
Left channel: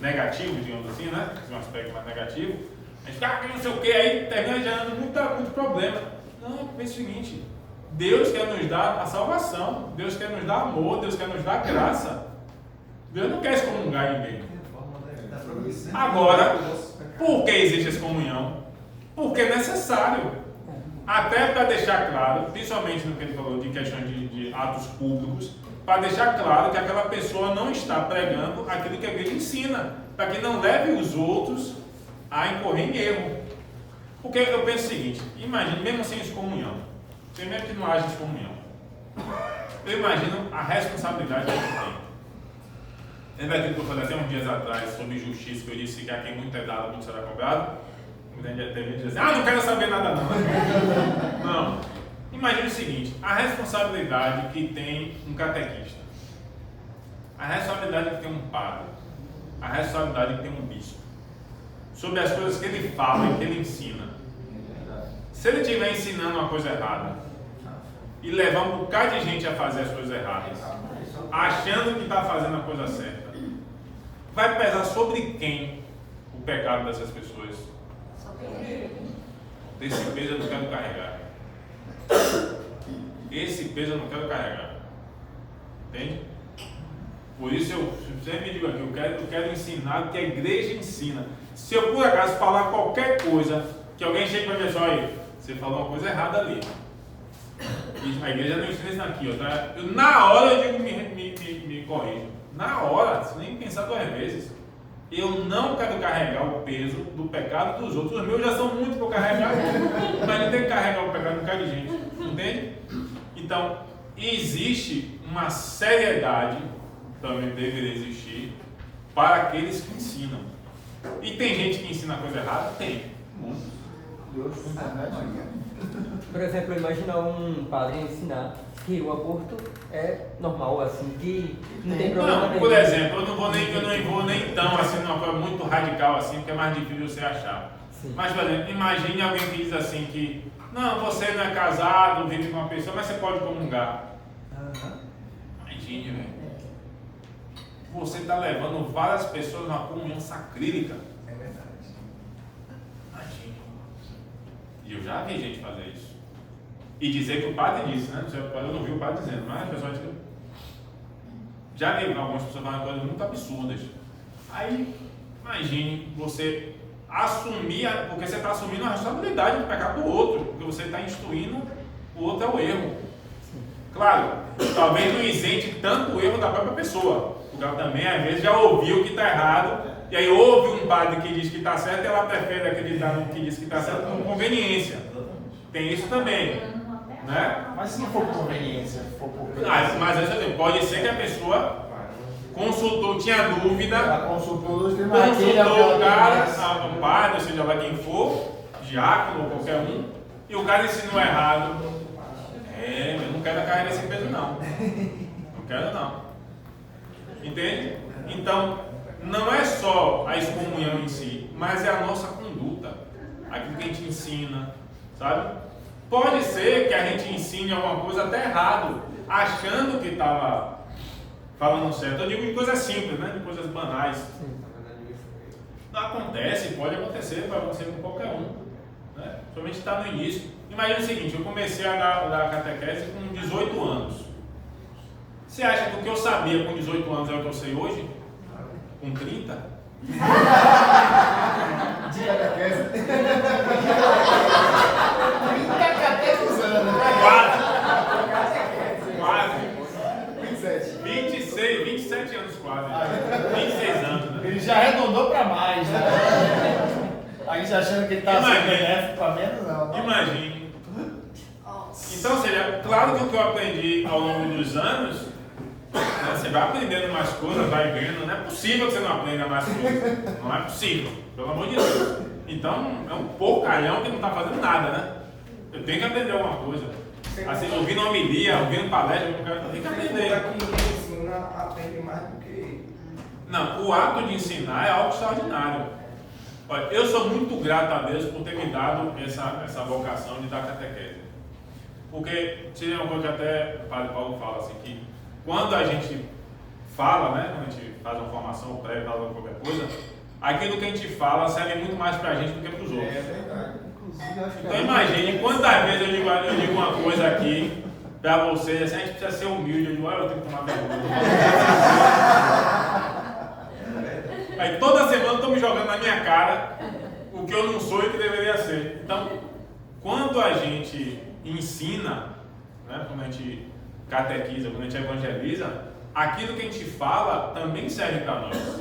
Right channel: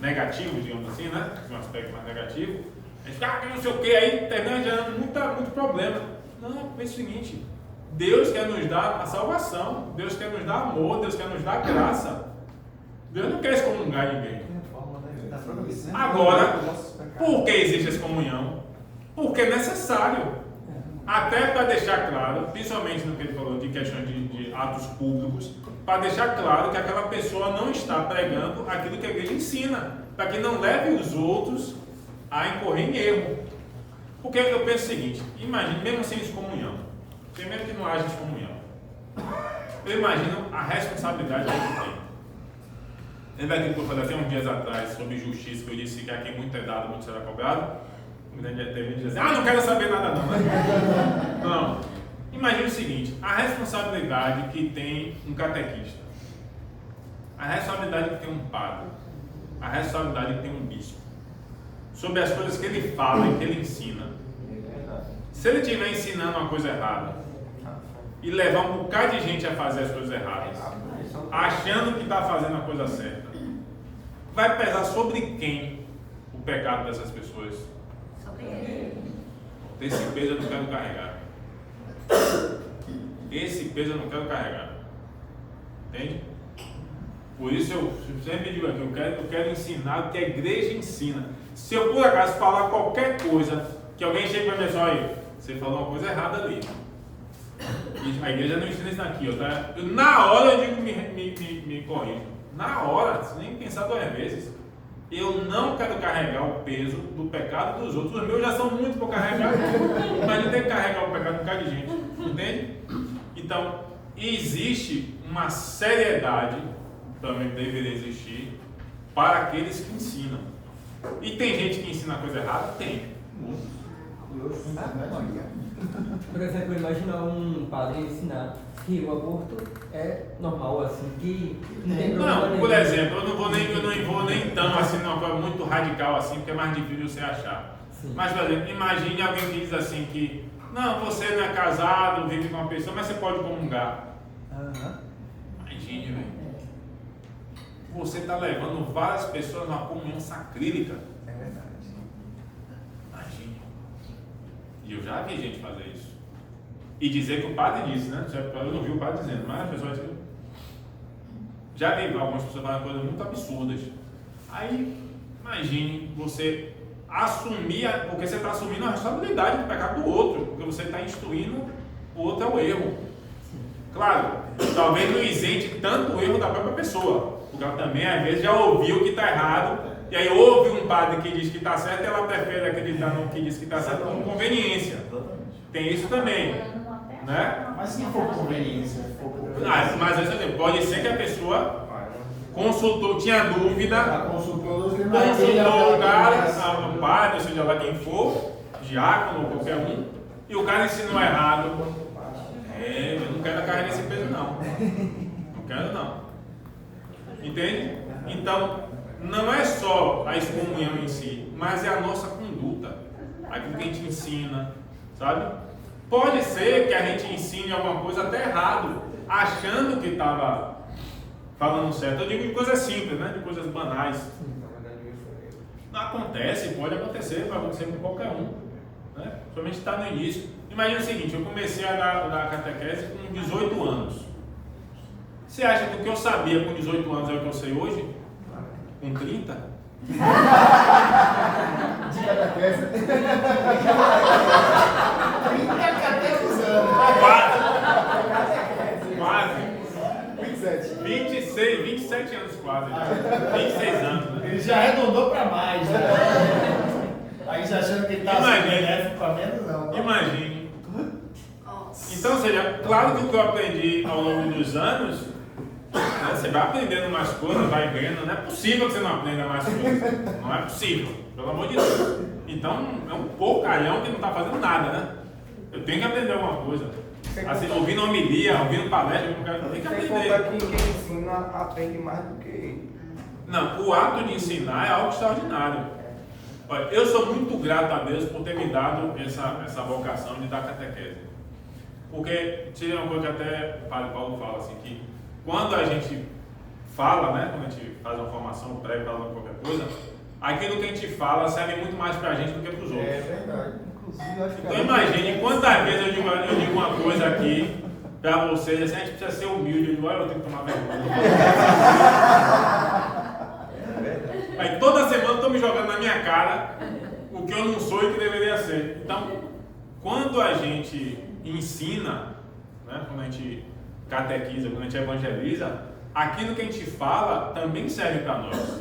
negativos, digamos assim, né? De um aspecto mais negativo, a gente que não sei o que, aí termina gerando muito problema. Não, pensa o seguinte, Deus quer nos dar a salvação, Deus quer nos dar amor, Deus quer nos dar graça. Deus não quer excomungar ninguém. Agora, por que existe essa comunhão? Porque é necessário. Até para deixar claro, principalmente no que ele falou de questões de atos públicos, para deixar claro que aquela pessoa não está pregando aquilo que a igreja ensina, para que não leve os outros a incorrer em erro. Porque eu penso o seguinte, imagine, mesmo sem excomunhão, mesmo que não haja excomunhão, eu imagino a responsabilidade que a gente tem. Lembra aquilo que eu falei até uns dias atrás sobre justiça, que eu disse que a quem muito é dado, muito será cobrado? Muita gente diz assim, não quero saber nada não. Não. Imagine o seguinte, a responsabilidade que tem um catequista, a responsabilidade que tem um padre, a responsabilidade que tem um bispo, sobre as coisas que ele fala e que ele ensina. Se ele estiver ensinando uma coisa errada e levar um bocado de gente a fazer as coisas erradas, achando que está fazendo a coisa certa, vai pesar sobre quem o pecado dessas pessoas? Esse peso eu não quero carregar. Esse peso eu não quero carregar. Entende? Por isso eu sempre digo aqui, eu quero ensinar o que a igreja ensina. Se eu por acaso falar qualquer coisa, que alguém chegue para mim e fale, olha, você falou uma coisa errada ali. E a igreja não ensina isso aqui, tá? Na hora eu digo, me corrijo. Na hora, sem nem pensar 2 vezes. Eu não quero carregar o peso do pecado dos outros. Os meus já são muito para carregar, mas não tem que carregar o pecado de um bocado de gente. Entende? Então, existe uma seriedade, também deveria existir, para aqueles que ensinam. E tem gente que ensina coisa errada? Tem. Por exemplo, imagina um padre ensinar que o aborto é normal, assim, que não tem problema nenhum. Por exemplo, eu não vou nem tão assim, numa coisa muito radical assim, porque é mais difícil você achar. Sim. Mas, por exemplo, imagine alguém que diz assim que Não, você não é casado, vive com uma pessoa, mas você pode comungar. Imagine, velho. Você está levando várias pessoas numa comunhão sacrílega. Imagine. E eu já vi gente fazer isso. E dizer que o padre disse, né? Eu não vi o padre dizendo, mas as pessoas dizem. Já vi algumas pessoas falando coisas muito absurdas. Aí, imagine você assumir, porque você está assumindo a responsabilidade do pecado do outro, porque você está instruindo o outro ao erro. Claro, talvez não isente tanto o erro da própria pessoa, porque ela também às vezes já ouviu que está errado, e aí ouve um padre que diz que está certo e ela prefere acreditar no que diz que está certo por conveniência. Tem isso também, né? Mas se não for conveniência, Mas pode ser que a pessoa consultou, tinha dúvida, consultou o cara, o padre, ou seja lá quem for, diácono, qualquer um, e o cara ensinou errado. Eu não quero carregar esse peso não. Não quero não. Entende? Então, não é só a excomunhão em si, mas é a nossa conduta, aquilo que a gente ensina, sabe? Pode ser que a gente ensine alguma coisa até errado, achando que estava falando certo. Eu digo de coisas simples, né? De coisas banais. Não acontece, pode acontecer, vai acontecer com qualquer um, né? Somente está no início. Imagina o seguinte, eu comecei a dar catequese com 18 anos. Você acha que o que eu sabia com 18 anos é o que eu sei hoje? Com 30? De catequese. 30 catequizando. Quase. 27. 27 anos quase. 26 anos, né? Ele já arredondou para mais, né? Aí já achando que ele está benéfico para menos, não. Imagine. Então, ou seja, claro que o que eu aprendi ao longo dos anos, né, você vai aprendendo mais coisas, vai vendo. Não é possível que você não aprenda mais coisas. Não é possível, pelo amor de Deus. Então, é um porcalhão que não está fazendo nada, né? Eu tenho que aprender alguma coisa. Assim, ouvindo homilia, ouvindo palestra, eu tenho que aprender. Quem ensina aprende mais do que... Não, o ato de ensinar é algo extraordinário. Olha, eu sou muito grato a Deus por ter me dado essa vocação de dar catequese. Porque tinha uma coisa que até o Padre Paulo fala, assim, que quando a gente fala, né, quando a gente faz uma formação pré, fala qualquer coisa, aquilo que a gente fala serve muito mais pra gente do que pros outros. É verdade. Então imagine quantas vezes eu digo uma coisa aqui pra vocês, assim, a gente precisa ser humilde, eu digo, olha, eu tenho que tomar vergonha. Aí toda semana estão me jogando na minha cara o que eu não sou e o que deveria ser. Então, quando a gente ensina, né, quando a gente catequiza, quando a gente evangeliza, aquilo que a gente fala também serve para nós.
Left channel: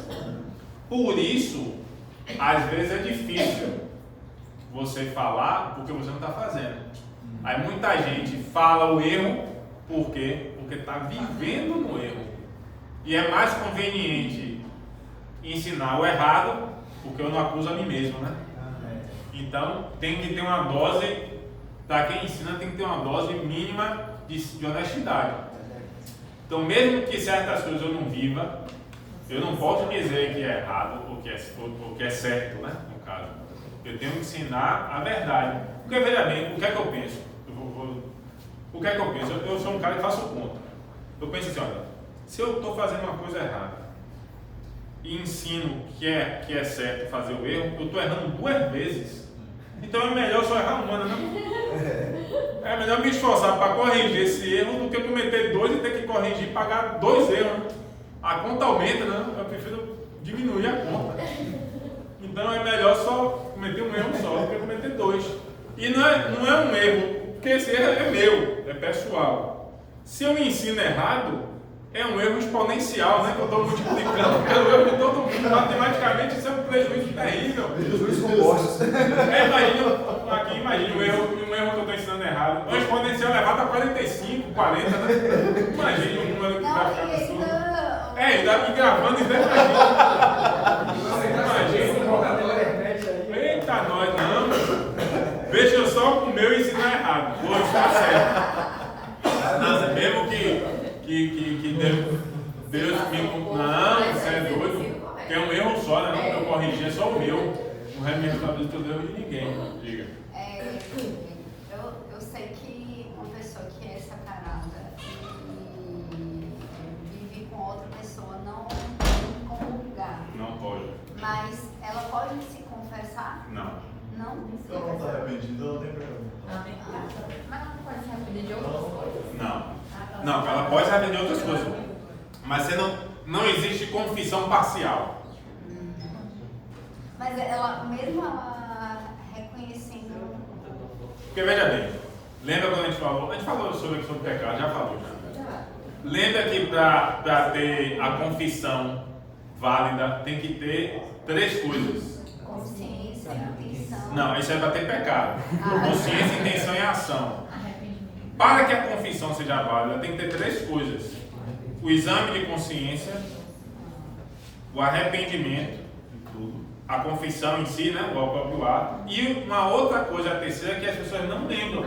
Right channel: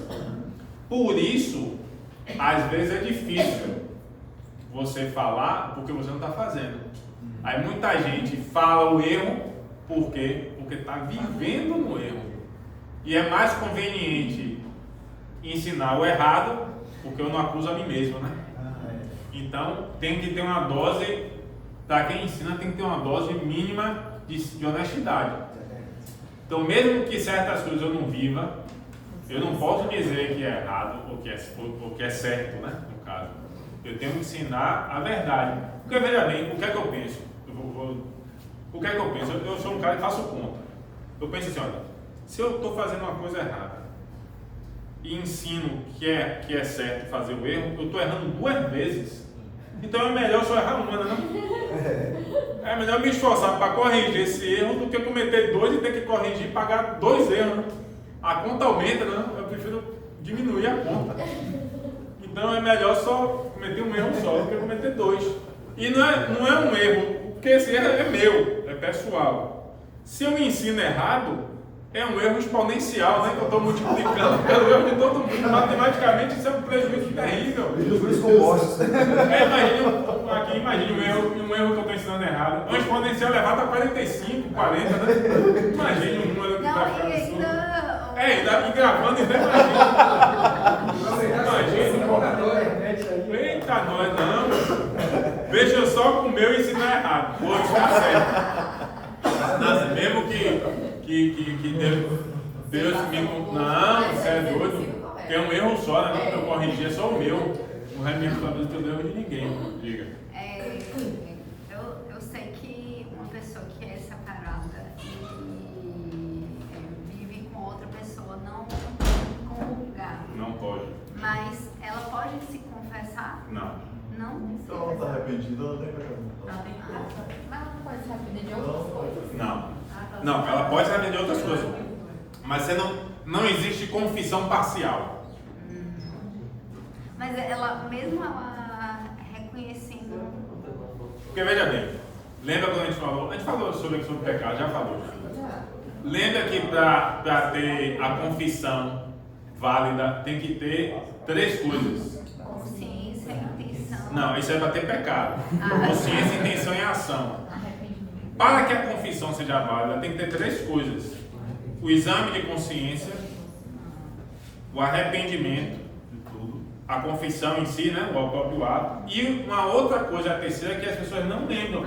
Por isso, às vezes é difícil você falar porque você não está fazendo. Aí muita gente fala o erro por quê? Porque está vivendo no erro. E é mais conveniente ensinar o errado porque eu não acuso a mim mesmo, né? Então tem que ter uma dose, para quem ensina tem que ter uma dose mínima de honestidade. Então mesmo que certas coisas eu não viva, eu não posso dizer que é errado ou que é certo, né? No caso, eu tenho que ensinar a verdade. Porque veja bem, o que é que eu penso? O que é que eu penso? Eu sou um cara que faço conta. Eu penso assim, olha, se eu estou fazendo uma coisa errada e ensino que é certo fazer o erro, eu estou errando 2 vezes. Então é melhor só errar uma, não? É melhor me esforçar para corrigir esse erro do que cometer 2 e ter que corrigir e pagar 2 erros. Né? A conta aumenta, né? Eu prefiro diminuir a conta. Então é melhor só cometer um erro só do que cometer 2. E não é um erro, porque esse erro é meu, é pessoal. Se eu ensino errado, é um erro exponencial, né? Que eu estou multiplicando pelo erro de todo mundo. Matematicamente isso é um prejuízo terrível. Imagine um erro que eu estou ensinando errado. Um exponencial elevado a 45, 40, né? Imagine um número que vai ficar absurdo. E gravando, então imagine. Eita, nós não. Deixa eu só com o meu ensinar errado. Vou ensinar certo. Nada, mesmo que Deus me... Não, você é doido. Tem um erro só, né? Não que eu corrigir, é só o meu. Não é minha responsabilidade pelo erro de ninguém. Diga. Eu Então ela não está arrependida, ela não tem pecado. Ela tem que ela não pode se arrepender de outras coisas. Não, ela pode se arrepender de outras coisas. Mas você não existe confissão parcial. Mas ela, mesmo ela reconhecendo. Porque veja bem, lembra quando a gente falou sobre pecado, já falou já. Lembra que para ter a confissão válida tem que ter 3 coisas. Consciência, intenção. Não, isso é para ter pecado. Consciência, intenção e ação. Para que a confissão seja válida, tem que ter 3 coisas: o exame de consciência, o arrependimento de tudo, a confissão em si, né, o próprio ato, e uma outra coisa, a terceira, que as pessoas não lembram,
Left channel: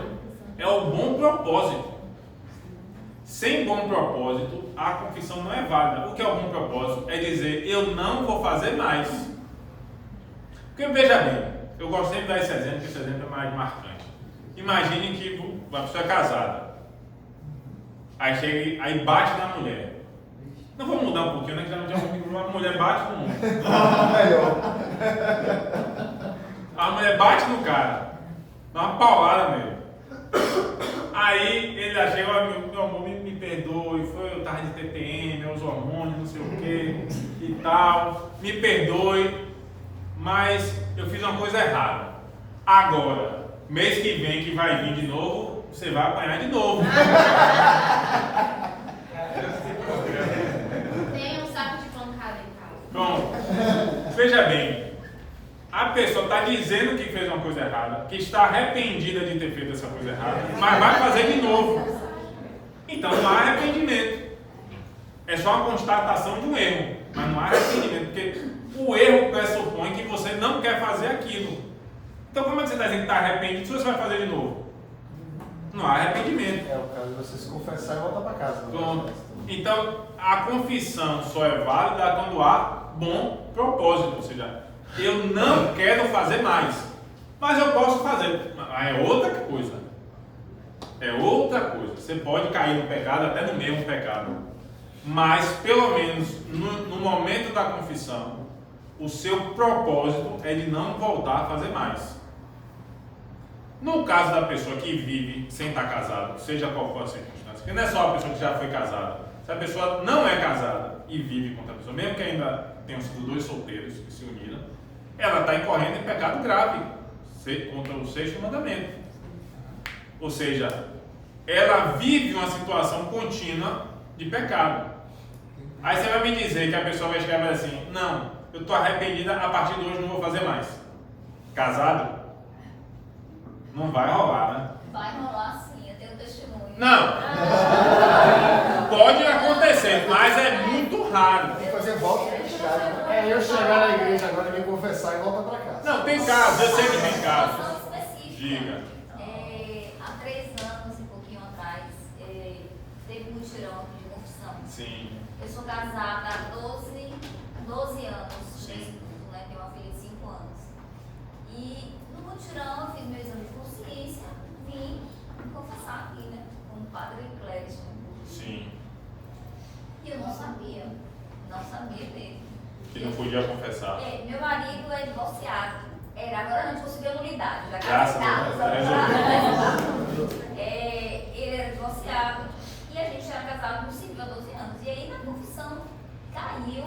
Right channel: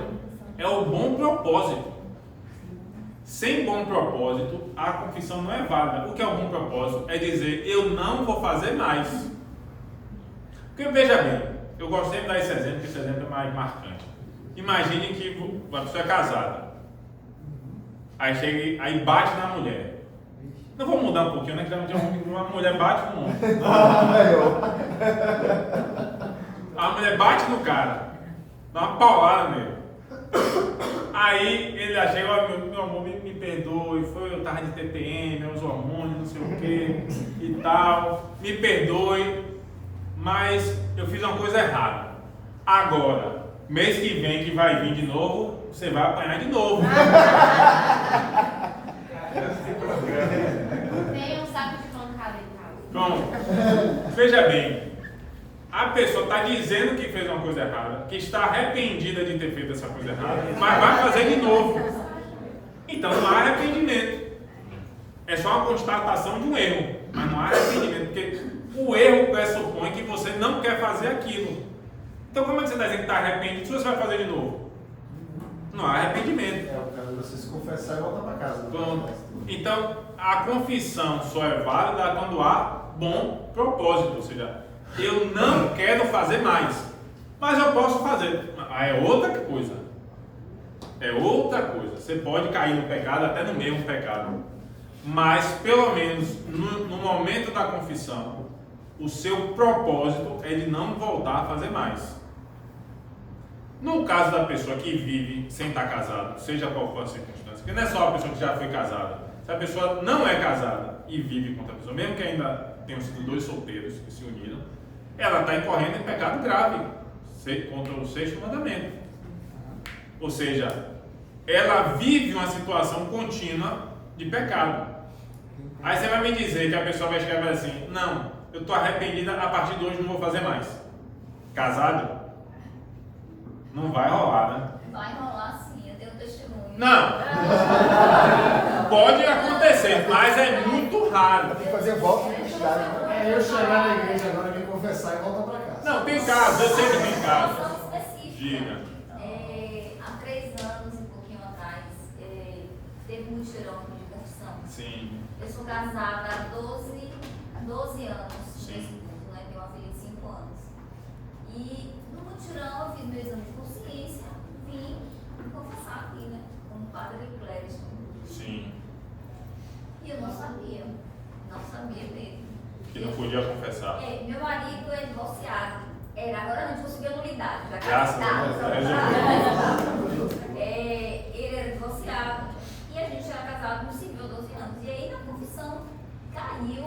é o bom propósito. Sem bom propósito, a confissão não é válida. O que é o bom propósito? É dizer, eu não vou fazer mais. Porque veja bem, eu gosto sempre de dar esse exemplo, porque esse exemplo é mais marcante. Imagine que a pessoa é casada. Aí chega, aí bate na mulher. Não vou mudar um pouquinho, né? Que já uma mulher bate no homem. A mulher bate no cara. Dá uma paulada nele. Aí ele já chega, meu amor, me perdoe, eu tava de TPM, meus hormônios, não sei o que e tal. Me perdoe, mas eu fiz uma coisa errada. Agora, mês que vem, que vai vir de novo, você vai apanhar de novo. Tem um saco de pancada em casa. Pronto. Veja bem, a pessoa está dizendo que fez uma coisa errada, que está arrependida de ter feito essa coisa errada, mas vai fazer de novo. Então não há arrependimento. É só uma constatação de um erro, mas não há arrependimento, porque o erro pressupõe que você não quer fazer aquilo. Então como é que você está dizendo que está arrependido se você vai fazer de novo? Não há arrependimento. É o caso de você se confessar e voltar para casa. Pronto. Então a confissão só é válida quando há bom propósito, ou seja, eu não quero fazer mais, mas eu posso fazer. É outra coisa. É outra coisa. Você pode cair no pecado, até no mesmo pecado. Mas, pelo menos, no momento da confissão, o seu propósito é de não voltar a fazer mais. No caso da pessoa que vive sem estar casado, seja qual for a circunstância, porque não é só a pessoa que já foi casada. Se a pessoa não é casada e vive com outra pessoa, mesmo que ainda tenham sido 2 solteiros que se uniram, ela está incorrendo em pecado grave contra o 6º mandamento. Ou seja, ela vive uma situação contínua de pecado. Aí você vai me dizer que a pessoa vai escrever assim, não, eu estou arrependida, a partir de hoje não vou fazer mais. Casado? Não vai rolar, né? Vai rolar sim, eu tenho testemunho. Não! Pode acontecer, mas é muito raro. Fazer volta. Eu chegar na igreja agora e me confessar e voltar para casa. Não, tem casos, eu sei que tem casos. Específica. Diga. Há 3 anos e um pouquinho atrás, teve um mutirão de confissão. Sim. Eu sou casada há 12 anos. Sim. Né? Tenho uma filha de 5 anos. E no mutirão eu fiz meu exame de consciência, vim me confessar aqui, né? Como padre eclético. Sim. E eu não sabia mesmo. Que não podia confessar. Meu marido é divorciado. Agora a gente conseguiu a nulidade. Graças a Deus, tá resolvido. Ele era divorciado e a gente era casado no civil há 12 anos. E aí na confissão caiu,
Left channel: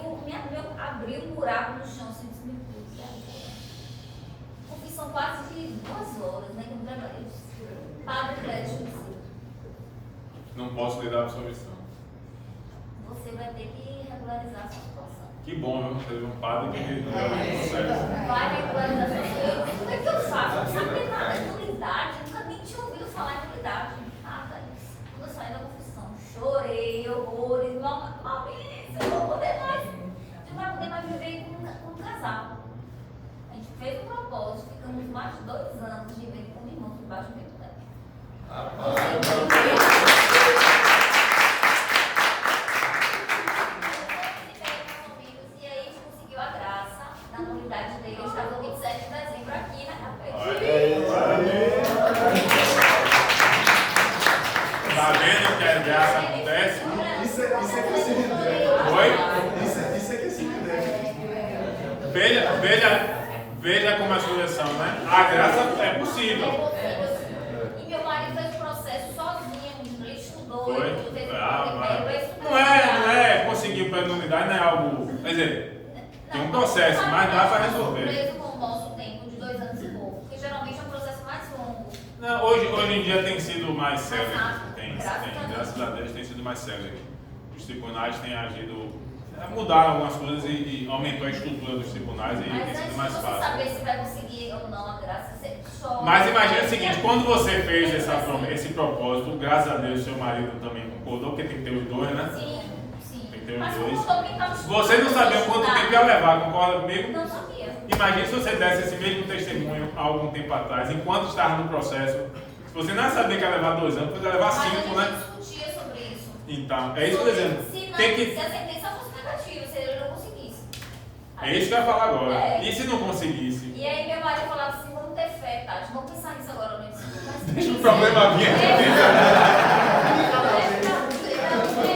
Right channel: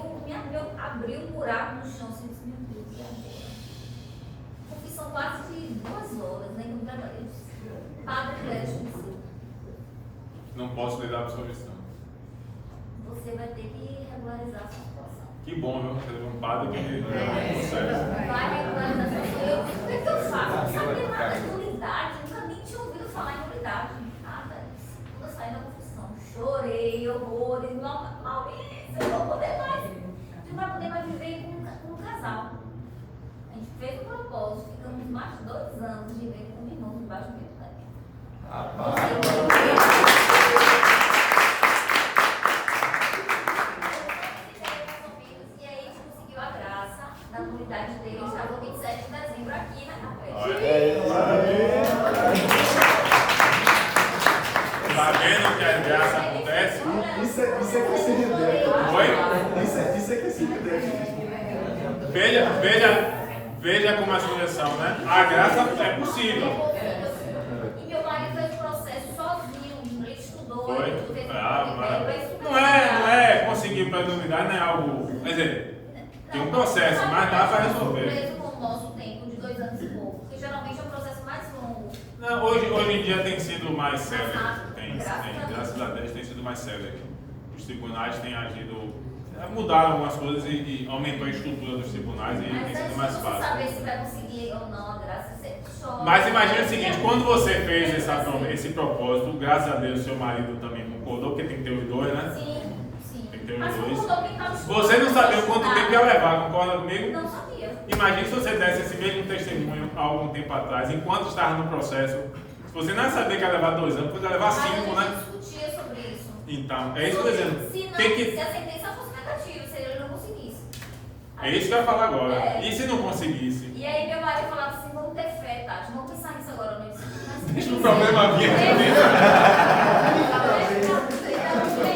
abriu um buraco no chão, assim, disse, meu Deus, e agora? Confissão quase de 2 horas, né? Como trabalhei. Padre Clédio, Não posso lhe dar absolvição. você vai ter que regularizar a sua situação. Que bom, viu? Teve um padre que realmente consegue. Vai regularizar a sua situação. O que é que eu faço? Eu não sabia nada de nulidade, nunca nem tinha ouvido falar em nulidade. Nada. Quando eu saí da confissão, chorei, horrores, Maurício, eu não vou poder mais. A gente não vai poder mais viver como casal. A gente fez um propósito, ficamos mais de 2 anos vivendo como irmãos debaixo do mesmo teto. E aí a gente conseguiu a graça da nulidade dele. A gente estava no 27 de dezembro aqui na capela. Tá vendo que a graça acontece? Isso é que é CNDF. Oi? Isso é que é CNDF. Veja como a sugestão, né? A graça é possível. E meu marido fez o processo sozinho, ele estudou, Foi? ele teve Mas não é conseguir para a unidade, não é algo. Quer dizer, tem um processo, mas dá para resolver. Mesmo com o nosso tempo de 2 anos e pouco, porque geralmente é um processo mais longo. Não, hoje em dia tem sido mais célere. rápido. Tem, graças a Deus tem sido mais célere. Os tribunais têm agido, mudaram algumas coisas e aumentou a estrutura dos tribunais e tem sido mais Você fácil. saber se vai conseguir ou não a graça, você chora. Mas imagina o seguinte, quando você fez esse propósito, graças a Deus seu marido também concordou, porque tem que ter os dois, né? Sim, sim. Tem que ter os Mas dois. concordou que estava Você não sabia quanto tempo ia levar, concorda comigo? Não sabia. Imagine se você desse esse mesmo testemunho há algum tempo atrás, enquanto estava no processo. Se você não sabia que ia levar 2 anos, podia levar 5, Mas a né? gente discutia sobre isso. Então, é isso que eu estou dizendo. Se, não, Tem que... se a sentença fosse negativa, se ele não conseguisse. É isso que eu ia falar agora. É. E se não conseguisse? E aí meu marido falava assim, vamos ter fé, Tati, vamos pensar nisso agora, não é? Deixa o problema vir aqui dentro.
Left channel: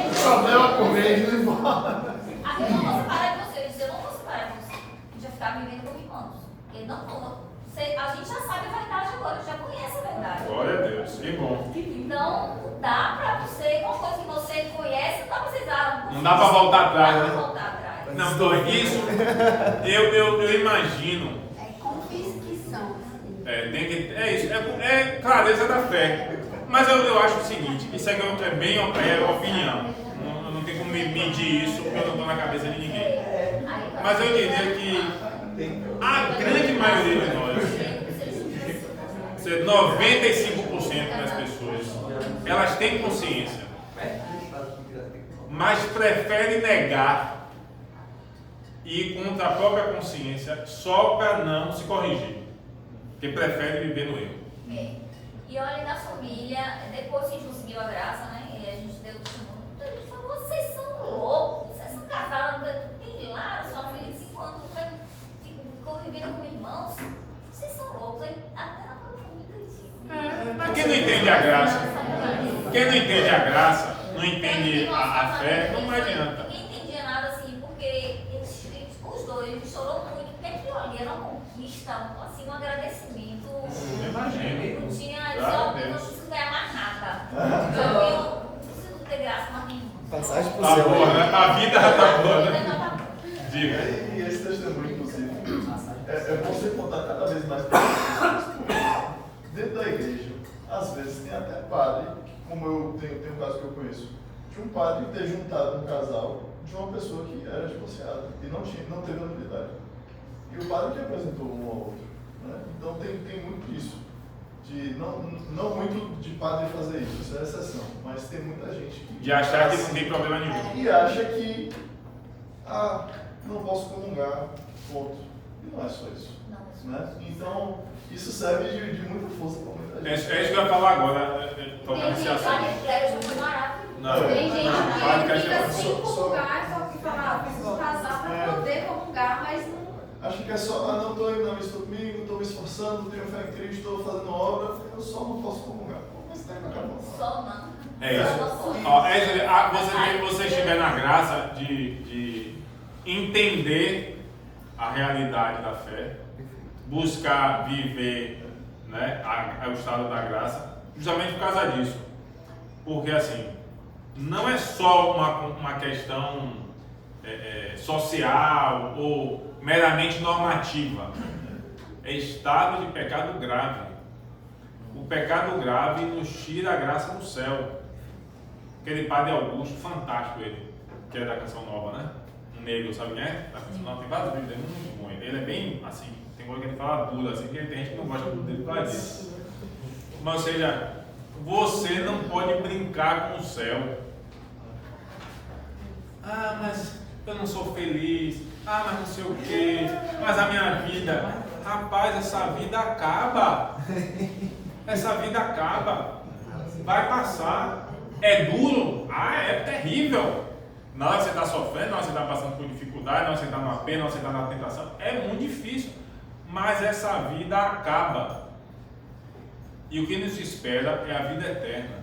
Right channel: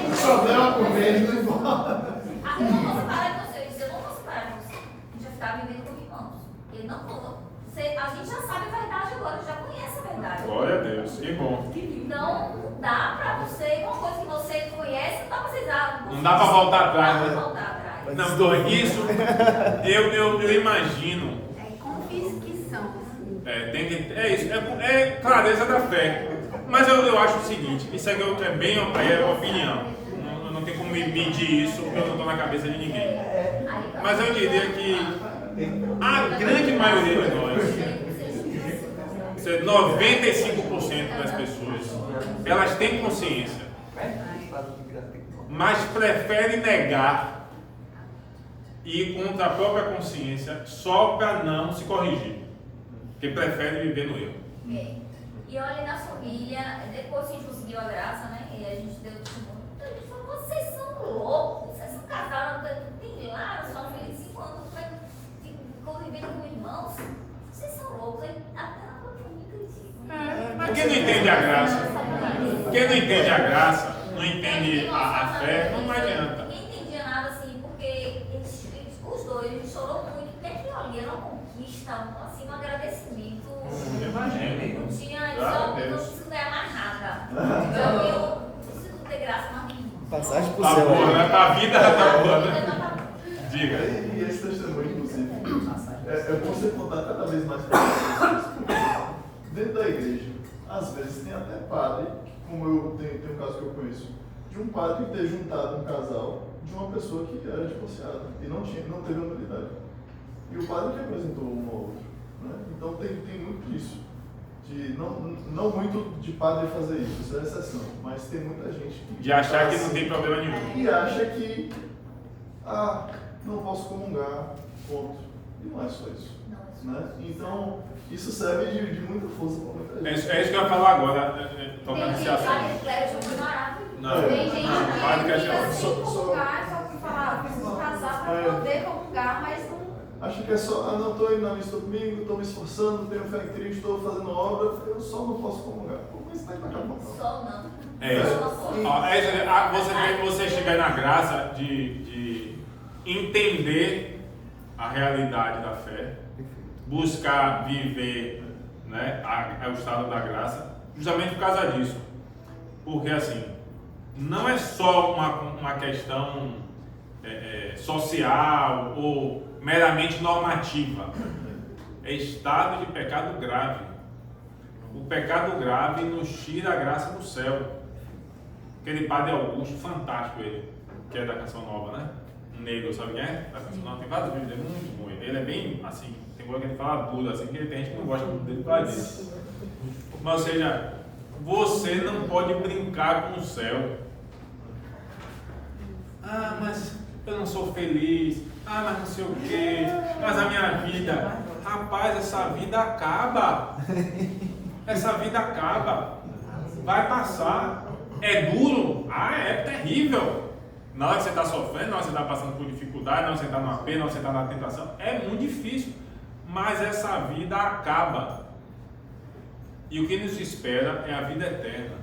O problema com ele não embora. Aqui eu não vou separar de você, eu disse, eu não vou separar de você. A gente vai ficar vivendo como irmãos. Ele não vou. A gente já sabe a verdade agora, já conhece a verdade. Glória a Deus, que bom. Então, não dá pra você, uma coisa que você conhece, não dá pra você dar. Não dá pra voltar atrás, Não dá né? pra voltar atrás. Não, Dor, isso eu imagino. É confissão. Tem que, é isso, é clareza da fé. Mas eu acho o seguinte, isso aqui é bem opinião. Não tem como medir isso porque eu não estou na cabeça de ninguém. Mas eu diria que a grande maioria de nós, 95% das pessoas, elas têm consciência, mas preferem negar e ir contra a própria consciência só para não se corrigir, porque preferem viver no erro. E olha, na família, depois que a gente conseguiu a graça, né? E a gente deu testemunho, ele falou, vocês são loucos, vocês são casados, tem lá, sua filha de 5 anos, ficou vivendo com irmãos, vocês são loucos, aí até na família acredita. Mas quem não entende a graça, quem não entende a graça, não entende a fé, não adianta. Ninguém entendia nada assim, porque os dois, eles chorou muito, porque aquilo ali era uma conquista, assim, um agradecimento. Imagina. Não tinha, Graças a eu não Deus. preciso ganhar mais nada. Eu não preciso ter graça mais nenhuma. Passagem por Tá céu. boa, né? A vida já tá boa, né? Diga. E esse testemunho, inclusive, é bom você contar cada vez mais para as pessoas. Dentro da igreja, às vezes tem até padre, como eu tenho um caso que eu conheço, de um padre ter juntado um casal de uma pessoa que era divorciada e não teve unidade. E o padre que apresentou um ao outro. Né? Então tem muito disso. Não muito de padre fazer isso é exceção, mas tem muita gente que. De achar que não assim, tem problema nenhum. e acha que não posso comungar, ponto. E não é só isso. Né? Então, isso serve de muita força para muita gente. É isso que eu ia falar agora, tocar nesse assunto. Não, Tem gente não, que padre que fica é sem ótimo. comungar, só que falar, preciso casar para poder comungar, mas não. Acho que é só, não estou indo na missa domingo, estou me esforçando, tenho fé em Cristo, estou fazendo obra, eu só não posso comungar. Pô, mas tem que acabar. Só não. É isso. Ó, você estiver na graça de entender a realidade da fé, buscar viver, né, o estado da graça, justamente por causa disso. Porque assim, não é só uma questão social ou meramente normativa. É estado de pecado grave. O pecado grave nos tira a graça do céu. Aquele padre Augusto, fantástico ele, que é da Canção Nova, né? Um negro, sabe quem é? Da Canção Nova, tem vários vídeos, é muito bom. Ele é bem assim, tem coisa que ele fala duro, assim, que tem gente que não gosta dele por causa disso. Mas, ou seja, você não pode brincar com o céu. Ah, mas eu não sou feliz. Ah, mas não sei o quê. Mas a minha vida. Rapaz, essa vida acaba. Essa vida acaba. Vai passar. É duro? Ah, é terrível. Na hora que você está sofrendo, na hora que você está passando por dificuldade, na hora que você está no apelo, na hora que você está na tentação, é muito difícil. Mas essa vida acaba. E o que nos espera é a vida eterna.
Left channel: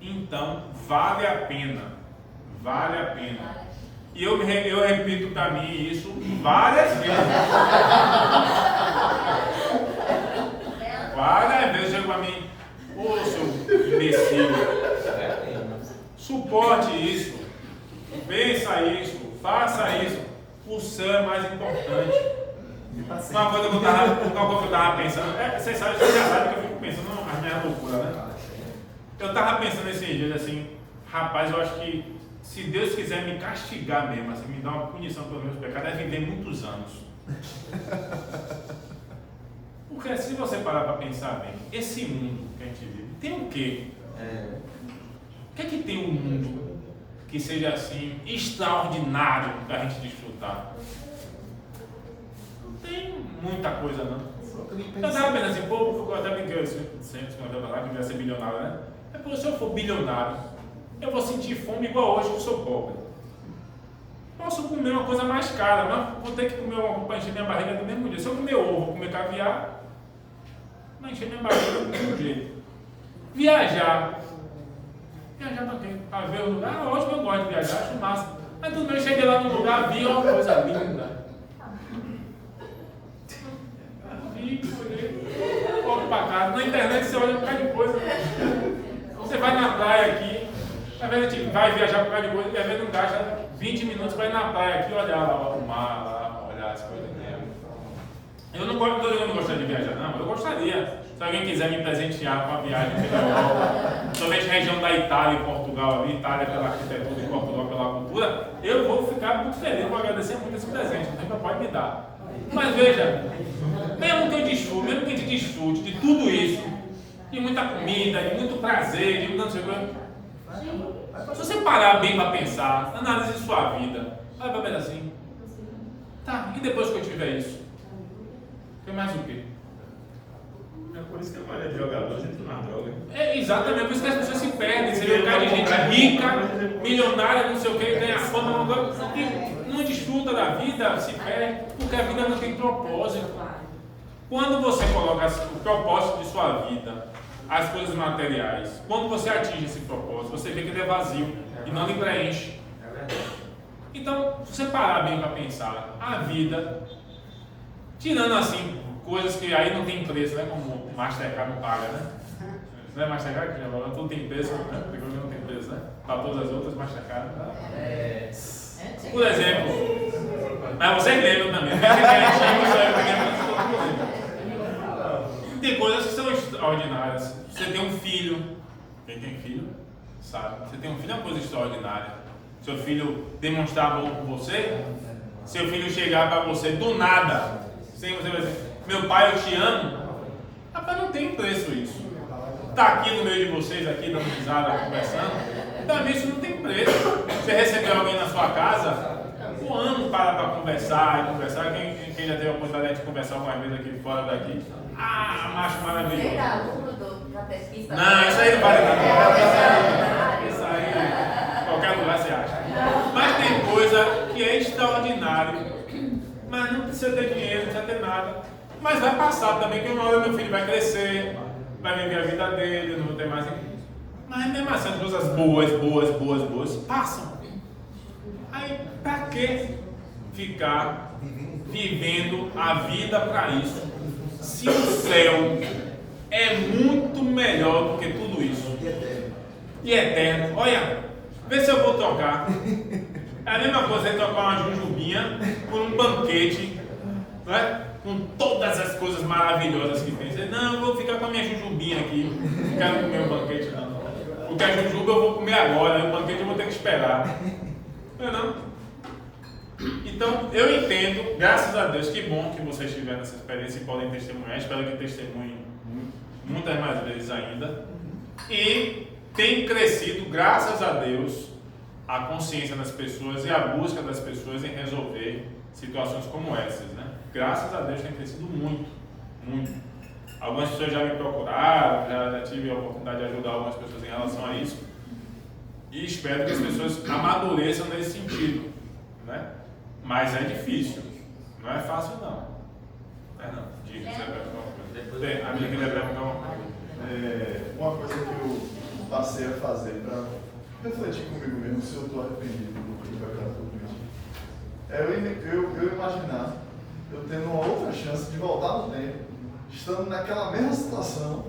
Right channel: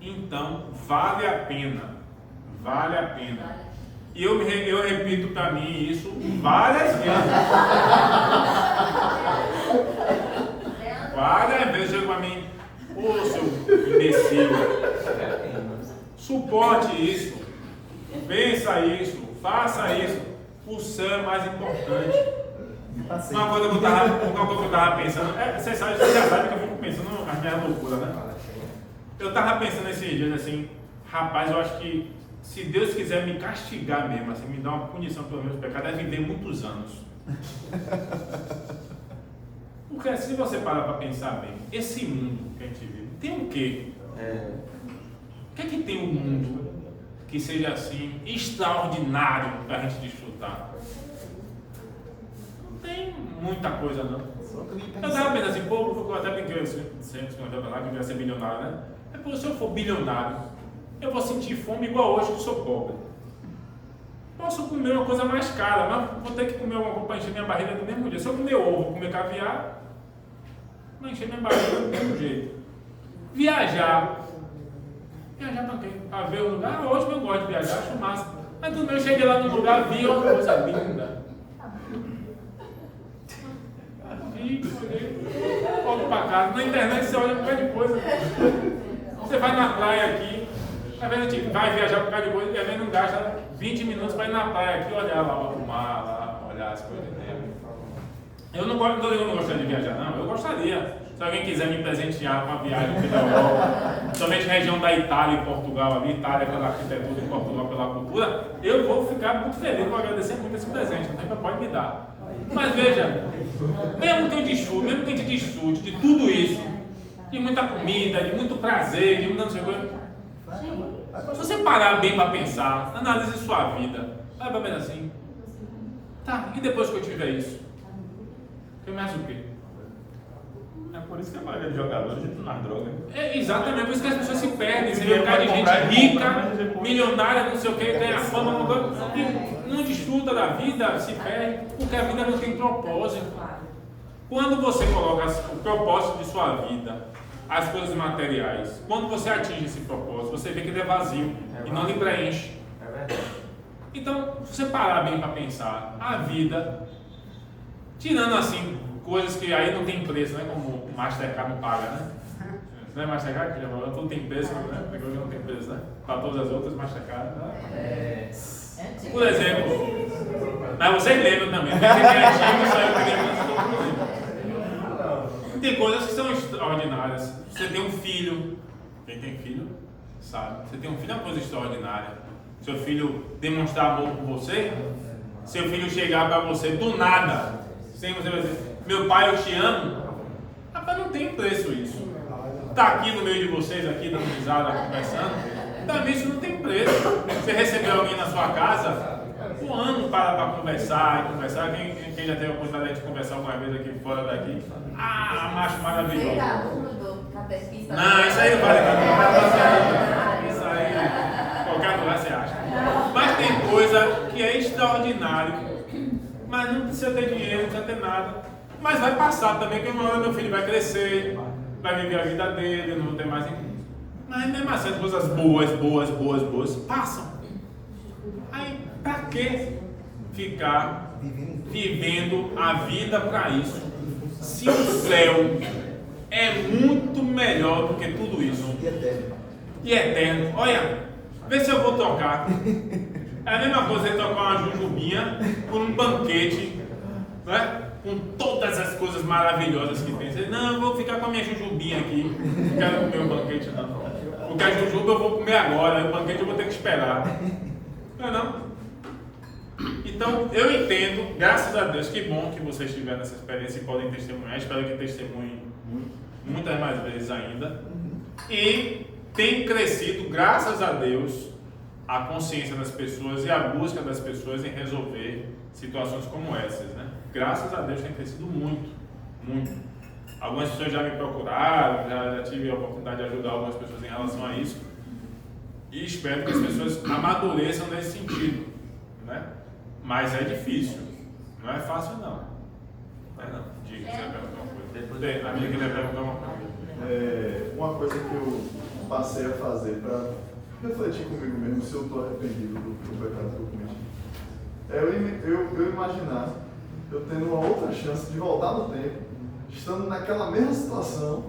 Então, vale a pena. Vale a pena. E eu repito para mim isso várias vezes. Várias vezes chega para mim, ô seu imbecil, suporte isso, vença isso, faça isso. O céu é mais importante. Uma coisa que eu estava pensando, você já sabe que eu fico pensando nas minhas loucuras, né? Eu estava pensando esses dias assim, rapaz, eu acho que se Deus quiser me castigar mesmo, assim, me dar uma punição pelos meus pecados, deve viver muitos anos. Porque se você parar para pensar bem, esse mundo que a gente vive, tem o quê? O que é que tem um mundo que seja assim, extraordinário para a gente desfrutar? Não tem muita coisa, não. Eu estava pensando assim, pô, eu até brinquei sempre lá que eu ia ser bilionário, né? É porque se eu for bilionário, eu vou sentir fome igual hoje que sou pobre. Posso comer uma coisa mais cara, mas vou ter que comer alguma coisa para encher minha barriga do mesmo jeito. Se eu comer ovo, comer caviar, vai encher minha barriga do mesmo jeito. Viajar. Viajar para quê? Para ver o lugar? Hoje eu gosto de viajar, acho massa. Mas tudo bem, eu cheguei lá num lugar, vi uma coisa linda. Volto para casa. Na internet você olha um bocado de coisa. Você vai na praia aqui, às vezes a gente vai viajar por um bocado de coisa e às vezes não gasta 20 minutos para ir na praia aqui, olhar lá o mar, lá, olhar as coisas dentro. Eu não gostaria de viajar, não. Eu gostaria. Se alguém quiser me presentear com uma viagem pela Europa, somente região da Itália e Portugal ali, Itália pela arquitetura e Portugal pela cultura, eu vou ficar muito feliz, vou agradecer muito esse presente, não pode me dar. Mas veja, mesmo que eu desfrute, mesmo que a gente desfrute de tudo isso, de muita comida, de muito prazer, de muita não sei o que, se você parar bem para pensar, analise sua vida, vai para ver assim, tá, e depois que eu tiver isso? Tem mais o quê? É por isso que a maioria de jogadores entra na droga. É exatamente, por isso que as pessoas se perdem. Você vê um cara de gente rica, milionária, não sei o que, ganha fama, uma coisa, e não desfruta da vida, se perde, porque a vida não tem propósito. Quando você coloca o propósito de sua vida, as coisas materiais, quando você atinge esse propósito, você vê que ele é vazio e não lhe preenche. Então, se você parar bem para pensar, a vida, tirando assim, coisas que aí não tem preço, né? Como o Mastercard não paga, né? Não é Mastercard que já falou, tudo tem preço, né? Agora não tem preço, né? Para todas as outras, Mastercard não. Por exemplo, mas vocês lembram também, mesmo que é antigo, só eu peguei antes todo mundo lembra. Tem coisas que são extraordinárias. Você tem um filho, quem tem filho sabe, você tem um filho é uma coisa extraordinária. Seu filho demonstrar amor por você, seu filho chegar para você do nada, sem você dizer, meu pai, eu te amo. Rapaz, não tem preço isso. Tá aqui no meio de vocês, aqui dando risada, conversando. Também isso não tem preço. Você recebeu alguém na sua casa, um ano para conversar e conversar. Quem já teve a oportunidade de conversar alguma vez aqui fora daqui? Ah, macho maravilhoso. Não, isso aí não vale nada. Isso aí, qualquer lugar você acha. Mas tem coisa que é extraordinário. Mas não precisa ter dinheiro, não precisa ter nada. Mas vai passar também, que uma hora meu filho vai crescer, vai viver a vida dele, eu não vou ter mais. Mas mesmo assim, as coisas boas passam. Aí, pra que ficar vivendo a vida para isso? Se o céu é muito melhor do que tudo isso. E eterno. Olha, vê se eu vou trocar. É a mesma coisa você trocar uma jujubinha por um banquete, não é? Com todas as coisas maravilhosas que tem. Você, não, eu vou ficar com a minha jujubinha aqui. Não quero comer o banquete, não. Porque a jujuba eu vou comer agora, o banquete eu vou ter que esperar. Não é não? Então, eu entendo, graças a Deus, que bom que vocês tiveram essa experiência e podem testemunhar. Espero que testemunhem muitas mais vezes ainda. E tem crescido, graças a Deus, a consciência das pessoas e a busca das pessoas em resolver situações como essas, né? Graças a Deus tem crescido muito, muito. Algumas pessoas já me procuraram, já tive a oportunidade de ajudar algumas pessoas em relação a isso. E espero que as pessoas amadureçam nesse sentido, né? Mas é difícil, não é fácil não. É não. Diga, você vai perguntar uma coisa. A minha queria perguntar uma coisa. Uma coisa que eu passei a fazer para refletir comigo mesmo se eu estou arrependido do pecado que eu cometi. é eu imaginar eu tendo uma outra chance de voltar no tempo, estando naquela mesma situação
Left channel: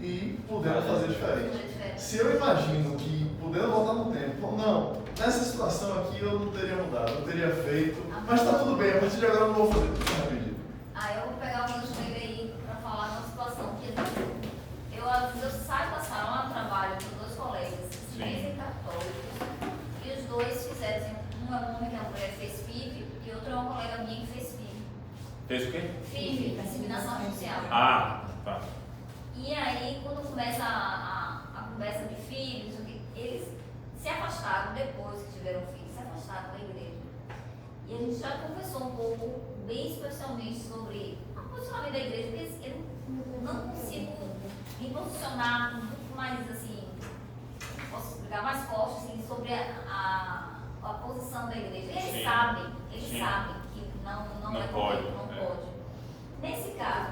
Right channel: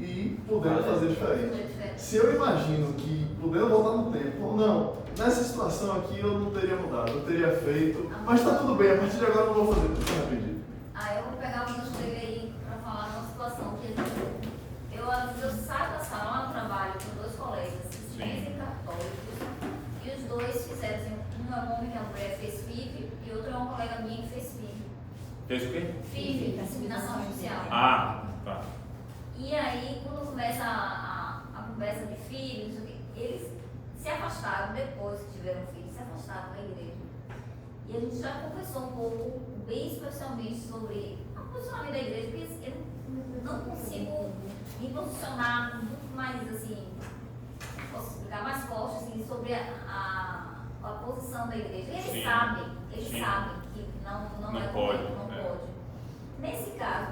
e podendo fazer diferente. Se eu imagino que podendo voltar no tempo, ou não, nessa situação aqui eu não teria mudado, eu teria feito, mas está tudo bem, a partir de agora eu não vou fazer, estou arrependido. Eu vou pegar um dos livros aí para falar de uma situação que eu saio da sala lá no trabalho com 2 colegas, ciência católicos, e os 2 fizeram assim, um é um homem que a mulher fez FIV e outro é uma colega minha que fez FIV. Fez o quê? FIV, inseminação artificial. Ah, tá. E aí, quando começa a conversa de filhos, eles se afastaram depois que tiveram filhos, se afastaram da igreja. E a gente já conversou um pouco, bem especialmente, sobre o posicionamento da igreja, porque eu não consigo me posicionar muito mais, assim, posso explicar mais forte, assim, sobre a posição da igreja. Eles sabem que não é pode. correto, não pode. Nesse caso,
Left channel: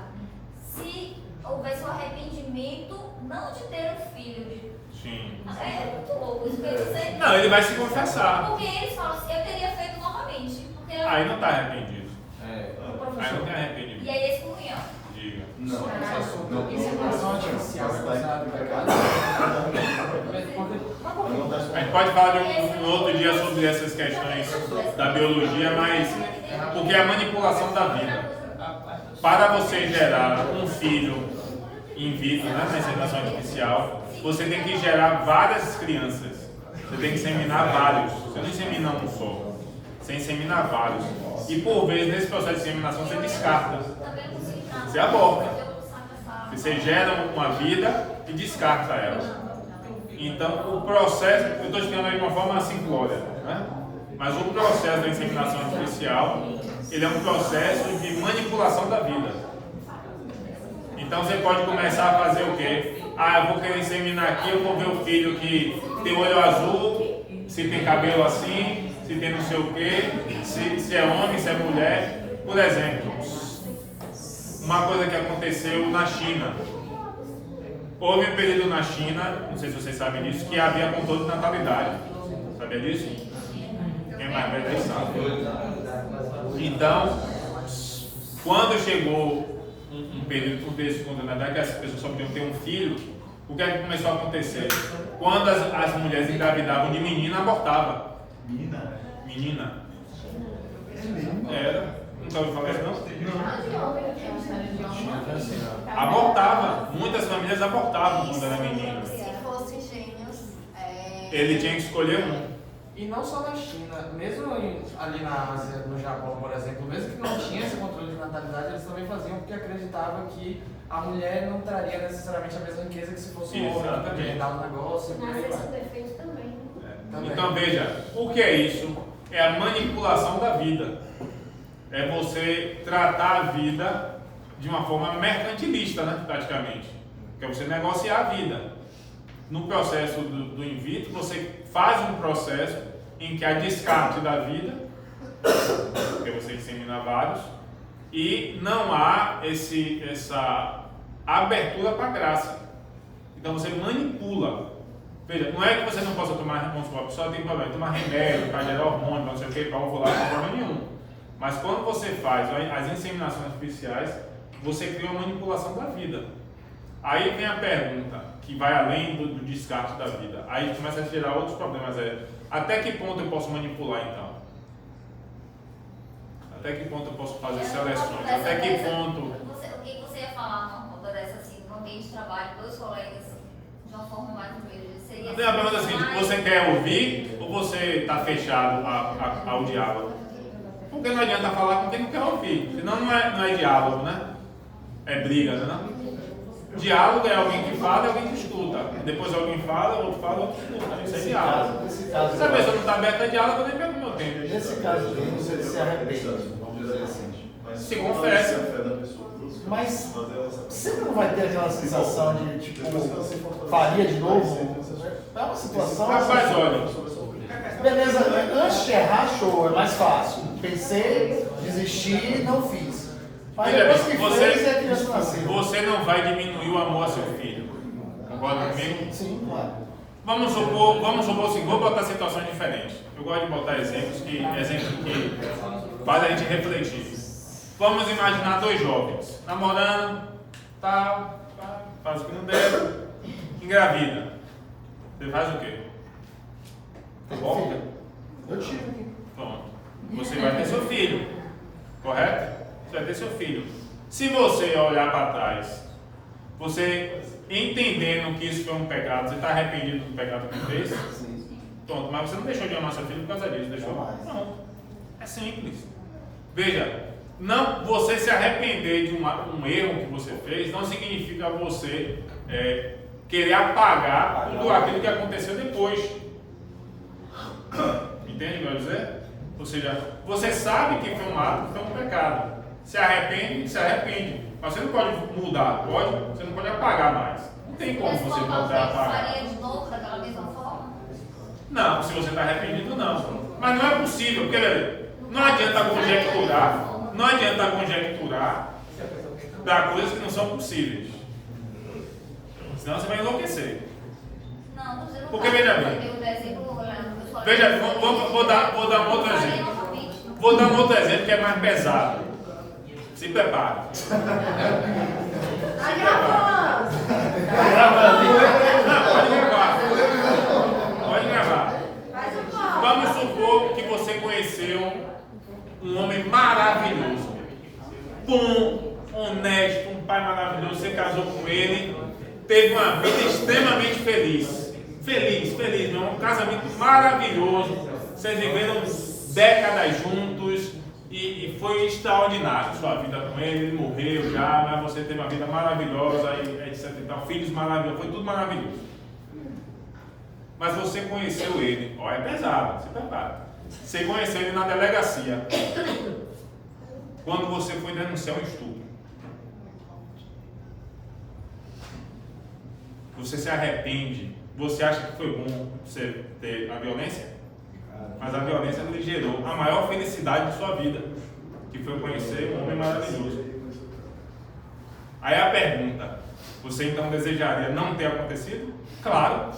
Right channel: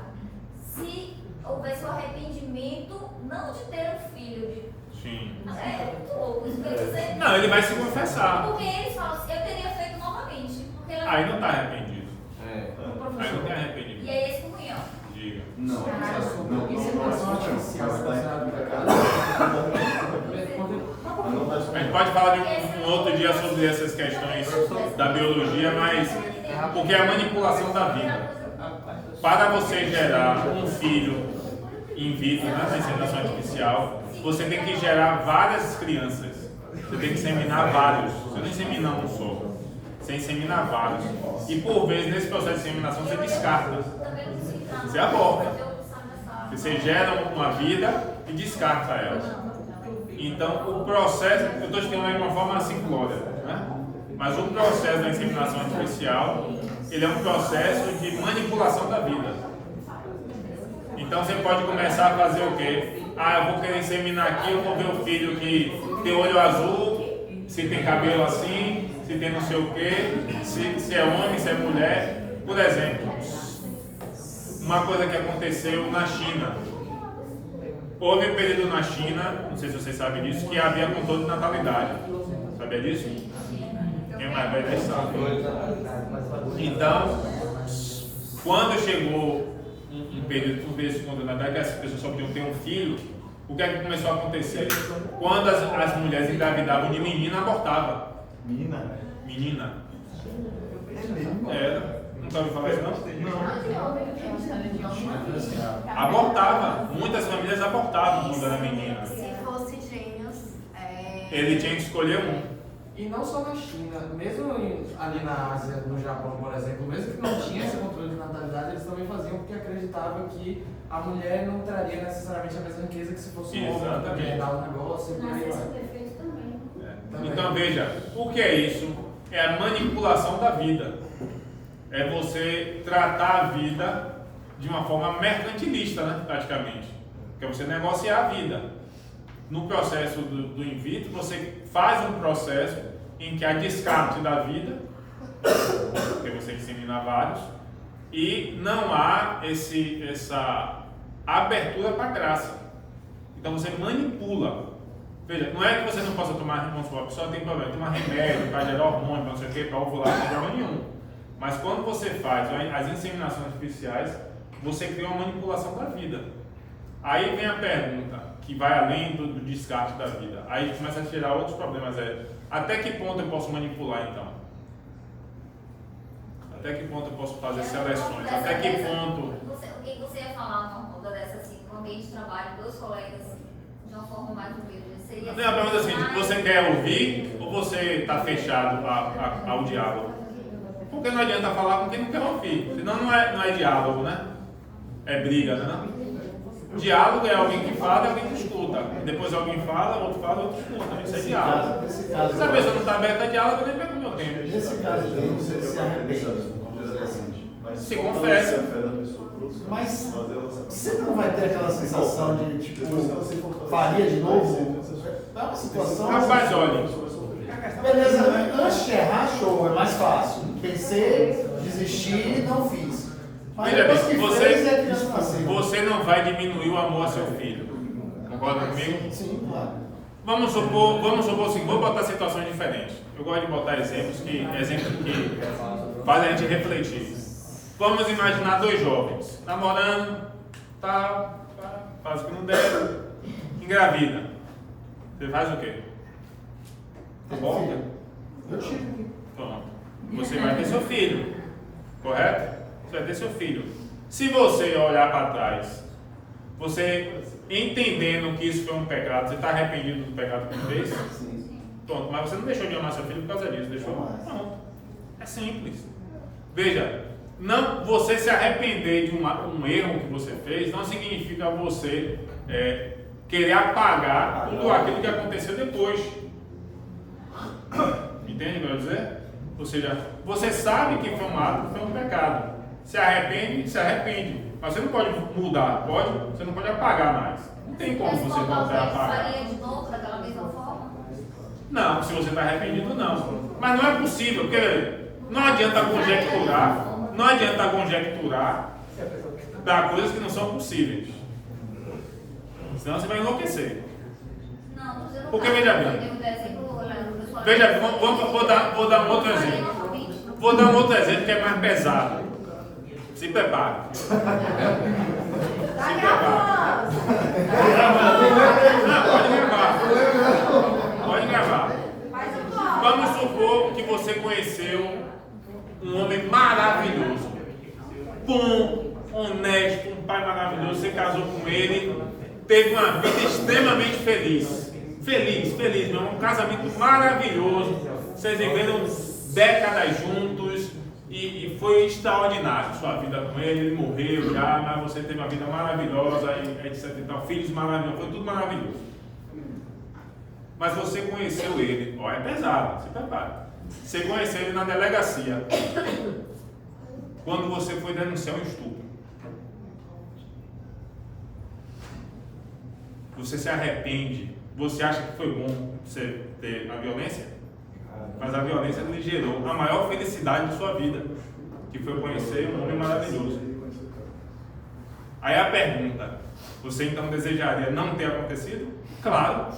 se houvesse um arrependimento, não de ter um filho, é muito louco isso, porque você... Não, ele vai se confessar. Porque eles falam assim, eu teria feito novamente. Aí não está arrependido. É. Aí não tem arrependimento. E aí eles comunhão. Diga. Não. Inseminação artificial. A gente pode falar de um outro dia sobre essas questões da biologia, mas porque é a manipulação da vida. Para você gerar um filho in vitro, né, na inseminação artificial, você tem que gerar várias crianças. Você tem que inseminar vários. Você não insemina um só. Você insemina vários. E por vezes, nesse processo de inseminação, você descarta. Você aborta. Você gera uma vida e descarta ela. Então, o processo, eu estou explicando aí de uma forma simplória, né? Mas o processo da inseminação artificial, ele é um processo de manipulação da vida. Então, você pode começar a fazer o quê? Eu vou querer inseminar aqui, eu vou ver o filho que tem olho azul, se tem cabelo assim, se tem não sei o quê, se é homem, se é mulher. Por exemplo, uma coisa que aconteceu na China. Houve um período na China, não sei se vocês sabem disso, que havia controle de natalidade. Sabia disso? Quem mais velho aí sabe. Então, quando chegou um período desse controle de natalidade, que as pessoas só podiam ter um filho, o que é que começou a acontecer? Quando as mulheres engravidavam de menina, abortavam. Menina. Era. Nunca ouviu falar isso, não? Abortava. Muitas famílias abortavam quando era menina. Se fosse gêmeos, Ele tinha que escolher um. E não só na China, mesmo ali na Ásia, no Japão, por exemplo, mesmo que não tinha esse controle de natalidade, eles também faziam porque acreditavam que a mulher não traria necessariamente a mesma riqueza que se fosse um homem, porque ia dar um negócio. Mas esse é perfeito também. Então veja, o que é isso? É a manipulação da vida. É você tratar a vida de uma forma mercantilista, né, praticamente. Que é você negociar a vida. No processo do in vitro, você faz um processo em que há descarte da vida, porque você insemina vários, e não há essa abertura para a graça. Então você manipula. Veja, não é que você não possa tomar, vamos supor, a pessoa tem problema, tomar remédio para gerar hormônio, para não sei o que, para ovular, não tem problema nenhum. Mas quando você faz as inseminações artificiais, você cria uma manipulação da vida. Aí vem a pergunta, que vai além do descarte da vida. Aí começa a gerar outros problemas. Até que ponto eu posso manipular então? Até que ponto eu posso fazer seleções? Até que ponto... O que você ia falar, não, dessa assim, no ambiente de trabalho, 2 colegas, de uma forma mais humilde? Seria A pergunta é assim, você quer ouvir ou você está fechado ao diálogo? Porque não adianta falar com quem não quer ouvir, senão não é diálogo, né? É briga, né? Não? Diálogo é alguém que fala e alguém que escuta. Depois alguém fala, outro escuta. Isso é diálogo. Se a pessoa não está aberta a diálogo, eu nem pego o meu tempo. Nesse caso aqui, você se arrepende. Se confessa. Mas sempre não vai ter aquela sensação de, tipo, faria de novo? É uma situação... Rapaz, olha... Beleza, antes de errar, show, é mais fácil. Pensei, desisti, não fiz. Mas Veja depois bem, que fez, a criança nasceu. você não vai diminuir o amor a seu filho. Concorda comigo? Sim, claro. Vamos supor assim, vou botar situações diferentes. Eu gosto de botar exemplos que fazem a gente refletir. Vamos imaginar dois jovens namorando, tal, faz o que não deve, engravida. Você faz o quê? Aborta? Eu tiro aqui. Toma. Você vai ter seu filho, correto? Você vai ter seu filho. Se você olhar para trás, você entendendo que isso foi um pecado, você está arrependido do pecado que fez? Sim. Pronto, mas você não deixou de amar seu filho por causa disso, deixou? Não. É simples. Veja, não, você se arrepender de um erro que você fez não significa você querer apagar tudo aquilo que aconteceu depois. Entende o que eu quero dizer? Ou seja, você sabe que foi um ato, que foi um pecado. Se arrepende, se arrepende. Mas você não pode mudar, pode? Você não pode apagar mais. Não tem como você voltar a apagar. Faria de novo daquela mesma forma? Não, se você está arrependido, não. Mas não é possível, porque não adianta conjecturar para coisas que não são possíveis. Senão você vai enlouquecer. Não, tô dizendo. Porque veja bem. Veja bem, vou dar um outro exemplo. Vou dar um outro exemplo que é mais pesado. Se prepare. Se prepare. Não, pode gravar. Pode gravar. Vamos supor que você conheceu um homem maravilhoso, bom, honesto, um pai maravilhoso. Você casou com ele, teve uma vida extremamente feliz. Feliz, meu irmão. Um casamento maravilhoso. Vocês viveram décadas juntos e foi extraordinário sua vida com ele. Ele morreu já, mas você teve uma vida maravilhosa e etc. Então, filhos maravilhosos, foi tudo maravilhoso. Mas você conheceu ele, ó, é pesado, se prepara. Você conheceu ele na delegacia, quando você foi denunciar um estupro. Você se arrepende, você acha que foi bom você ter a violência? Mas a violência lhe gerou a maior felicidade de sua vida, que foi conhecer um homem maravilhoso. Aí a pergunta, você então desejaria não ter acontecido? Claro,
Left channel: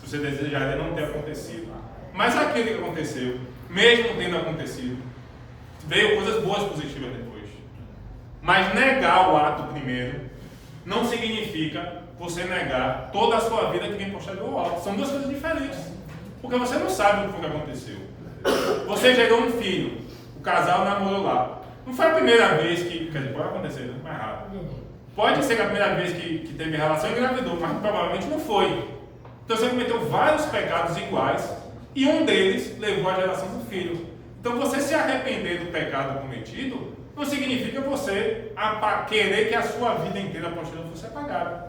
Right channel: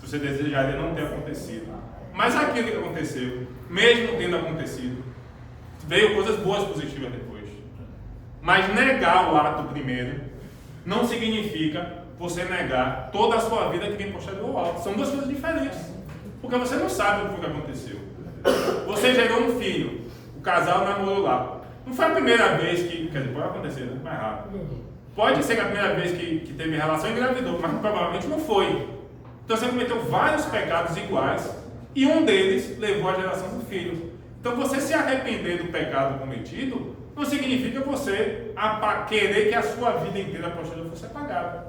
você desejaria não ter acontecido. Mas aquilo que aconteceu, mesmo tendo acontecido, veio coisas boas, positivas depois. Mas negar o ato primeiro não significa você negar toda a sua vida que vem posterior ao ato. São duas coisas diferentes. Porque você não sabe o que foi que aconteceu. Você gerou um filho, o casal namorou lá. Não foi a primeira vez que... Quer dizer, pode acontecer, né? Mais raro. Pode ser que a primeira vez que teve relação engravidou, mas provavelmente não foi. Então você cometeu vários pecados iguais e um deles levou à geração do filho. Então você se arrepender do pecado cometido não significa você querer que a sua vida inteira posterior fosse apagada.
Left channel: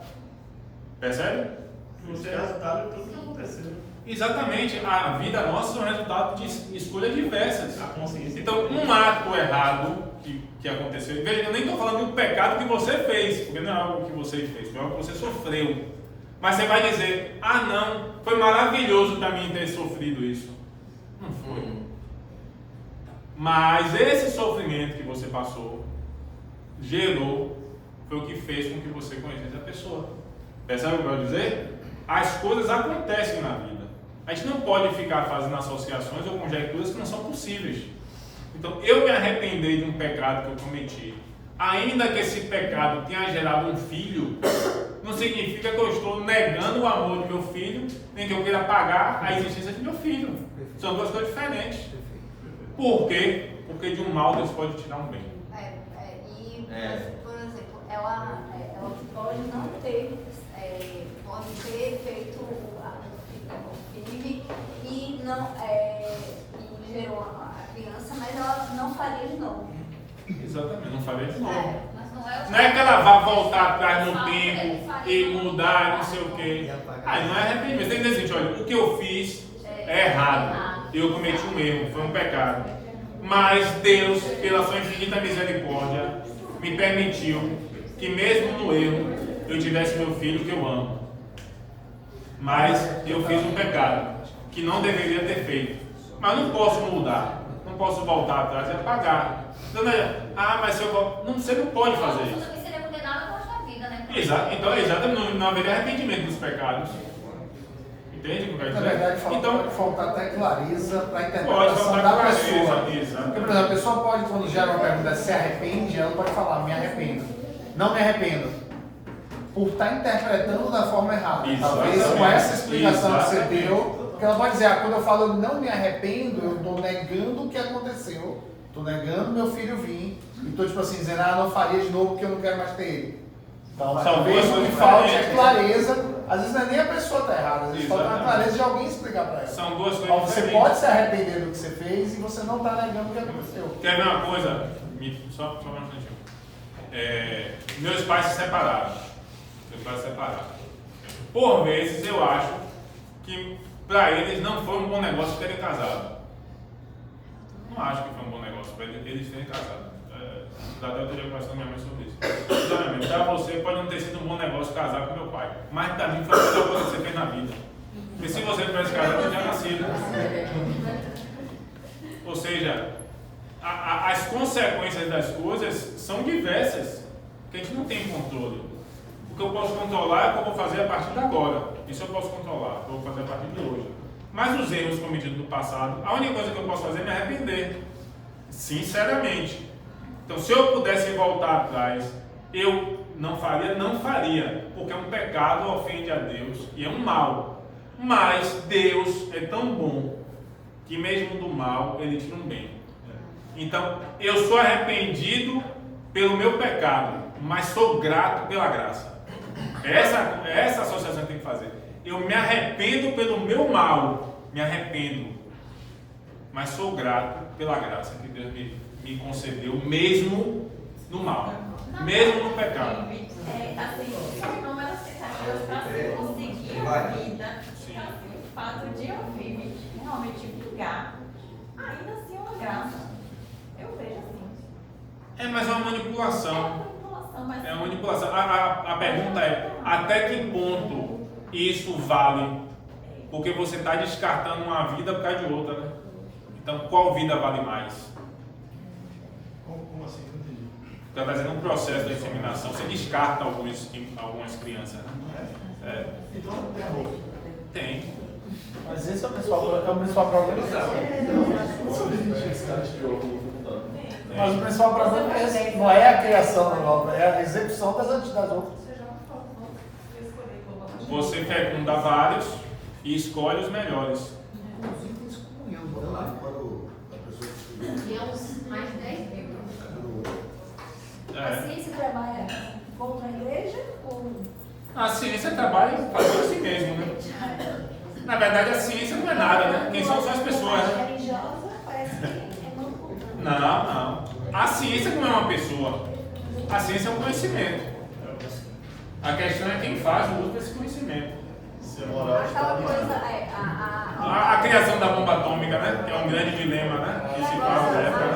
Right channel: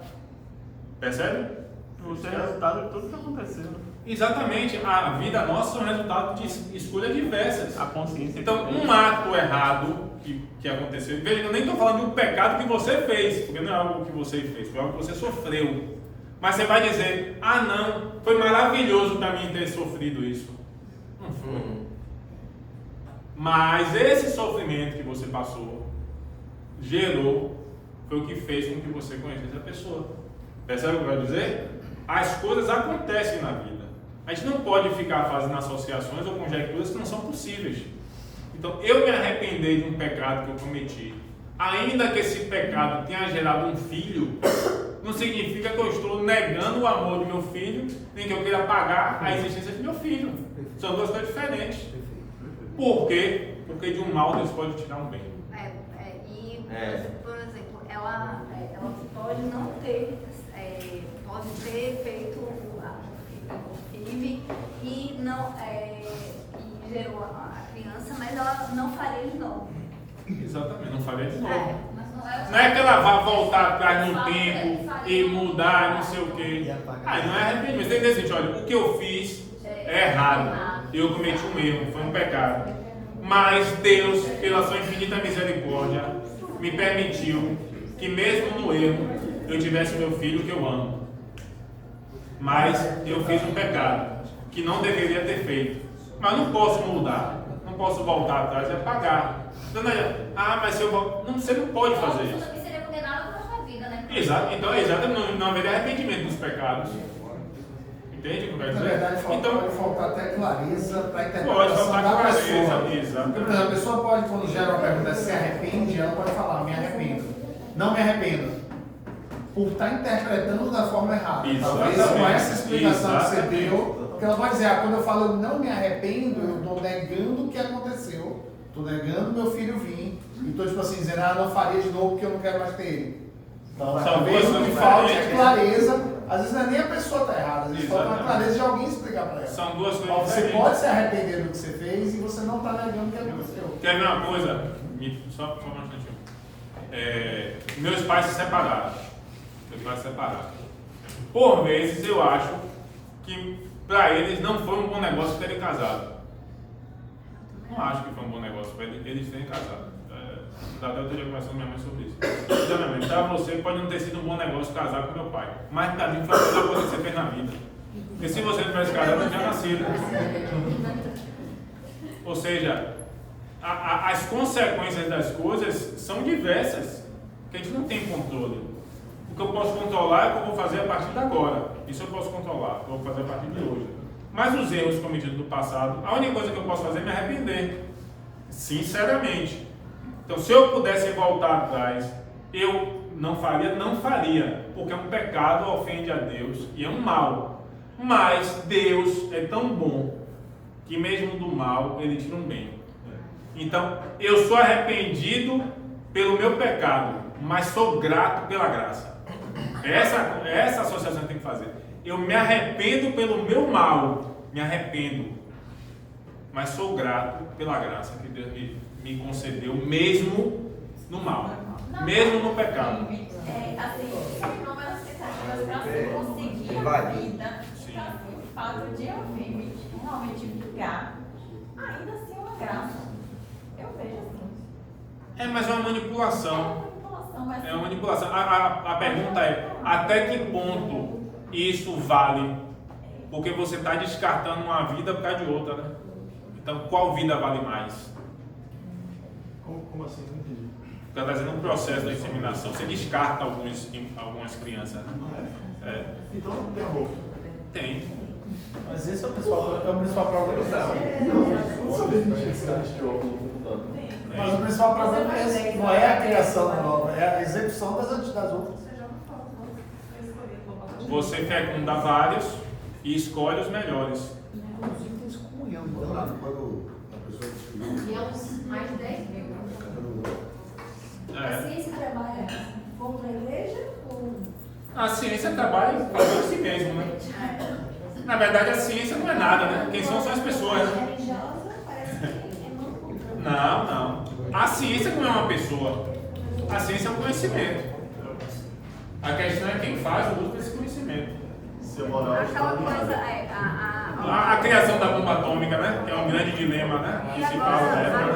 Percebe? Você é resultado de tudo que aconteceu. Exatamente, a vida nossa é um resultado de escolhas diversas. A consciência. Então, um ato errado que aconteceu, veja, eu nem estou falando do pecado que você fez, porque não é algo que você fez, foi algo que você sofreu. Mas você vai dizer, ah não, foi maravilhoso para mim ter sofrido isso. Não foi. Mas esse sofrimento que você passou, foi o que fez com que você conhecesse a pessoa. Percebe o que eu quero dizer? As coisas acontecem na vida. A gente não pode ficar fazendo associações ou conjecturas que não são possíveis. Então, eu me arrepender de um pecado que eu cometi, ainda que esse pecado tenha gerado um filho, não significa que eu estou negando o amor de meu filho, nem que eu queira pagar a existência de meu filho. São duas coisas diferentes. Por quê? Porque de um mal Deus pode tirar um bem. Por exemplo, ela pode não ter, pode ter feito o filho e não e gerou a criança, mas ela não faria de novo. Exatamente, não faria de novo. Não é que ela vá voltar atrás no tempo e mudar, não sei o quê. Não é arrependimento. Tem que dizer assim, olha, o que eu fiz é errado. Eu cometi um erro, foi um pecado. Mas Deus, pela sua infinita misericórdia, me permitiu que mesmo no erro, eu tivesse meu filho que eu amo. Mas eu fiz um pecado que não deveria ter feito. Mas não posso mudar. Não posso voltar atrás e apagar. Mas se eu volto... Não, você não pode fazer isso. Você seria condenado ao resto da vida, né? Então, exatamente, não haveria arrependimento dos pecados. Entende o que eu quero Na dizer? verdade, Então, pode faltar até clareza para a pode interpretação faltar da clareza, pessoa. exatamente. Porque, por exemplo, a pessoa pode, quando gera uma pergunta, se arrepende, ela pode falar, me arrependo. Não me arrependo. Por estar interpretando da forma errada. Talvez com essa explicação que você deu, porque ela pode dizer, quando eu falo não me arrependo, eu estou negando o que aconteceu, estou negando meu filho vir, e estou tipo assim, dizendo, não faria de novo porque eu não quero mais ter ele. Então, São talvez duas o que coisas falta é diferentes. clareza, às vezes não é nem a pessoa está errada, às vezes falta a Exatamente. clareza de alguém explicar para ela. são duas coisas Você diferentes. pode se arrepender do que você fez e você não está negando o que aconteceu. Quer ver uma coisa? Só um instantinho. Meus pais se separaram. Por vezes eu acho que para eles não foi um bom negócio terem casado. Não acho que foi um bom negócio para eles terem casado. Até eu teria conversado com minha mãe sobre isso. Sinceramente, para você pode não ter sido um bom negócio casar com meu pai. Mas para mim foi a melhor coisa que você fez na vida. Porque se você não tivesse casado, eu não tinha nascido. Ou seja, as consequências das coisas são diversas, que a gente não tem controle. O que eu posso controlar é o que eu vou fazer a partir de agora. Isso eu posso controlar, o que eu vou fazer a partir de hoje. Mas os erros cometidos no passado, a única coisa que eu posso fazer é me arrepender. Sinceramente. Então, se eu pudesse voltar atrás, eu não faria, porque é um pecado, ofende a Deus e é um mal. Mas Deus é tão bom que mesmo do mal ele tira um bem. Então, eu sou arrependido pelo meu pecado, mas sou grato pela graça. Essa associação que tem que fazer. Eu me arrependo pelo meu mal, mas sou grato pela graça que Deus me concedeu, mesmo no mal, mesmo no pecado. Assim, não é expectativas para você conseguir a vida. Sim. Então, assim, o fato de eu vir realmente brigar, ainda assim é uma graça. Eu vejo assim. Mas é uma manipulação. Mas É uma manipulação. A pergunta é, até que ponto isso vale? Porque você está descartando uma vida por causa de outra, né? Então, qual vida vale mais? Como assim? Não entendi. Porque está fazendo um processo da inseminação. Você descarta algumas crianças, né? Então não tem amor. Tem. Mas esse é o principal problema. Mas o principal problema é esse, não é a criação nova, é a execução das outras. Você fecunda vários e escolhe os melhores. Mais de 10 mil. a ciência trabalha contra a igreja ou... A ciência trabalha em favor de si mesmo, né? Na verdade, a ciência não é nada, né? Quem são as pessoas, né? religiosa parece que é muito contra. Não. A ciência não é uma pessoa. A ciência é um conhecimento. A questão é quem faz o uso desse conhecimento. Aquela coisa, A criação da bomba atômica, né? Que é um grande dilema, né? Que se fala na época, né?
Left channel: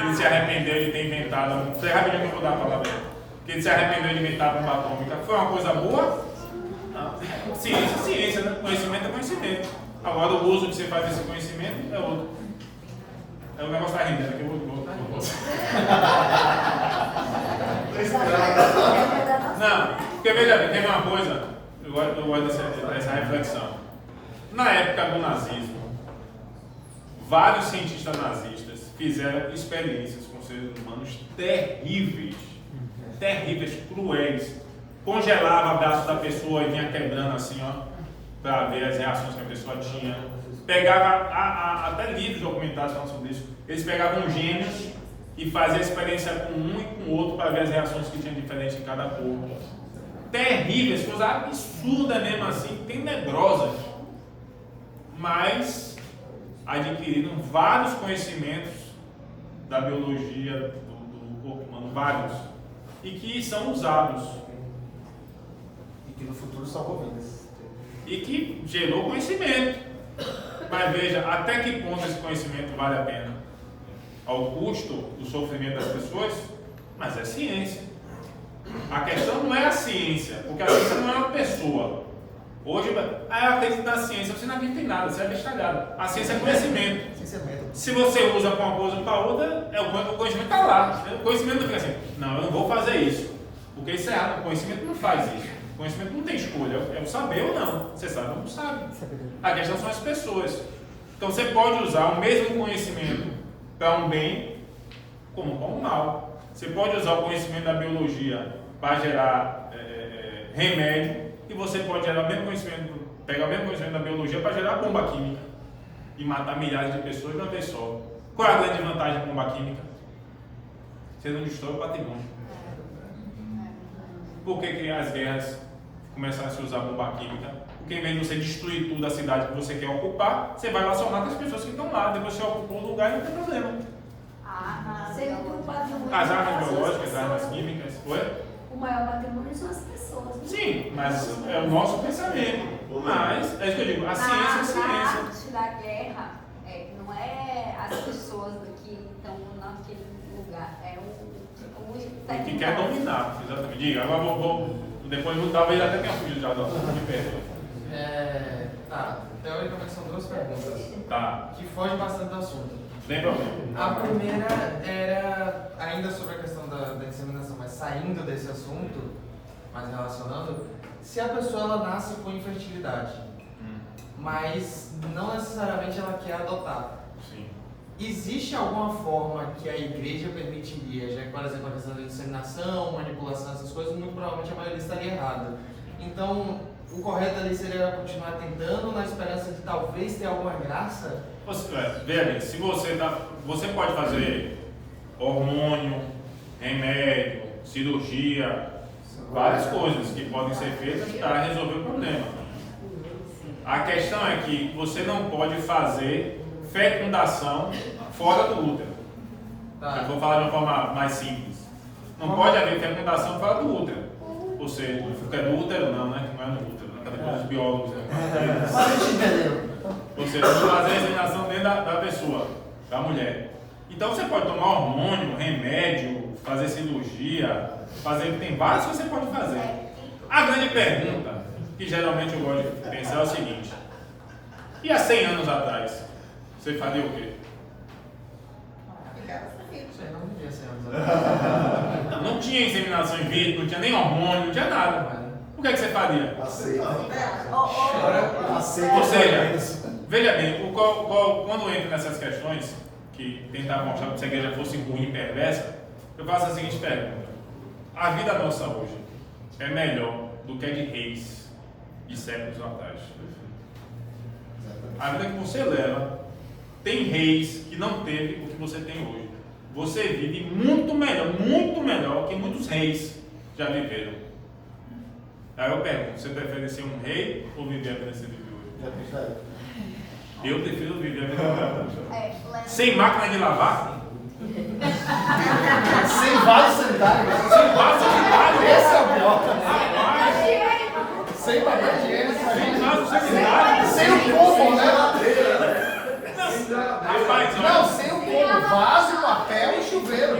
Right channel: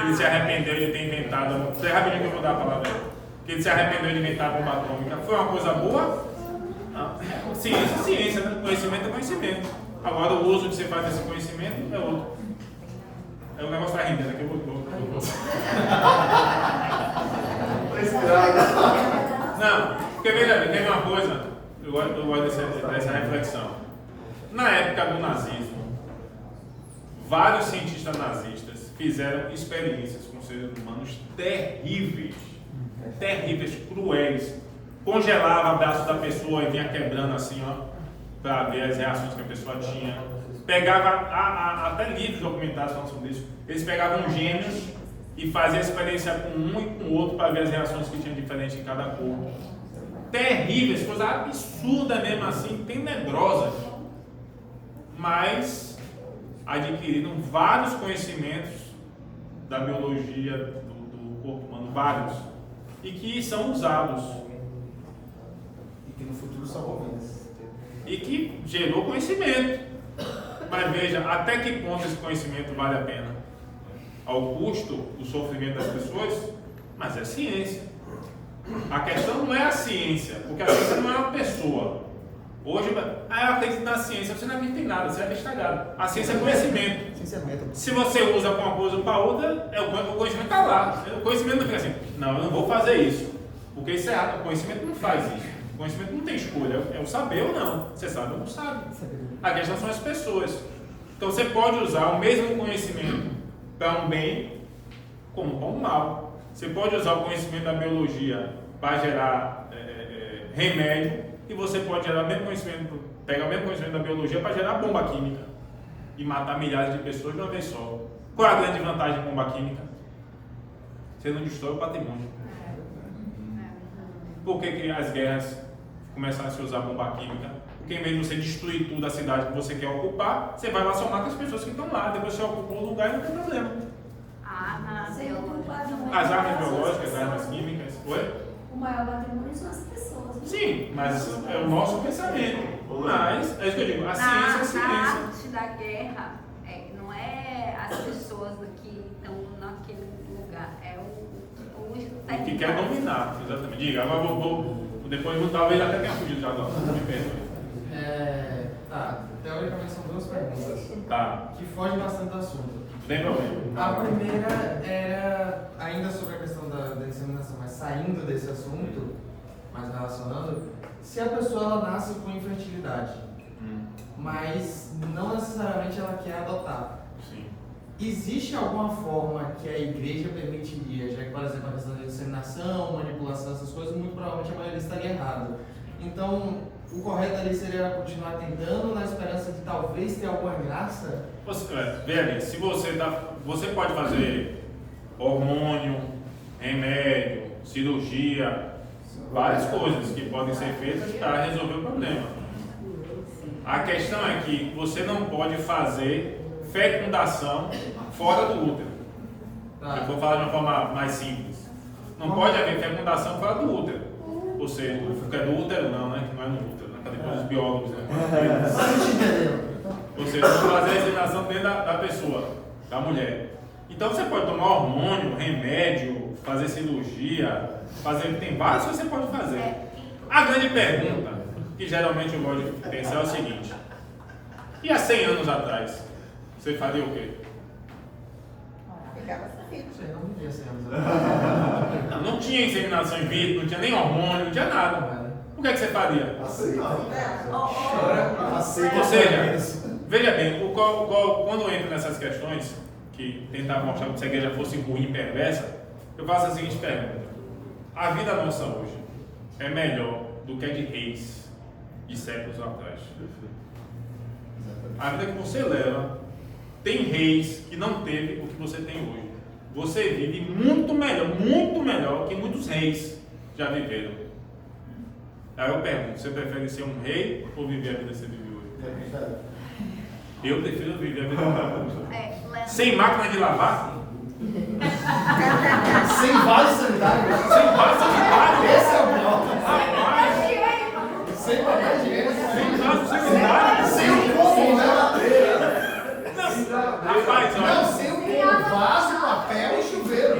Ele se arrependeu de ter inventado. Foi rapidinho que eu vou dar a palavra dele. Que ele se arrependeu de inventar a bomba atômica. Foi uma coisa boa? Não. Ciência é ciência, né? Conhecimento é conhecimento. Agora o uso que você faz desse conhecimento é outro. O negócio está rendendo aqui, eu vou. Não, porque veja bem, tem uma coisa, eu gosto dessa reflexão. Na época do nazismo, vários cientistas nazistas fizeram experiências com seres humanos terríveis, cruéis. Congelava o braço da pessoa e vinha quebrando assim, ó, para ver as reações que a pessoa tinha. Pegava, até livros documentados falando sobre isso, eles pegavam gêmeos e faziam experiência com um e com o outro para ver as reações que tinham diferente em cada corpo. Terríveis, coisas absurdas mesmo assim, tenebrosas. Mas adquiriram vários conhecimentos da biologia do corpo humano, vários, e que são usados. E que no futuro salvou vidas. E que gerou conhecimento. Mas veja, até que ponto esse conhecimento vale a pena? Ao custo do sofrimento das pessoas? Mas é ciência. A questão não é a ciência, porque a ciência não é uma pessoa. Hoje, eu acredito na ciência, você não acredita em nada, você é bestalhado. A ciência é conhecimento. Se você usa para uma coisa ou para outra, o conhecimento está lá. O conhecimento não fica assim, não, eu não vou fazer isso, porque isso é errado. O conhecimento não faz isso. Conhecimento não tem escolha, é o saber ou não. Você sabe ou não sabe. A questão são as pessoas. Então você pode usar o mesmo conhecimento para um bem como para um mal. Você pode usar o conhecimento da biologia para gerar remédio, e você pode gerar o mesmo conhecimento, pegar o mesmo conhecimento da biologia para gerar bomba química e matar milhares de pessoas de uma vez só. Qual é a grande vantagem da bomba química? Você não destrói o patrimônio. Por que as guerras começaram a se usar bomba química? Porque em vez de você destruir tudo a cidade que você quer ocupar, você vai lá só mata as pessoas que estão lá, depois você ocupou o lugar e não tem problema. As armas biológicas, as armas químicas, o maior patrimônio são as pessoas. Né? Sim, mas é o nosso pensamento. Mas, é isso que eu digo, a ciência é a ciência. Na arte da guerra, não é as pessoas que estão naquele lugar, é o que quer dominar, exatamente. Diga, agora depois talvez até tenha fugido já, me perdoe. Teoricamente são duas perguntas. Tá. Que fogem bastante do assunto. Sem problema. A primeira era ainda sobre a questão da inseminação, mas saindo desse assunto, mas relacionando, se a pessoa ela nasce com infertilidade, mas não necessariamente ela quer adotar. Sim. Existe alguma forma que a igreja permitiria, já que, por exemplo, a questão da inseminação, manipulação, essas coisas, muito provavelmente a maioria estaria errada. Então, o correto ali seria continuar tentando na esperança de talvez ter alguma graça? Veja bem, se você pode fazer hormônio, remédio, cirurgia, várias coisas que podem ser feitas para resolver o problema. A questão é que você não pode fazer fecundação fora do útero. Eu vou falar de uma forma mais simples. Não pode haver fecundação fora do útero. Ou seja, é do útero não, né? Que não é no útero, né? Depois os biólogos não entendem. Ou seja, fazer a inseminação dentro da pessoa, da mulher. Então você pode tomar hormônio, remédio, fazer cirurgia, tem vários que você pode fazer. A grande pergunta, que geralmente eu gosto de pensar, é o seguinte: e há 100 anos atrás, você faria o quê? Não tinha inseminação in vitro, não tinha nem hormônio, não tinha nada. O que é que você faria? Ou seja, veja bem, quando eu entro nessas questões, que tentar mostrar que se a igreja fosse ruim e perversa, eu faço a seguinte pergunta: a vida nossa hoje é melhor do que a de reis de séculos atrás? A vida que você leva, tem reis que não teve o que você tem hoje. Você vive muito melhor que muitos reis já viveram. Aí eu pergunto: você prefere ser um rei ou viver a vida que você vive hoje? Eu prefiro viver a vida que eu vivo. Sem máquina de lavar? Sem vaso sanitário? Sem vaso sanitário? Esse é o pior. Rapaz! Sem papel higiênico? Sem vaso sanitário? Sem o combo, né? Rapaz, olha. Não, sem o combo. Vaso, papel e chuveiro.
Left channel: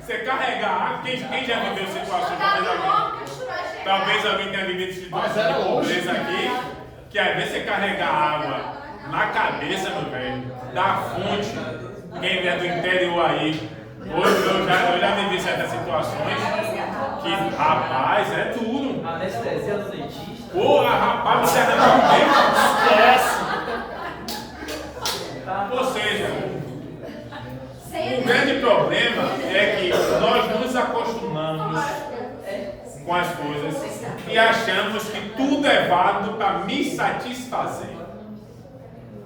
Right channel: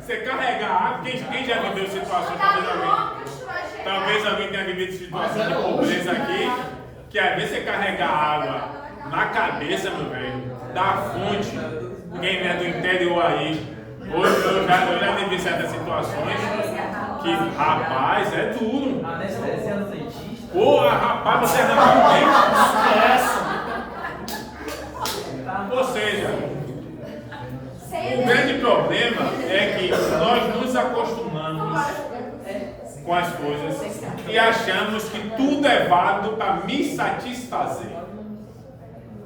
Você carregar água, quem já viveu situações, talvez alguém tenha vivido situações de pobreza aqui, que às vezes você carrega água na cabeça, meu velho, da fonte. Quem é do interior aí, hoje eu já vivi certas situações que, rapaz, é duro. Anestesia no dentista. Porra, rapaz, você arranca um dente, esquece. Ou seja, o grande problema é que nós nos acostumamos com as coisas e achamos que tudo é válido para me satisfazer.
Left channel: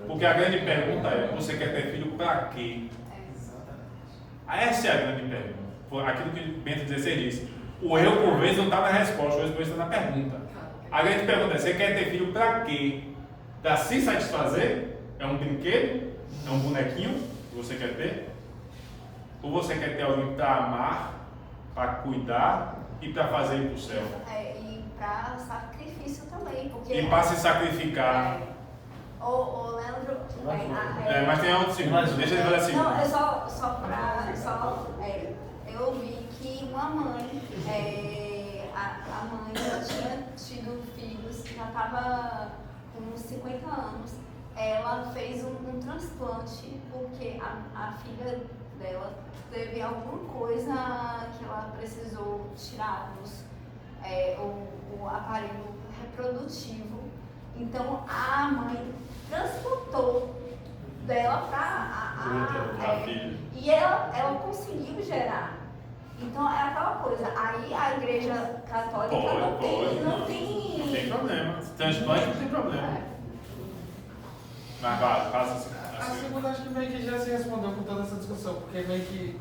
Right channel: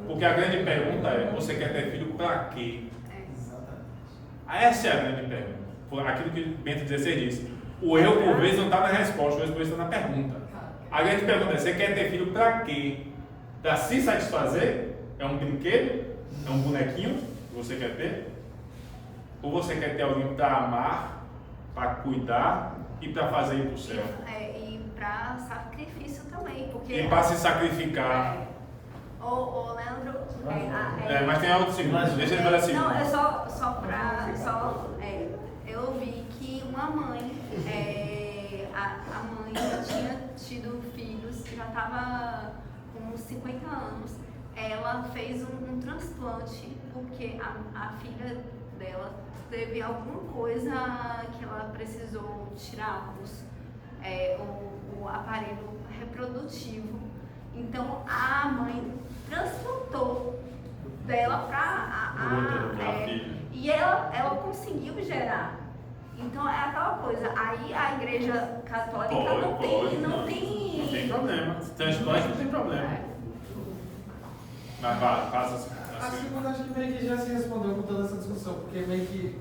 Porque a grande pergunta é: você quer ter filho para quê? Essa é a grande pergunta. Aquilo que Bento XVI disse: o erro por vezes não está na resposta, o erro por vezes está na pergunta. A grande pergunta é: você quer ter filho para quê? Para se satisfazer? É um brinquedo? É um bonequinho que você quer ter? Ou você quer ter alguém para amar, para cuidar e para fazer ir para o céu? E para sacrifício também. Porque E para se sacrificar. O Leandro. Mas tem algo segundo, deixa ele fazer assim. Não, é eu vi que uma mãe, a mãe já tinha tido filhos, já estava com uns 50 anos. Ela fez um transplante porque a filha dela teve alguma coisa que ela precisou tirar o aparelho reprodutivo. Então a mãe transportou dela para filha. e ela conseguiu gerar. Então é aquela coisa, aí a igreja católica não tem problema. Transplante não tem problema. Mas faz assim. A segunda acho que meio que já se respondeu com toda essa discussão, porque meio que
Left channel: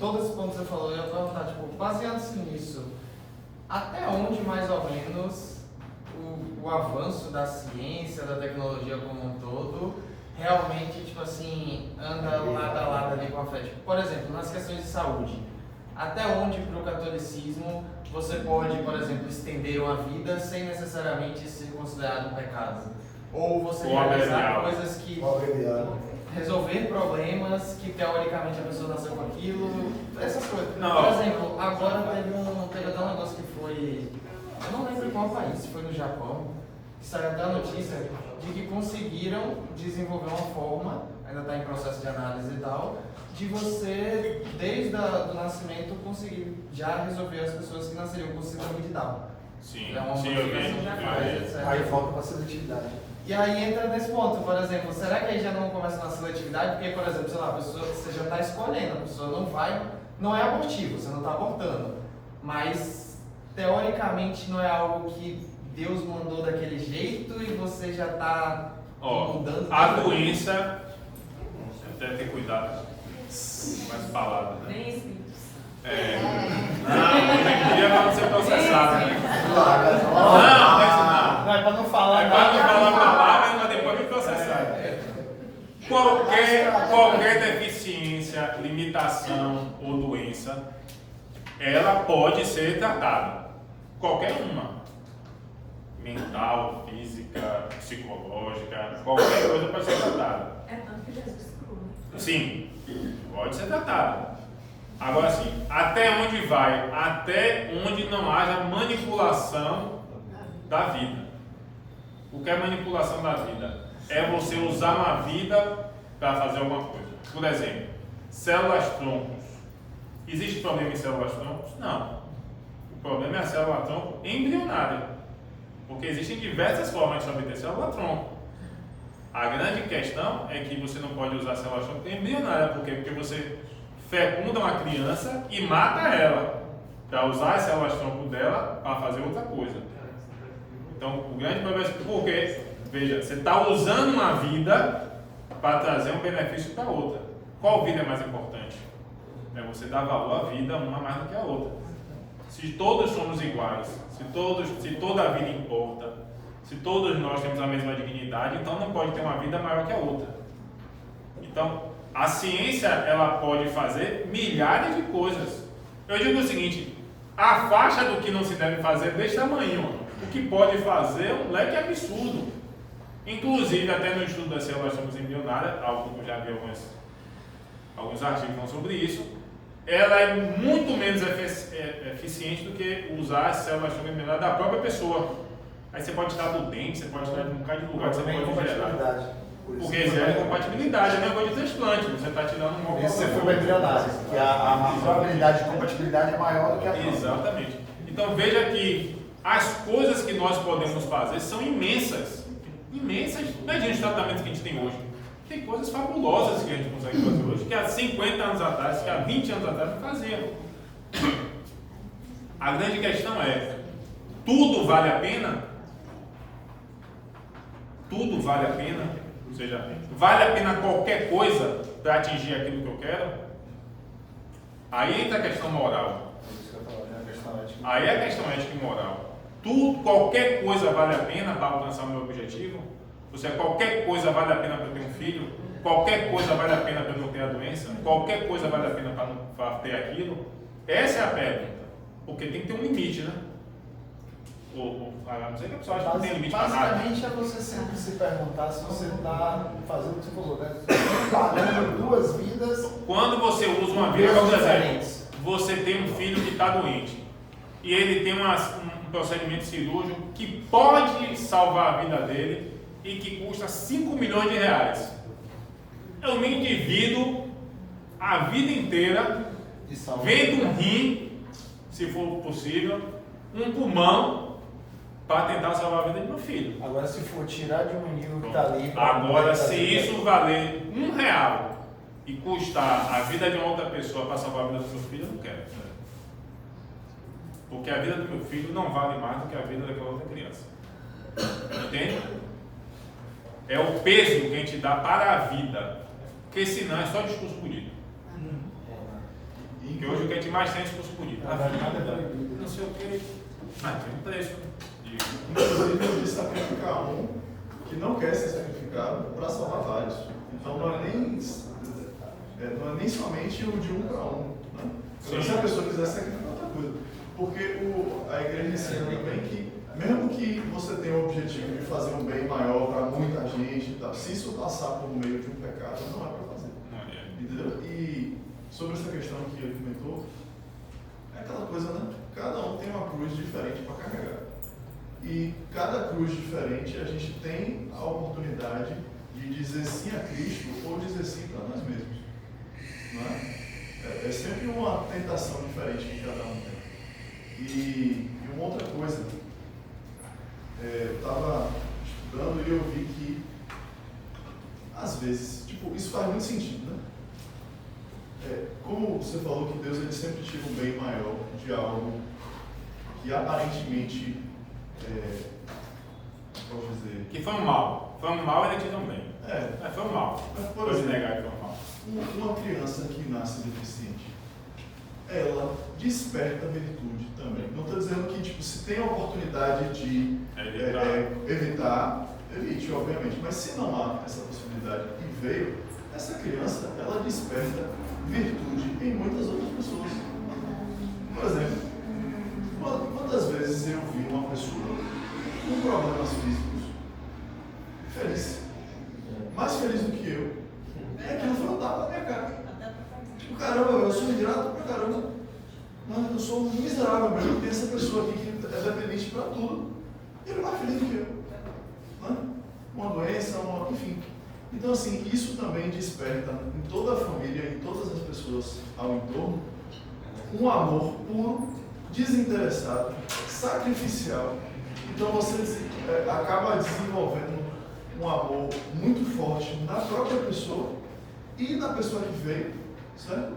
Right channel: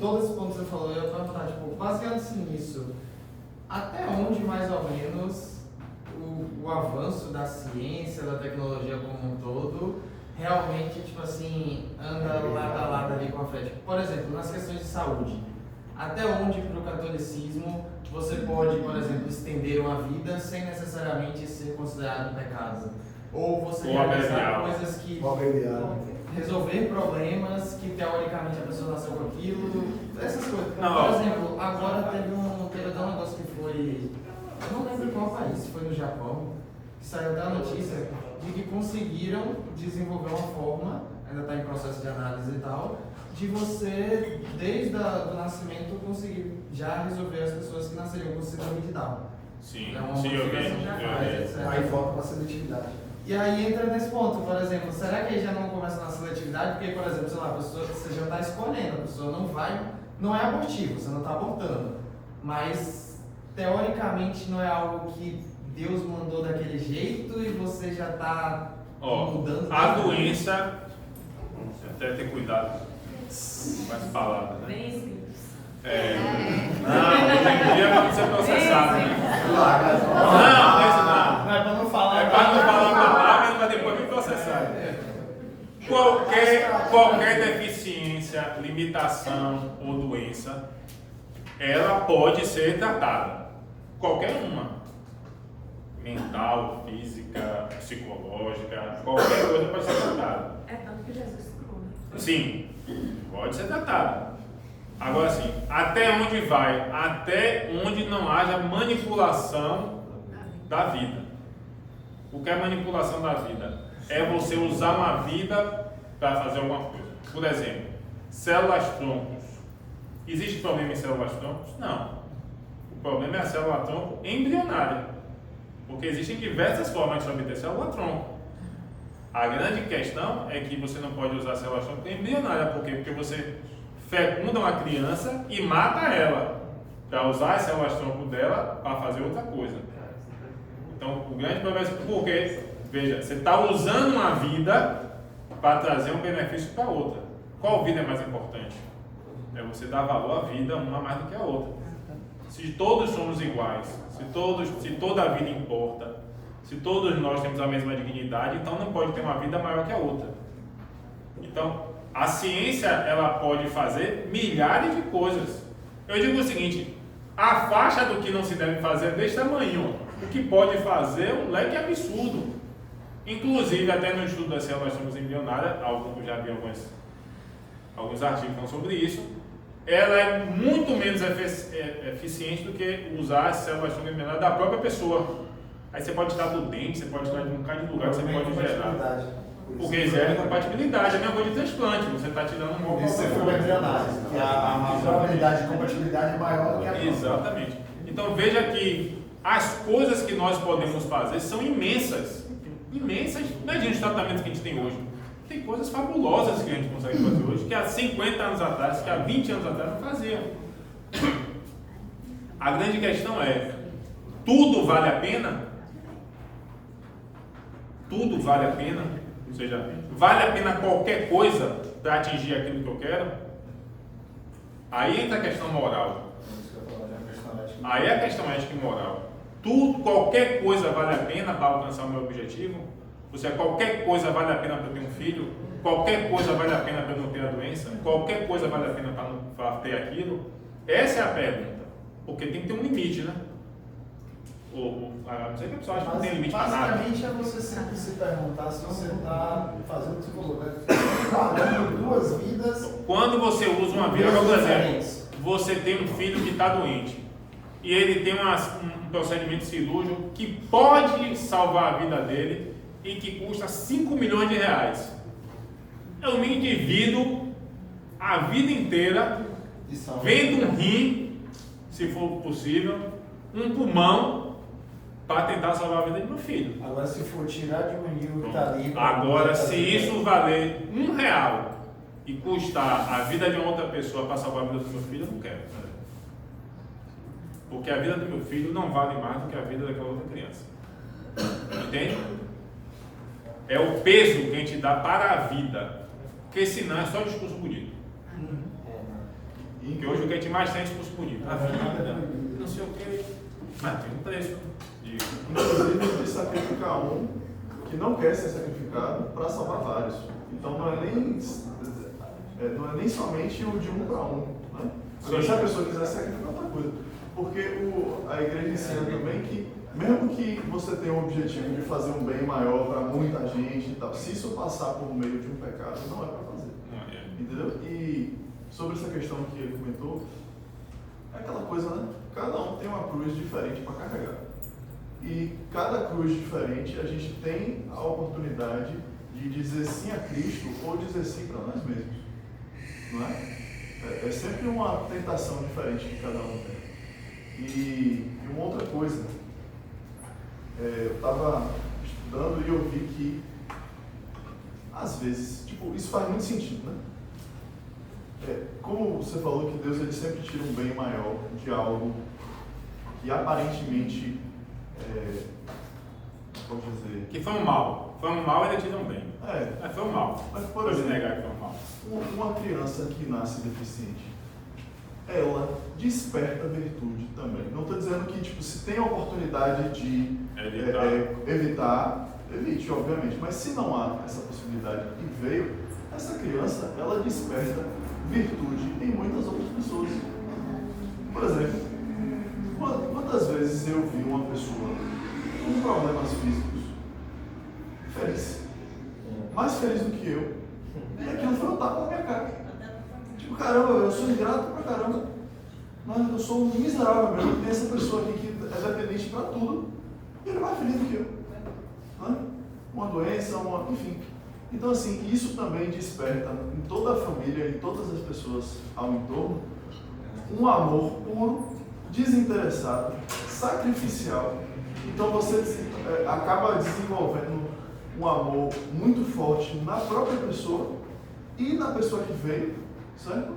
todo esse ponto que você falou, eu ia perguntar, tipo, baseando-se nisso, até onde mais ou menos o avanço da ciência, da tecnologia como um todo, realmente, tipo assim, anda lado a lado ali com a fé? Tipo, por exemplo, nas questões de saúde, até onde para o catolicismo você pode, por exemplo, estender uma vida sem necessariamente ser considerado um pecado? Ou você realizar coisas que resolver problemas que teoricamente a pessoa nasceu com aquilo, essas coisas. Não. Por exemplo, agora teve até um negócio que foi, eu não lembro em qual país, foi no Japão, que saiu até a notícia de que conseguiram desenvolver uma forma, ainda está em processo de análise e tal, de você, desde o nascimento, conseguir já resolver as pessoas que nasceriam com síndrome de Down. Sim, É uma sim, eu vi. etc. Aí volta para a seletividade. E aí entra nesse ponto, por exemplo, será que aí já não começa na seletividade? Porque, por exemplo, sei lá, a pessoa, você já está escolhendo, a pessoa não é abortivo, você não está abortando, mas teoricamente não é algo que Deus mandou daquele jeito e você já está mudando. A doença, até ter cuidado com as palavras, né? Não, hoje em dia é para não ser processado, né? Não. Não é para não falar. É para não falar palavra, mas depois me processar. Qualquer deficiência, limitação ou doença, ela pode ser tratada. Qualquer uma. Mental, física, psicológica, qualquer coisa pode ser tratada. É tanto que Jesus cura. Sim, pode ser tratada. Agora sim, até onde vai? Até onde não haja manipulação da vida. O que é manipulação da vida? É você usar uma vida para fazer alguma coisa. Por exemplo, células-troncos. Existe problema em células-troncos? Não. O problema é a célula-tronco embrionária. Porque existem diversas formas de obter célula-tronco. A grande questão é que você não pode usar célula-tronco embrionária. Por quê? Porque você fecunda uma criança e mata ela para usar as células-tronco dela para fazer outra coisa. Então, o grande problema é porque, veja, você está usando uma vida para trazer um benefício para outra. Qual vida é mais importante? É você dar valor à vida, uma mais do que a outra. Se todos somos iguais, se toda a vida importa, se todos nós temos a mesma dignidade, então não pode ter uma vida maior que a outra. Então, a ciência, ela pode fazer milhares de coisas. Eu digo o seguinte, a faixa do que não se deve fazer é desse tamanho. O que pode fazer é um leque absurdo. Inclusive, até no estudo das células-tronco embrionárias, algo que eu já vi alguns artigos falando sobre isso, ela é muito menos eficiente do que usar as células-tronco embrionárias da própria pessoa. Aí você pode tirar do dente, você pode tirar de um bocado de lugar que você pode gerar. Porque gera incompatibilidade, é a mesma coisa de transplante, você está tirando um óvulo. Isso foi embrionário, que a probabilidade de compatibilidade é maior do que a própria. Exatamente. Então veja que as coisas que nós podemos fazer são imensas. Imensas. Imagina os tratamentos que a gente tem hoje. Tem coisas fabulosas que a gente consegue fazer hoje, que há 50 anos atrás, que há 20 anos atrás não fazia. A grande questão é, tudo vale a pena? Tudo vale a pena? Ou seja, vale a pena qualquer coisa para atingir aquilo que eu quero? Aí entra a questão moral. Aí é a questão ética e moral. Qualquer coisa vale a pena para alcançar o meu objetivo? Ou seja, qualquer coisa vale a pena para eu ter um filho? Qualquer coisa vale a pena para eu não ter a doença? Qualquer coisa vale a pena para ter aquilo? Essa é a pergunta. Porque tem que ter um limite, né? A não ser que a pessoa acha que não tem limite para nada. Basicamente é você sempre se perguntar se você está fazendo o que você falou, né? Pagando duas vidas. Quando você usa uma vida, por exemplo, você tem um filho que está doente e ele tem um procedimento cirúrgico que pode salvar a vida dele e que custa 5 milhões de reais. Eu me endivido a vida inteira vendo um rim, se for possível, um pulmão para tentar salvar a vida de meu filho. Agora, se for tirar de um nível que está ali... Agora, se isso valer R$1 e custar a vida de uma outra pessoa para salvar a vida do meu filho, eu não quero. Porque a vida do meu filho não vale mais do que a vida daquela outra criança. Entende? É o peso que a gente dá para a vida. Porque senão é só discurso bonito. Porque hoje o que a gente mais tem é discurso bonito. A vida, não sei o quê. Mas tem um preço. Inclusive de sacrificar um que não quer ser sacrificado para salvar vários. Então não é nem somente o de um para um. Né? Agora, se a pessoa quiser sacrificar, outra coisa. Porque a igreja ensina também que, mesmo que você tenha o objetivo de fazer um bem maior para muita gente e tal, se isso passar por meio de um pecado, não é para fazer. Entendeu? E sobre essa questão que ele comentou, é aquela coisa, né? Cada um tem uma cruz diferente para carregar. E cada cruz diferente, a gente tem a oportunidade de dizer sim a Cristo ou dizer sim para nós mesmos. Não é? É sempre uma tentação diferente que cada um tem. E uma outra coisa, eu estava estudando e eu vi que, às vezes, isso faz muito sentido, né? Como você falou que Deus ele sempre tira um bem maior de algo que aparentemente, posso dizer... Que foi um mal. Foi um mal e ele tira um bem. Foi um mal. Mas, por Pode exemplo, negar que foi um mal. Uma criança que nasce deficiente, ela desperta virtude também. Não estou dizendo que, se tem a oportunidade de evitar, evite, obviamente. Mas se não há essa possibilidade e veio, essa criança, ela desperta virtude em muitas outras pessoas. Por exemplo, quantas vezes eu vi uma pessoa com problemas físicos feliz, mais feliz do que eu, e aquilo foi um tapa na minha cara. Caramba, eu sou ingrato pra caramba, mas eu sou um miserável mesmo. Tem essa pessoa aqui que é dependente pra tudo, e ele é mais feliz do que eu. Né? Uma doença, enfim. Então, assim, isso também desperta em toda a família, em todas as pessoas ao entorno, um amor puro, desinteressado, sacrificial. Então, você acaba desenvolvendo um amor muito forte na própria pessoa e na pessoa que veio, certo?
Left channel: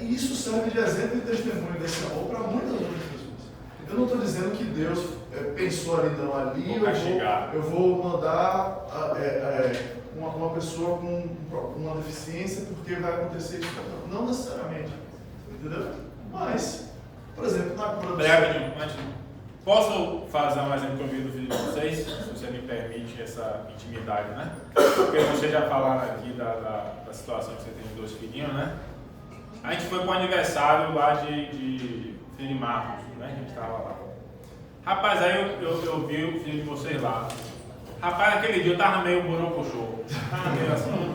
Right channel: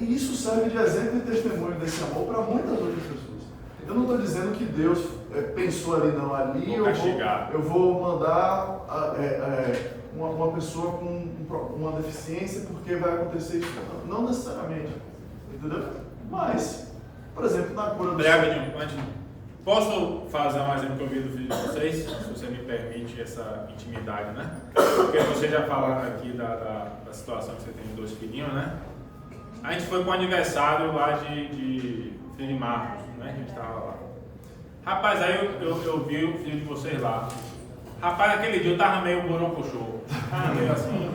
E isso serve de exemplo e testemunho desse amor para muitas outras pessoas. Eu não estou dizendo que Deus pensou ali, não, ali eu vou mandar uma pessoa com uma deficiência porque vai acontecer isso. Não necessariamente, entendeu? Mas, por exemplo, na cura do... Posso fazer mais um que eu vi do vídeo de vocês? Se você me permite essa intimidade, né? Porque vocês já falaram aqui da situação que você tem de 2 filhinhos, né? A gente foi para o aniversário lá de filho de Marcos, né? A gente estava lá. Rapaz, aí eu vi o filho de vocês lá. Rapaz, naquele dia eu tava meio borocochô. Tava meio assim,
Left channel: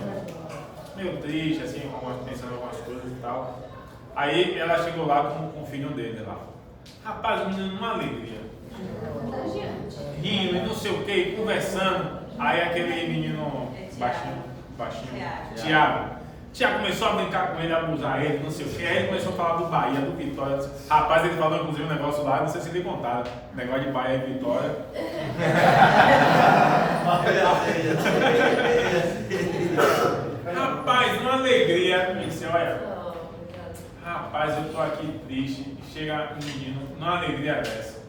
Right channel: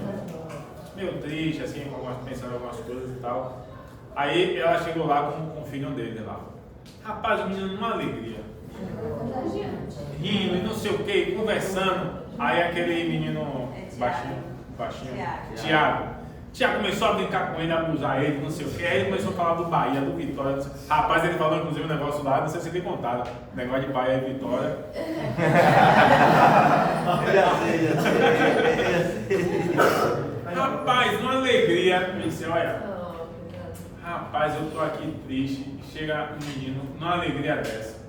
meio triste, assim, pensando em algumas coisas e tal. Aí ela chegou lá com o filho dele lá. Rapaz, o menino numa alegria. Rindo e não sei o que, conversando. Aí aquele menino baixinho, Tiago começou a brincar com ele, a abusar ele, não sei o que. Aí ele começou a falar do Bahia, do Vitória. Rapaz, ele falou inclusive um negócio lá, não sei se ele contaram. Negócio de Bahia e Vitória. Rapaz, uma alegria. Me disse, olha, rapaz, eu tô aqui triste. Chega um menino numa alegria dessa.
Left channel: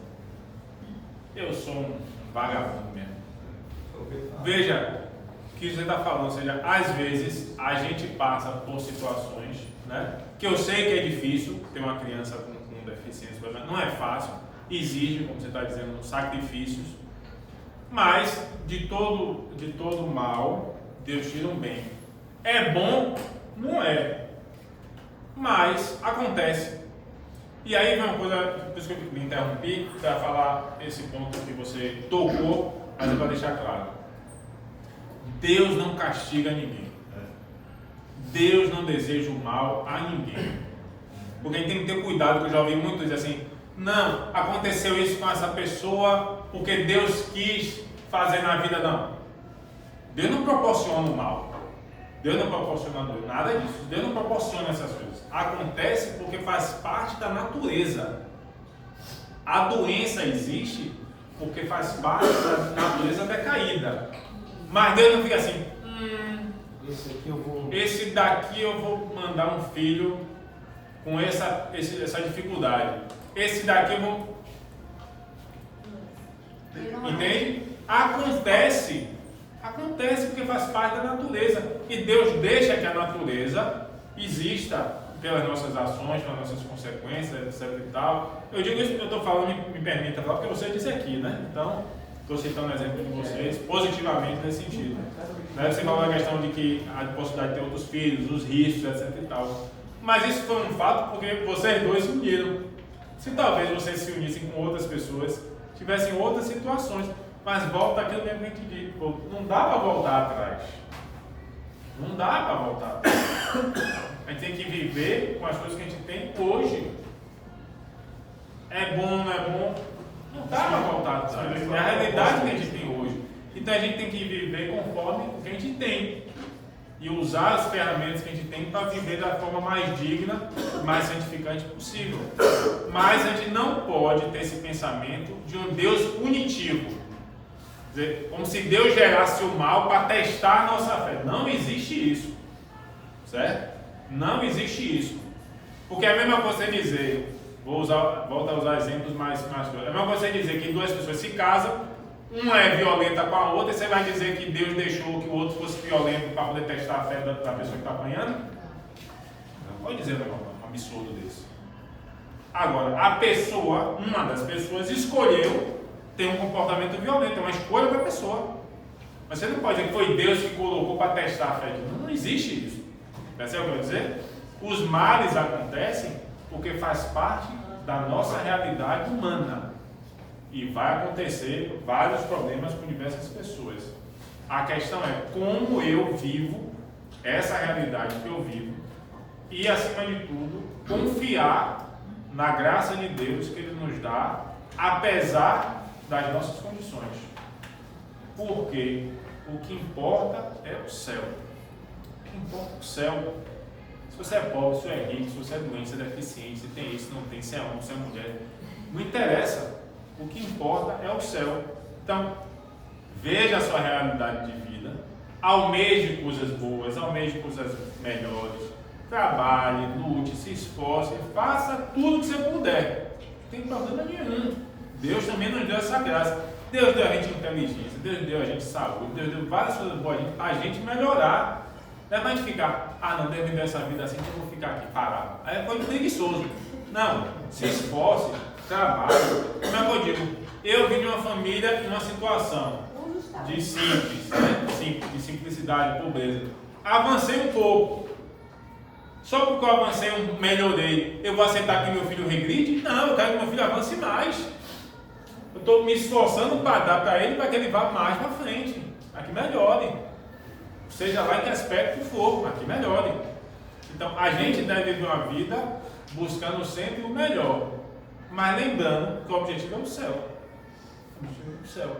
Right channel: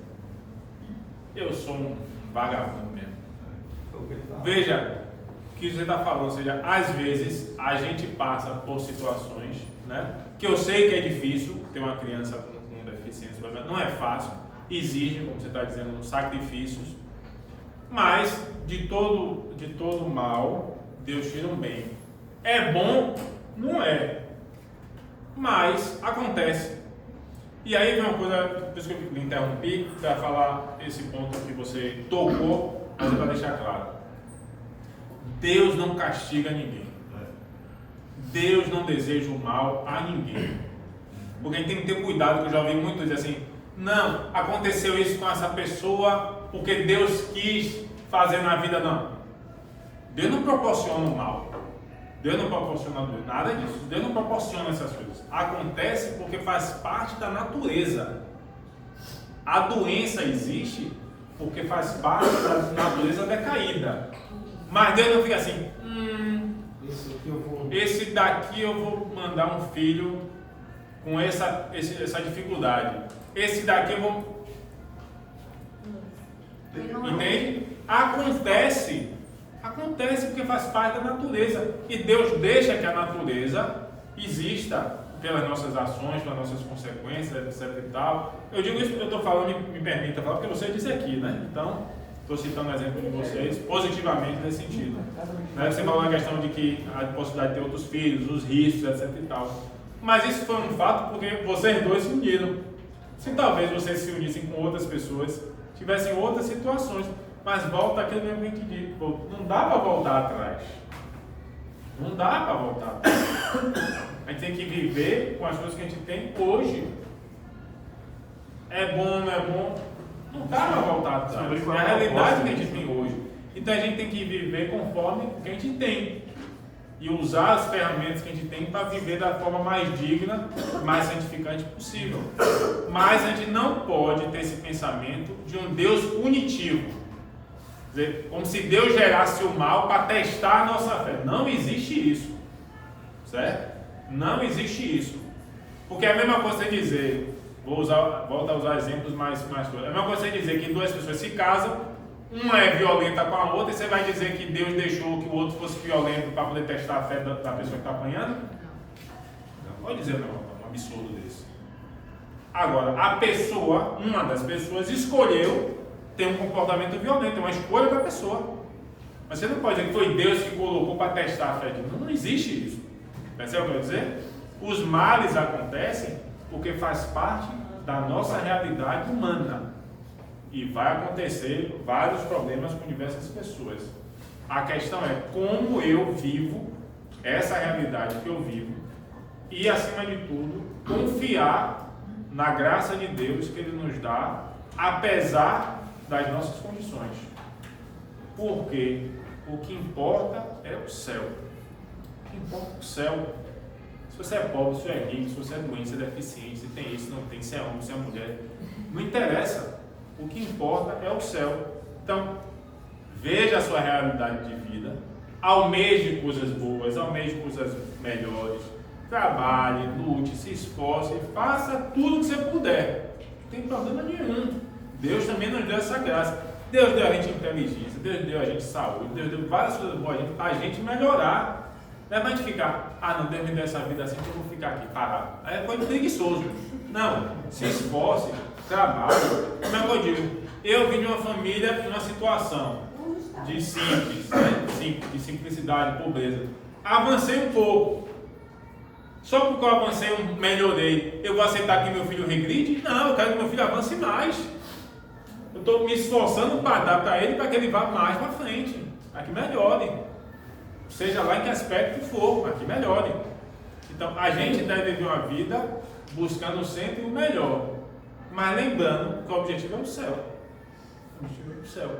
Eu sou um vagabundo mesmo. Veja o que você está falando, ou seja, às vezes a gente passa por situações, né, que eu sei que é difícil ter uma criança com deficiência, não é fácil, exige, como você está dizendo, sacrifícios, mas de todo mal, Deus tira um bem. É bom? Não é, mas acontece. E aí vem uma coisa, por isso que eu me interrompi, para falar esse ponto que você tocou, mas é para deixar claro. Deus não castiga ninguém. Deus não deseja o mal a ninguém. Porque a gente tem que ter cuidado, que eu já ouvi muito dizer assim, não, aconteceu isso com essa pessoa porque Deus quis fazer na vida, não. Deus não proporciona o mal. Deus não proporciona dor, nada disso. Deus não proporciona essas coisas. Acontece porque faz parte da natureza. A doença existe porque faz parte da natureza decaída. Mas Deus não fica assim, esse daqui eu vou mandar um filho com essa dificuldade. Esse daqui eu vou... Entende? Acontece porque faz parte da natureza. E Deus deixa que a natureza exista pelas nossas ações, pelas nossas consequências, etc e tal. Eu digo isso, eu estou falando, me permita falar, porque você disse aqui, né? Então, estou citando o exemplo de vocês positivamente nesse sentido. Né? Você falou na questão de que a possibilidade de ter outros filhos, os riscos, etc e tal. Mas isso foi um fato porque vocês dois se uniram. Se talvez vocês se unissem com outras pessoas, tivessem outras situações, mas volta aquilo mesmo que a gente disse, não dá para voltar atrás. Não dá para voltar atrás. A gente tem que viver com as coisas que a gente tem hoje. É bom, não é bom? Não dá para voltar atrás. É a realidade que a gente tem hoje. Então a gente tem que viver conforme o que a gente tem. E usar as ferramentas que a gente tem para viver da forma mais digna, mais santificante possível. Mas a gente não pode ter esse pensamento de um Deus punitivo. Quer dizer, como se Deus gerasse o mal para testar a nossa fé. Não existe isso. Certo? Não existe isso. Porque é a mesma coisa você dizer, volto a usar exemplos mais claros. É a mesma coisa você dizer que duas pessoas se casam, uma é violenta com a outra, e você vai dizer que Deus deixou que o outro fosse violento para poder testar a fé da pessoa que está apanhando? Não pode dizer um absurdo desse. Agora, a pessoa, uma das pessoas, escolheu ter um comportamento violento, é uma escolha da pessoa. Mas você não pode dizer que foi Deus que colocou para testar a fé de Deus. Não existe isso. Percebe o que eu quero dizer? Os males acontecem porque faz parte da nossa realidade humana. E vai acontecer vários problemas com diversas pessoas. A questão é como eu vivo essa realidade que eu vivo e, acima de tudo, confiar na graça de Deus que Ele nos dá, apesar das nossas condições. Porque o que importa é o céu. O que importa é o céu. Se você é pobre, se você é rico, se você é doente, se é deficiente, se tem isso, não tem, se é homem, se é mulher, não interessa. O que importa é o céu. Então, veja a sua realidade de vida, almeje coisas boas, almeje coisas melhores, trabalhe, lute, se esforce, faça tudo que você puder. Não tem problema nenhum. Deus também nos deu essa graça. Deus deu a gente inteligência, Deus deu a gente saúde, Deus deu várias coisas boas para a gente melhorar. Não é para a gente ficar, não, Deus me deu essa vida assim que eu vou ficar aqui parado. Aí é coisa preguiçoso. Não, se esforce, trabalhe. Como é que eu digo? Eu vim de uma família em uma situação de simples, né? De simplicidade, pobreza. Avancei um pouco. Só porque eu avancei, melhorei, eu vou aceitar que meu filho regride? Não, eu quero que meu filho avance mais. Eu estou me esforçando para dar para ele, para que ele vá mais para frente, para que melhore. Seja lá em que aspecto for, para que melhore. Então, a gente deve viver uma vida buscando sempre o melhor. Mas lembrando que o objetivo é o céu. O objetivo é o céu.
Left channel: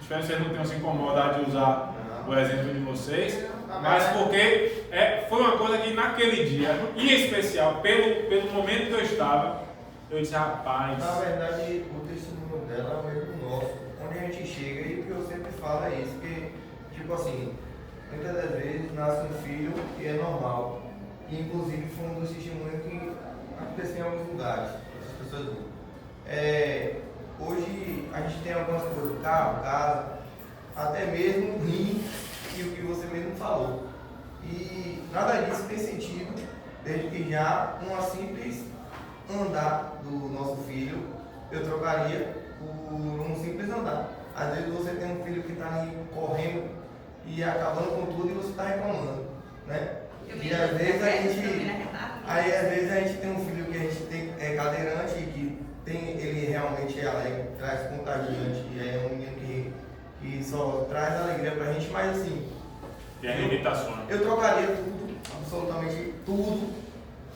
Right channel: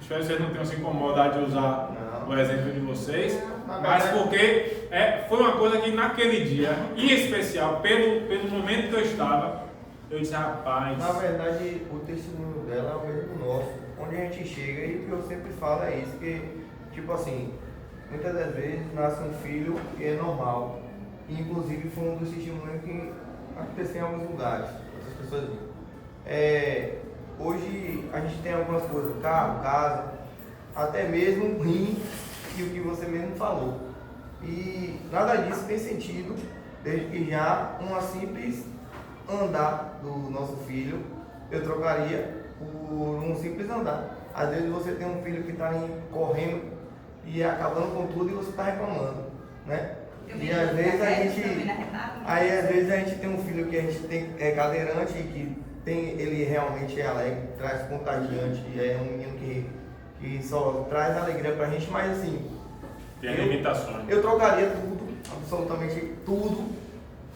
Espero que vocês não tenham se incomodado de usar o exemplo de vocês, mas porque foi uma coisa que naquele dia, em especial, pelo momento que eu estava, eu disse, rapaz... Na verdade, o testemunho dela é o mesmo nosso. Onde a gente chega, e o que eu sempre falo é isso, que, tipo assim, muitas das vezes nasce um filho e é normal. E inclusive foi um dos testemunhos que aconteceu em alguns lugares. As pessoas hoje a gente tem algumas coisas, carro, casa, até mesmo rim, e o que você mesmo falou. E nada disso tem sentido, desde que já uma simples andar do nosso filho, eu trocaria por um simples andar. Às vezes você tem um filho que está correndo e acabando com tudo e você está reclamando, né? E às vezes às vezes a gente tem um filho que a gente é cadeirante e que ele realmente é alegre, traz contagiante, é um menino que só traz alegria pra gente, mas assim... Tem limitações. Eu trocaria tudo, absolutamente tudo,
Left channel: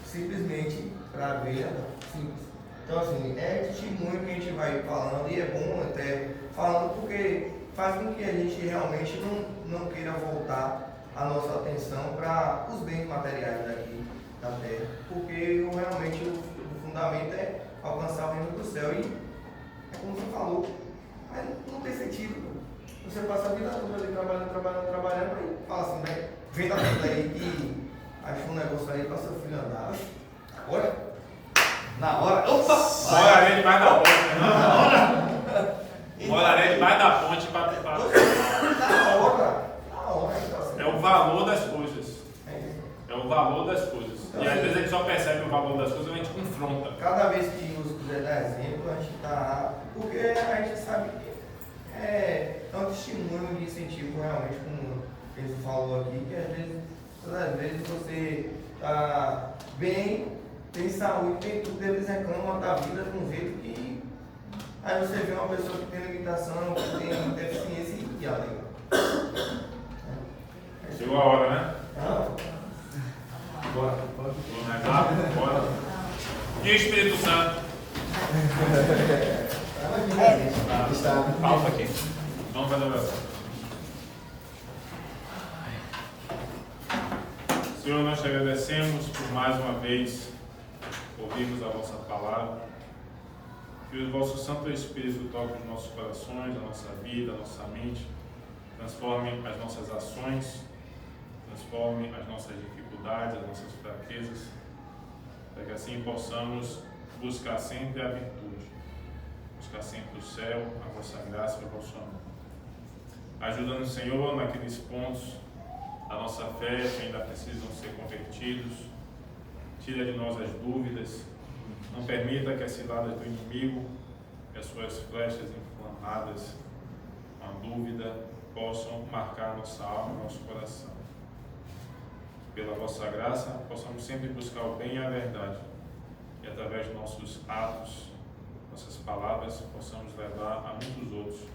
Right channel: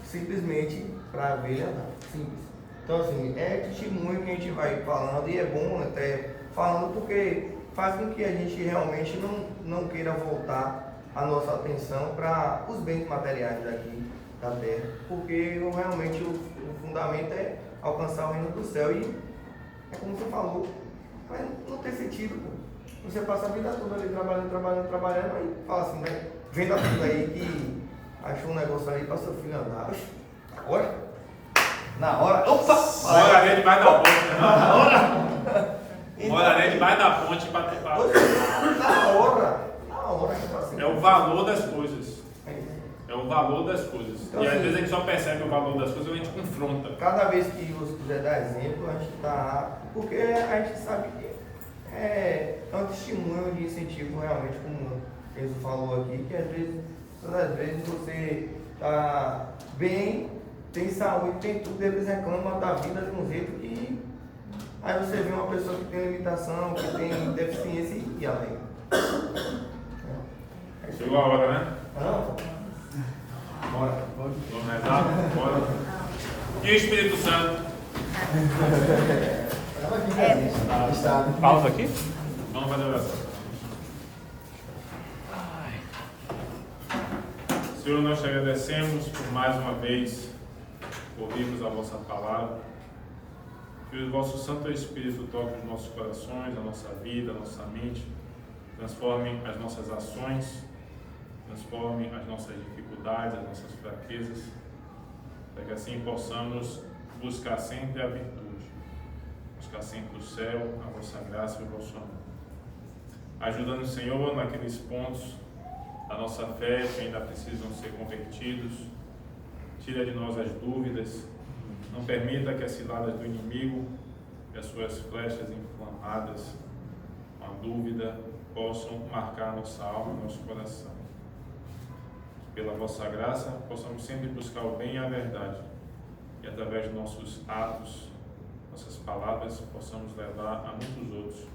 simplesmente pra ver simples. Então assim, é testemunho que a gente vai falando e é bom até falando porque faz com que a gente realmente não queira voltar a nossa atenção para os bens materiais aqui na Terra, porque realmente o fundamento é alcançar o reino do céu. E, como você falou, mas não tem sentido. Pô. Você passa a vida toda ali trabalhando, aí fala assim, né? Vendo aquilo aí que achou um negócio aí para seu filho andar. Olha, na hora. Opa! Morarei debaixo da ponte, não? Morarei debaixo da ponte para. Na hora. É o valor das coisas. É o valor das coisas. E às vezes a gente só percebe o valor das coisas e a gente confronta. Cada vez que você quiser dar exemplo, a gente está. Porque a gente sabe que é um testemunho de incentivo, realmente, como ele falou aqui, que todas as vezes você está bem, tem saúde, tem tudo, eles reclamam da vida de um jeito que. Aí você vê uma pessoa que tem limitação, que tem deficiência e alega. Chegou a hora, né? Bora. Vamos rezar? Bora. E o Espírito Santo? Pausa aqui. Vamos fazer a oração. Senhor, nós te agradecemos por mais uma vez ouvirmos a vossa palavra. Que o vosso Santo Espírito toque os nossos corações, a nossa vida, a nossa mente, transforme as nossas ações, transforme as nossas dificuldades, as nossas fraquezas, para que assim possamos buscar sempre a virtude, buscar sempre o céu, a vossa graça e o vosso amor. Ajuda-nos, Senhor, naqueles pontos da nossa fé que ainda precisam ser convertidos. Tira de nós as dúvidas. Não permita que as ciladas do inimigo e as suas flechas inflamadas com a dúvida possam marcar nossa alma e nosso coração. Que pela vossa graça possamos sempre buscar o bem e a verdade. E através de nossos atos, nossas palavras, possamos levar a muitos outros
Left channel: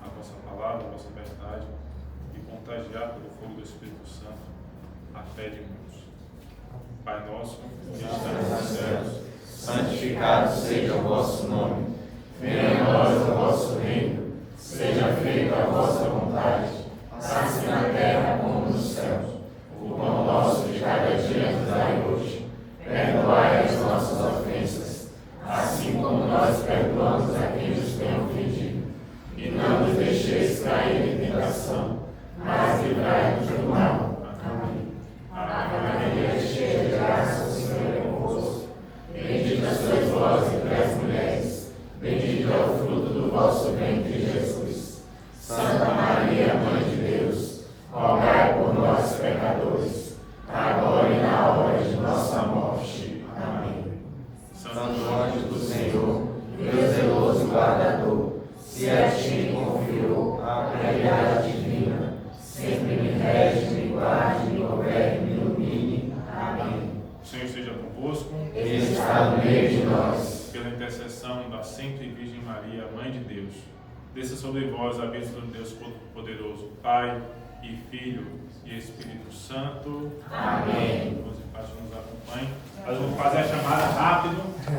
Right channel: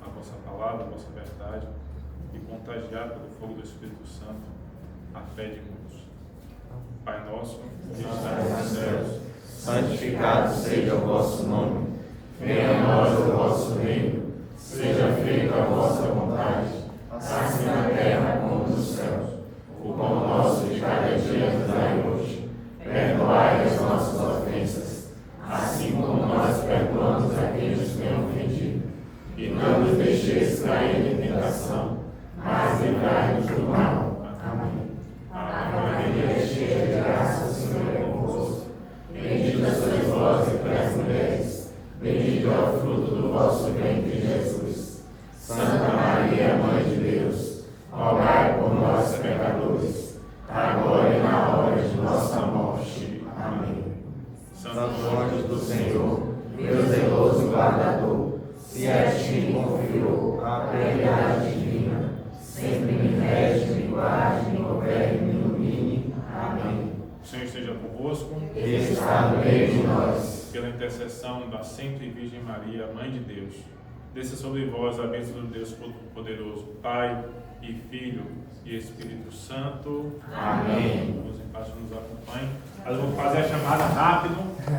a vossa palavra, a vossa verdade e contagiar pelo fogo do Espírito Santo a fé de muitos. Pai nosso, que estás nos céus, santificado seja o vosso nome. Venha a nós o vosso reino. Seja feita a vossa vontade, assim na terra como nos céus. O pão nosso de cada dia nos dai hoje. Perdoai as nossas ofensas, assim como nós perdoamos aqueles que têm ofendido. E não nos deixeis cair em tentação, mas livrai-nos do mal. Amém. Ave Maria, cheia de graça, o Senhor é convosco. Bendita sois vós entre as mulheres, bendito é o fruto do vosso ventre, Jesus. Santa Maria, Mãe de Deus, rogai por nós, pecadores, agora e na hora de nossa morte. Amém. Santo anjo do Senhor, Deus zeloso guardador, se a ti confiou a piedade divina, sempre me rege, me guarde, me governe, me ilumine. Amém. O Senhor esteja convosco. Ele está no meio de nós. Pela intercessão da Sempre Virgem Maria, Mãe de Deus, desça sobre vós a bênção do Deus Todo-Poderoso, Pai e Filho e Espírito Santo. Amém. Os empate nos acompanhem. Nós vamos fazer a chamada rápido.